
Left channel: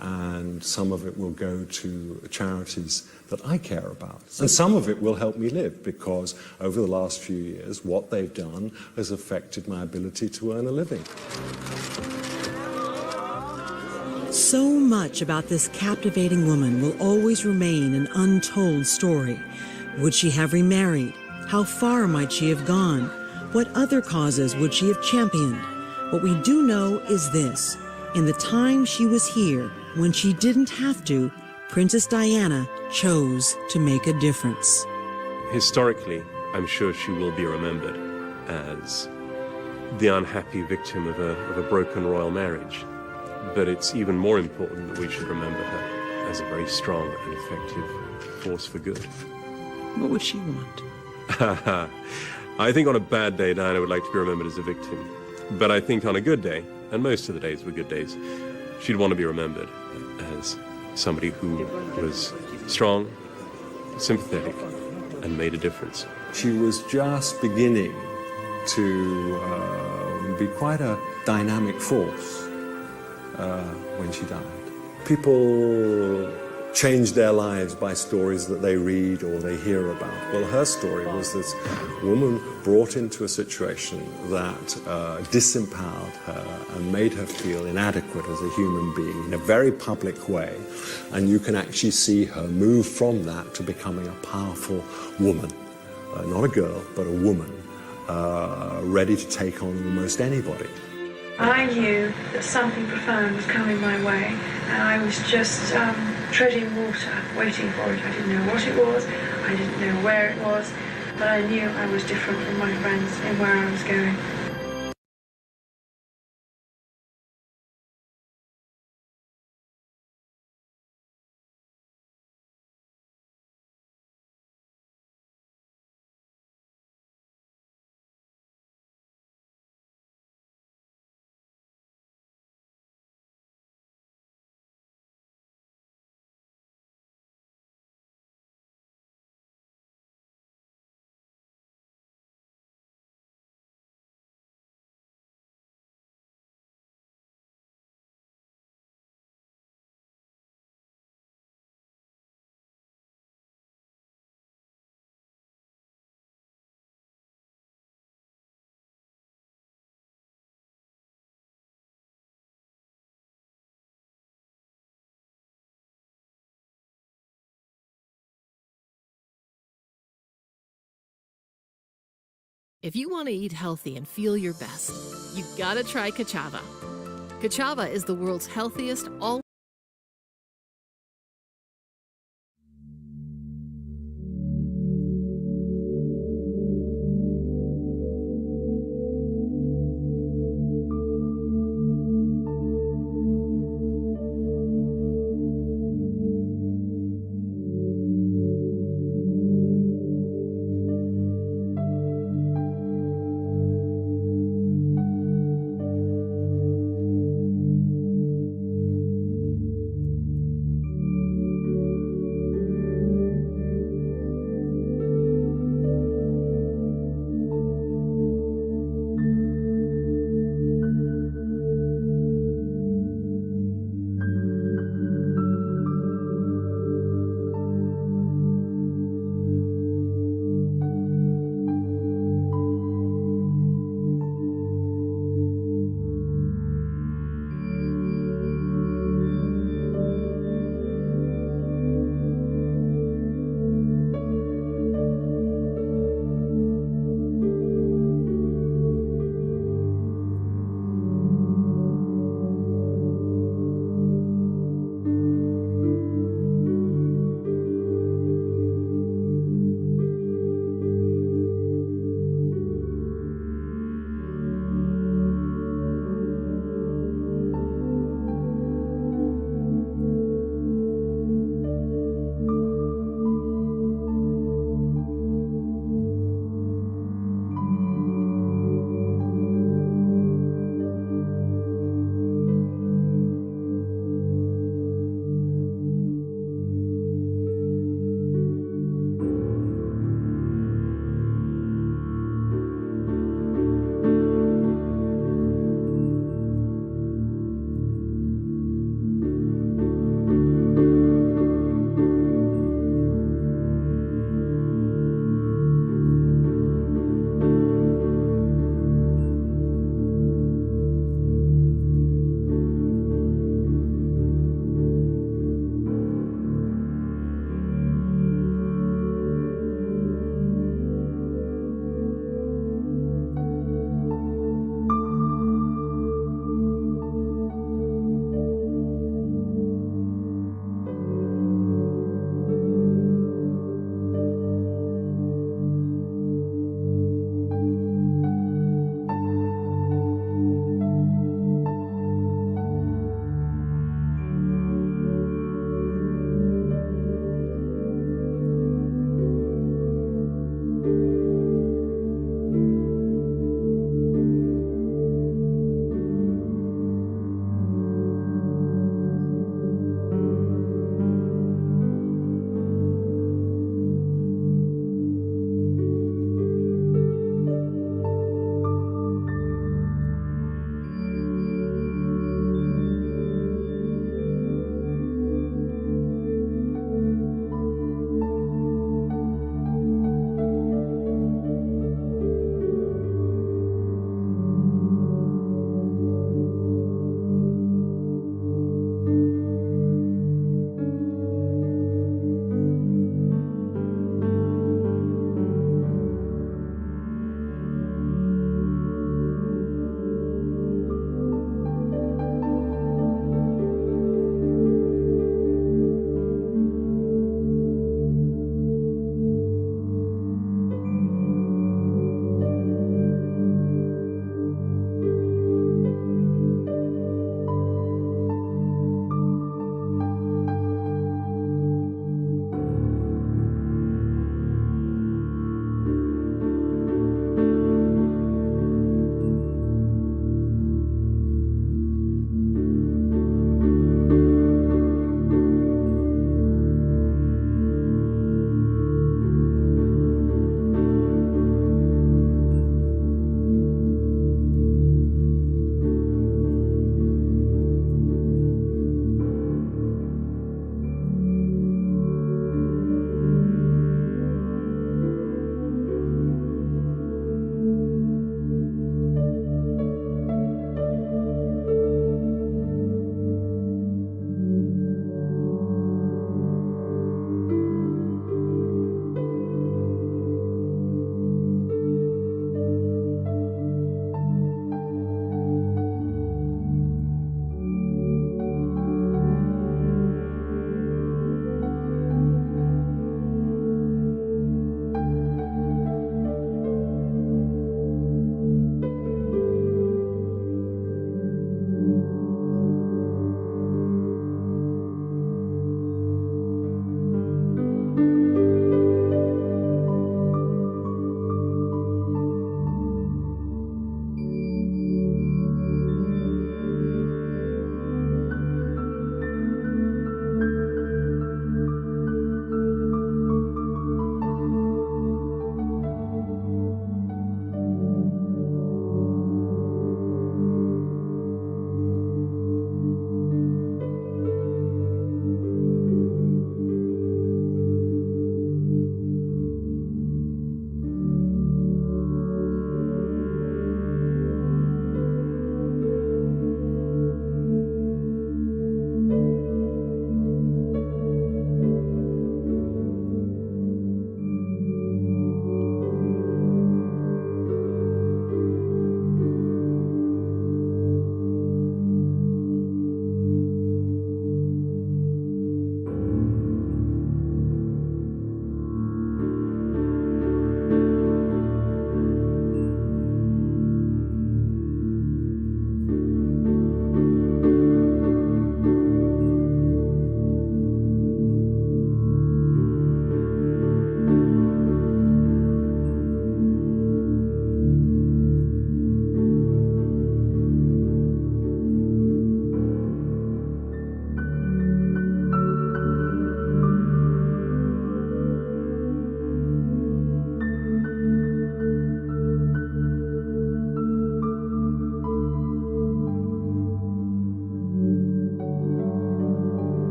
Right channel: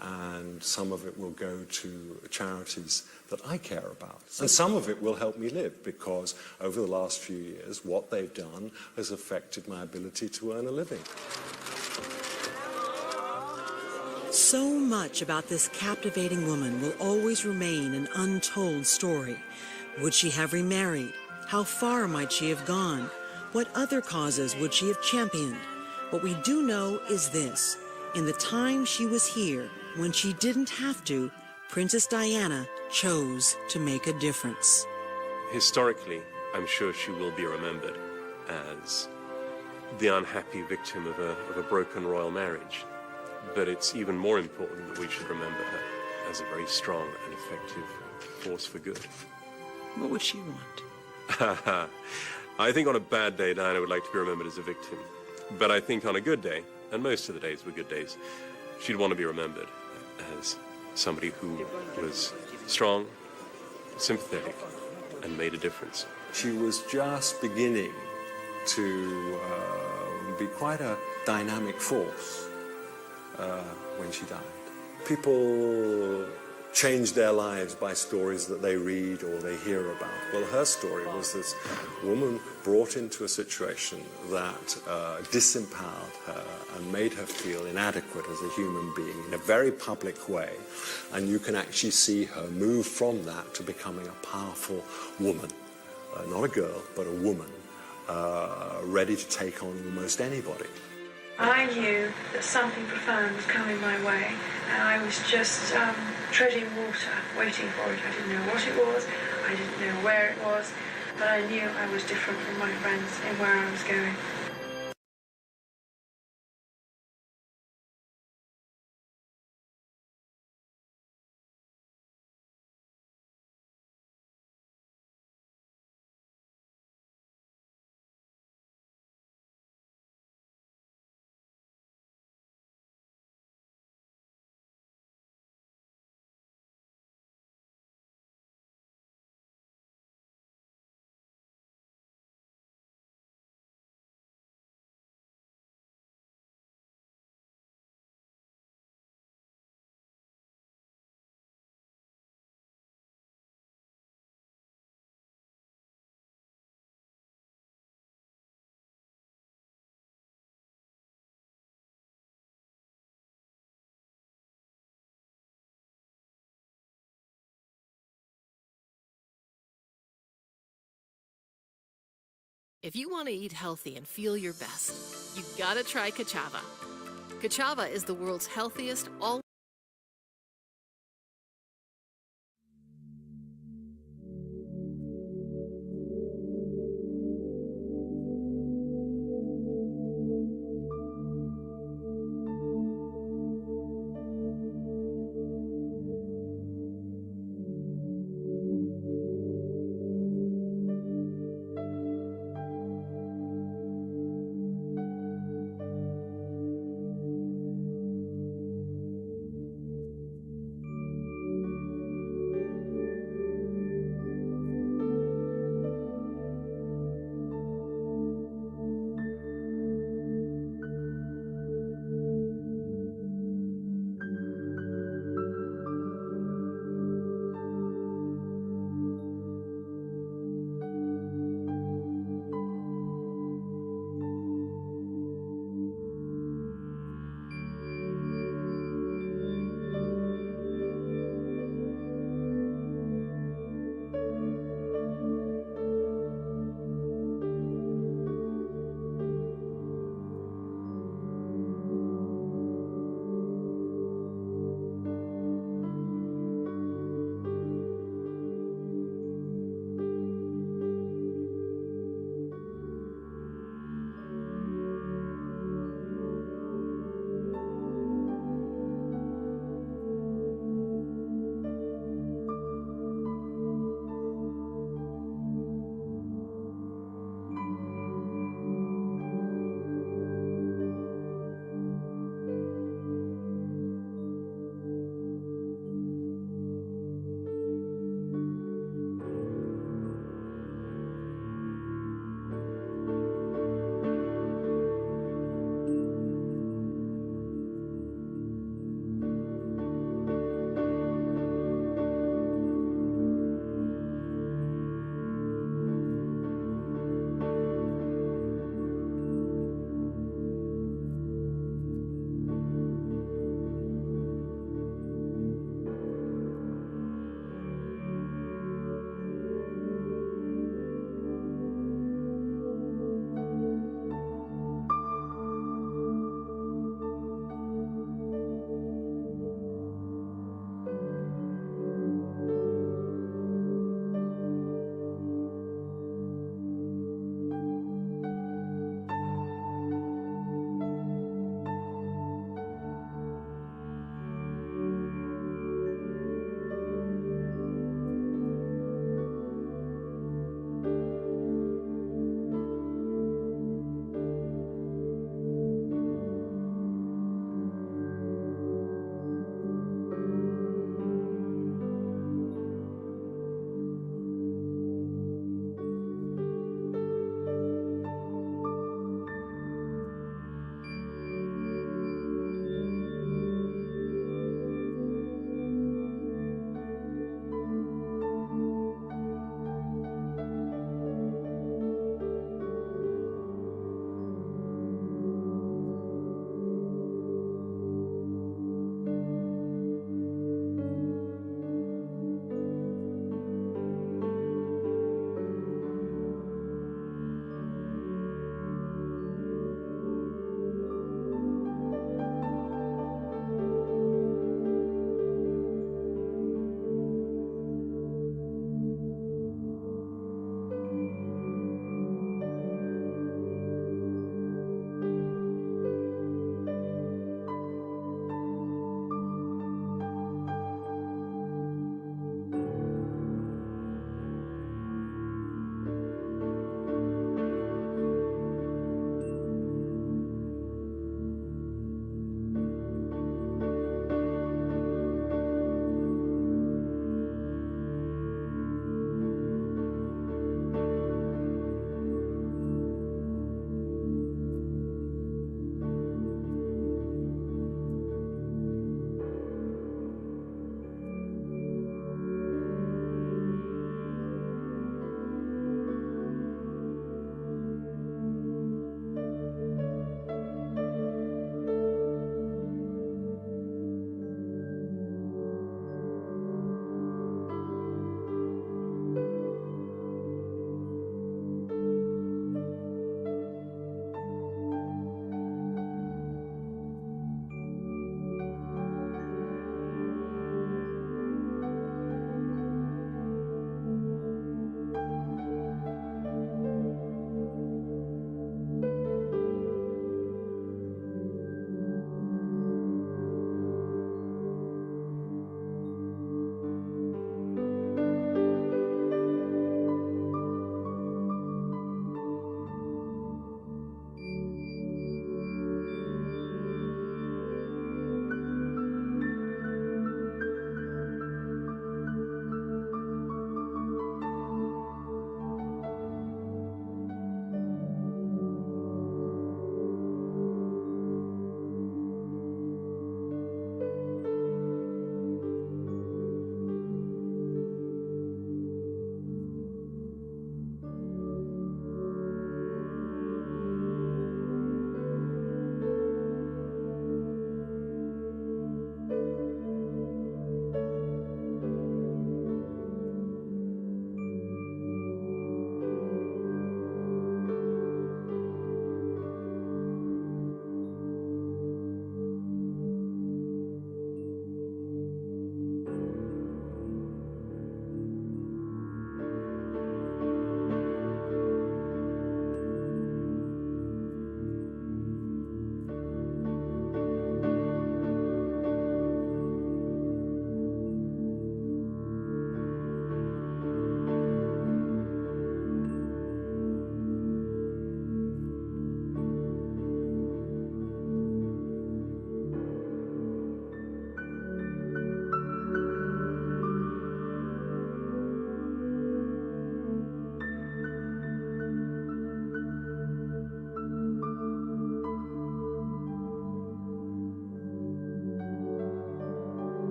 and some of it will go to charities that I care about. And some of it will help me live, because over the last few years, what they've done has affected my ability to earn a living. So much about this captivating woman will always remain an untold story. Would she have remarried? How far might she have gone? What other causes would she have championed? What we do know is this. In the time she was here, when she didn't have to, Princess Diana chose to make a difference. Historically, I'm sure she will be remembered as the unhappy victim of a broken royal marriage. But it's even more important that we should remember her as a very strong and effective force for good. What would she want? I think on a bad day, Diana would like to be remembered as a victim. But I think on a good day, and most of the days were good days, she'd want to be remembered as somebody who was strong, sympathetic, and made a difference. She was just beginning to be quite a dynamic force when she died. People change their lives by stories that they read or they hear about. Well, her story was this woman brought into a situation that disempowered her and made her feel inadequate as a human being in a very public way. And you can actually see her move from that to becoming a powerful woman. Not a girl, but a woman, ready to take on almost anybody. I knew that something profound was coming my way, and I was just treading water, waiting for it. I didn't know what it was, I didn't know where it was, but I knew I was different from my friends in where I was going. If you want to eat healthy and feel your best, you've got to try Kachava. Kachava is the world's healthiest all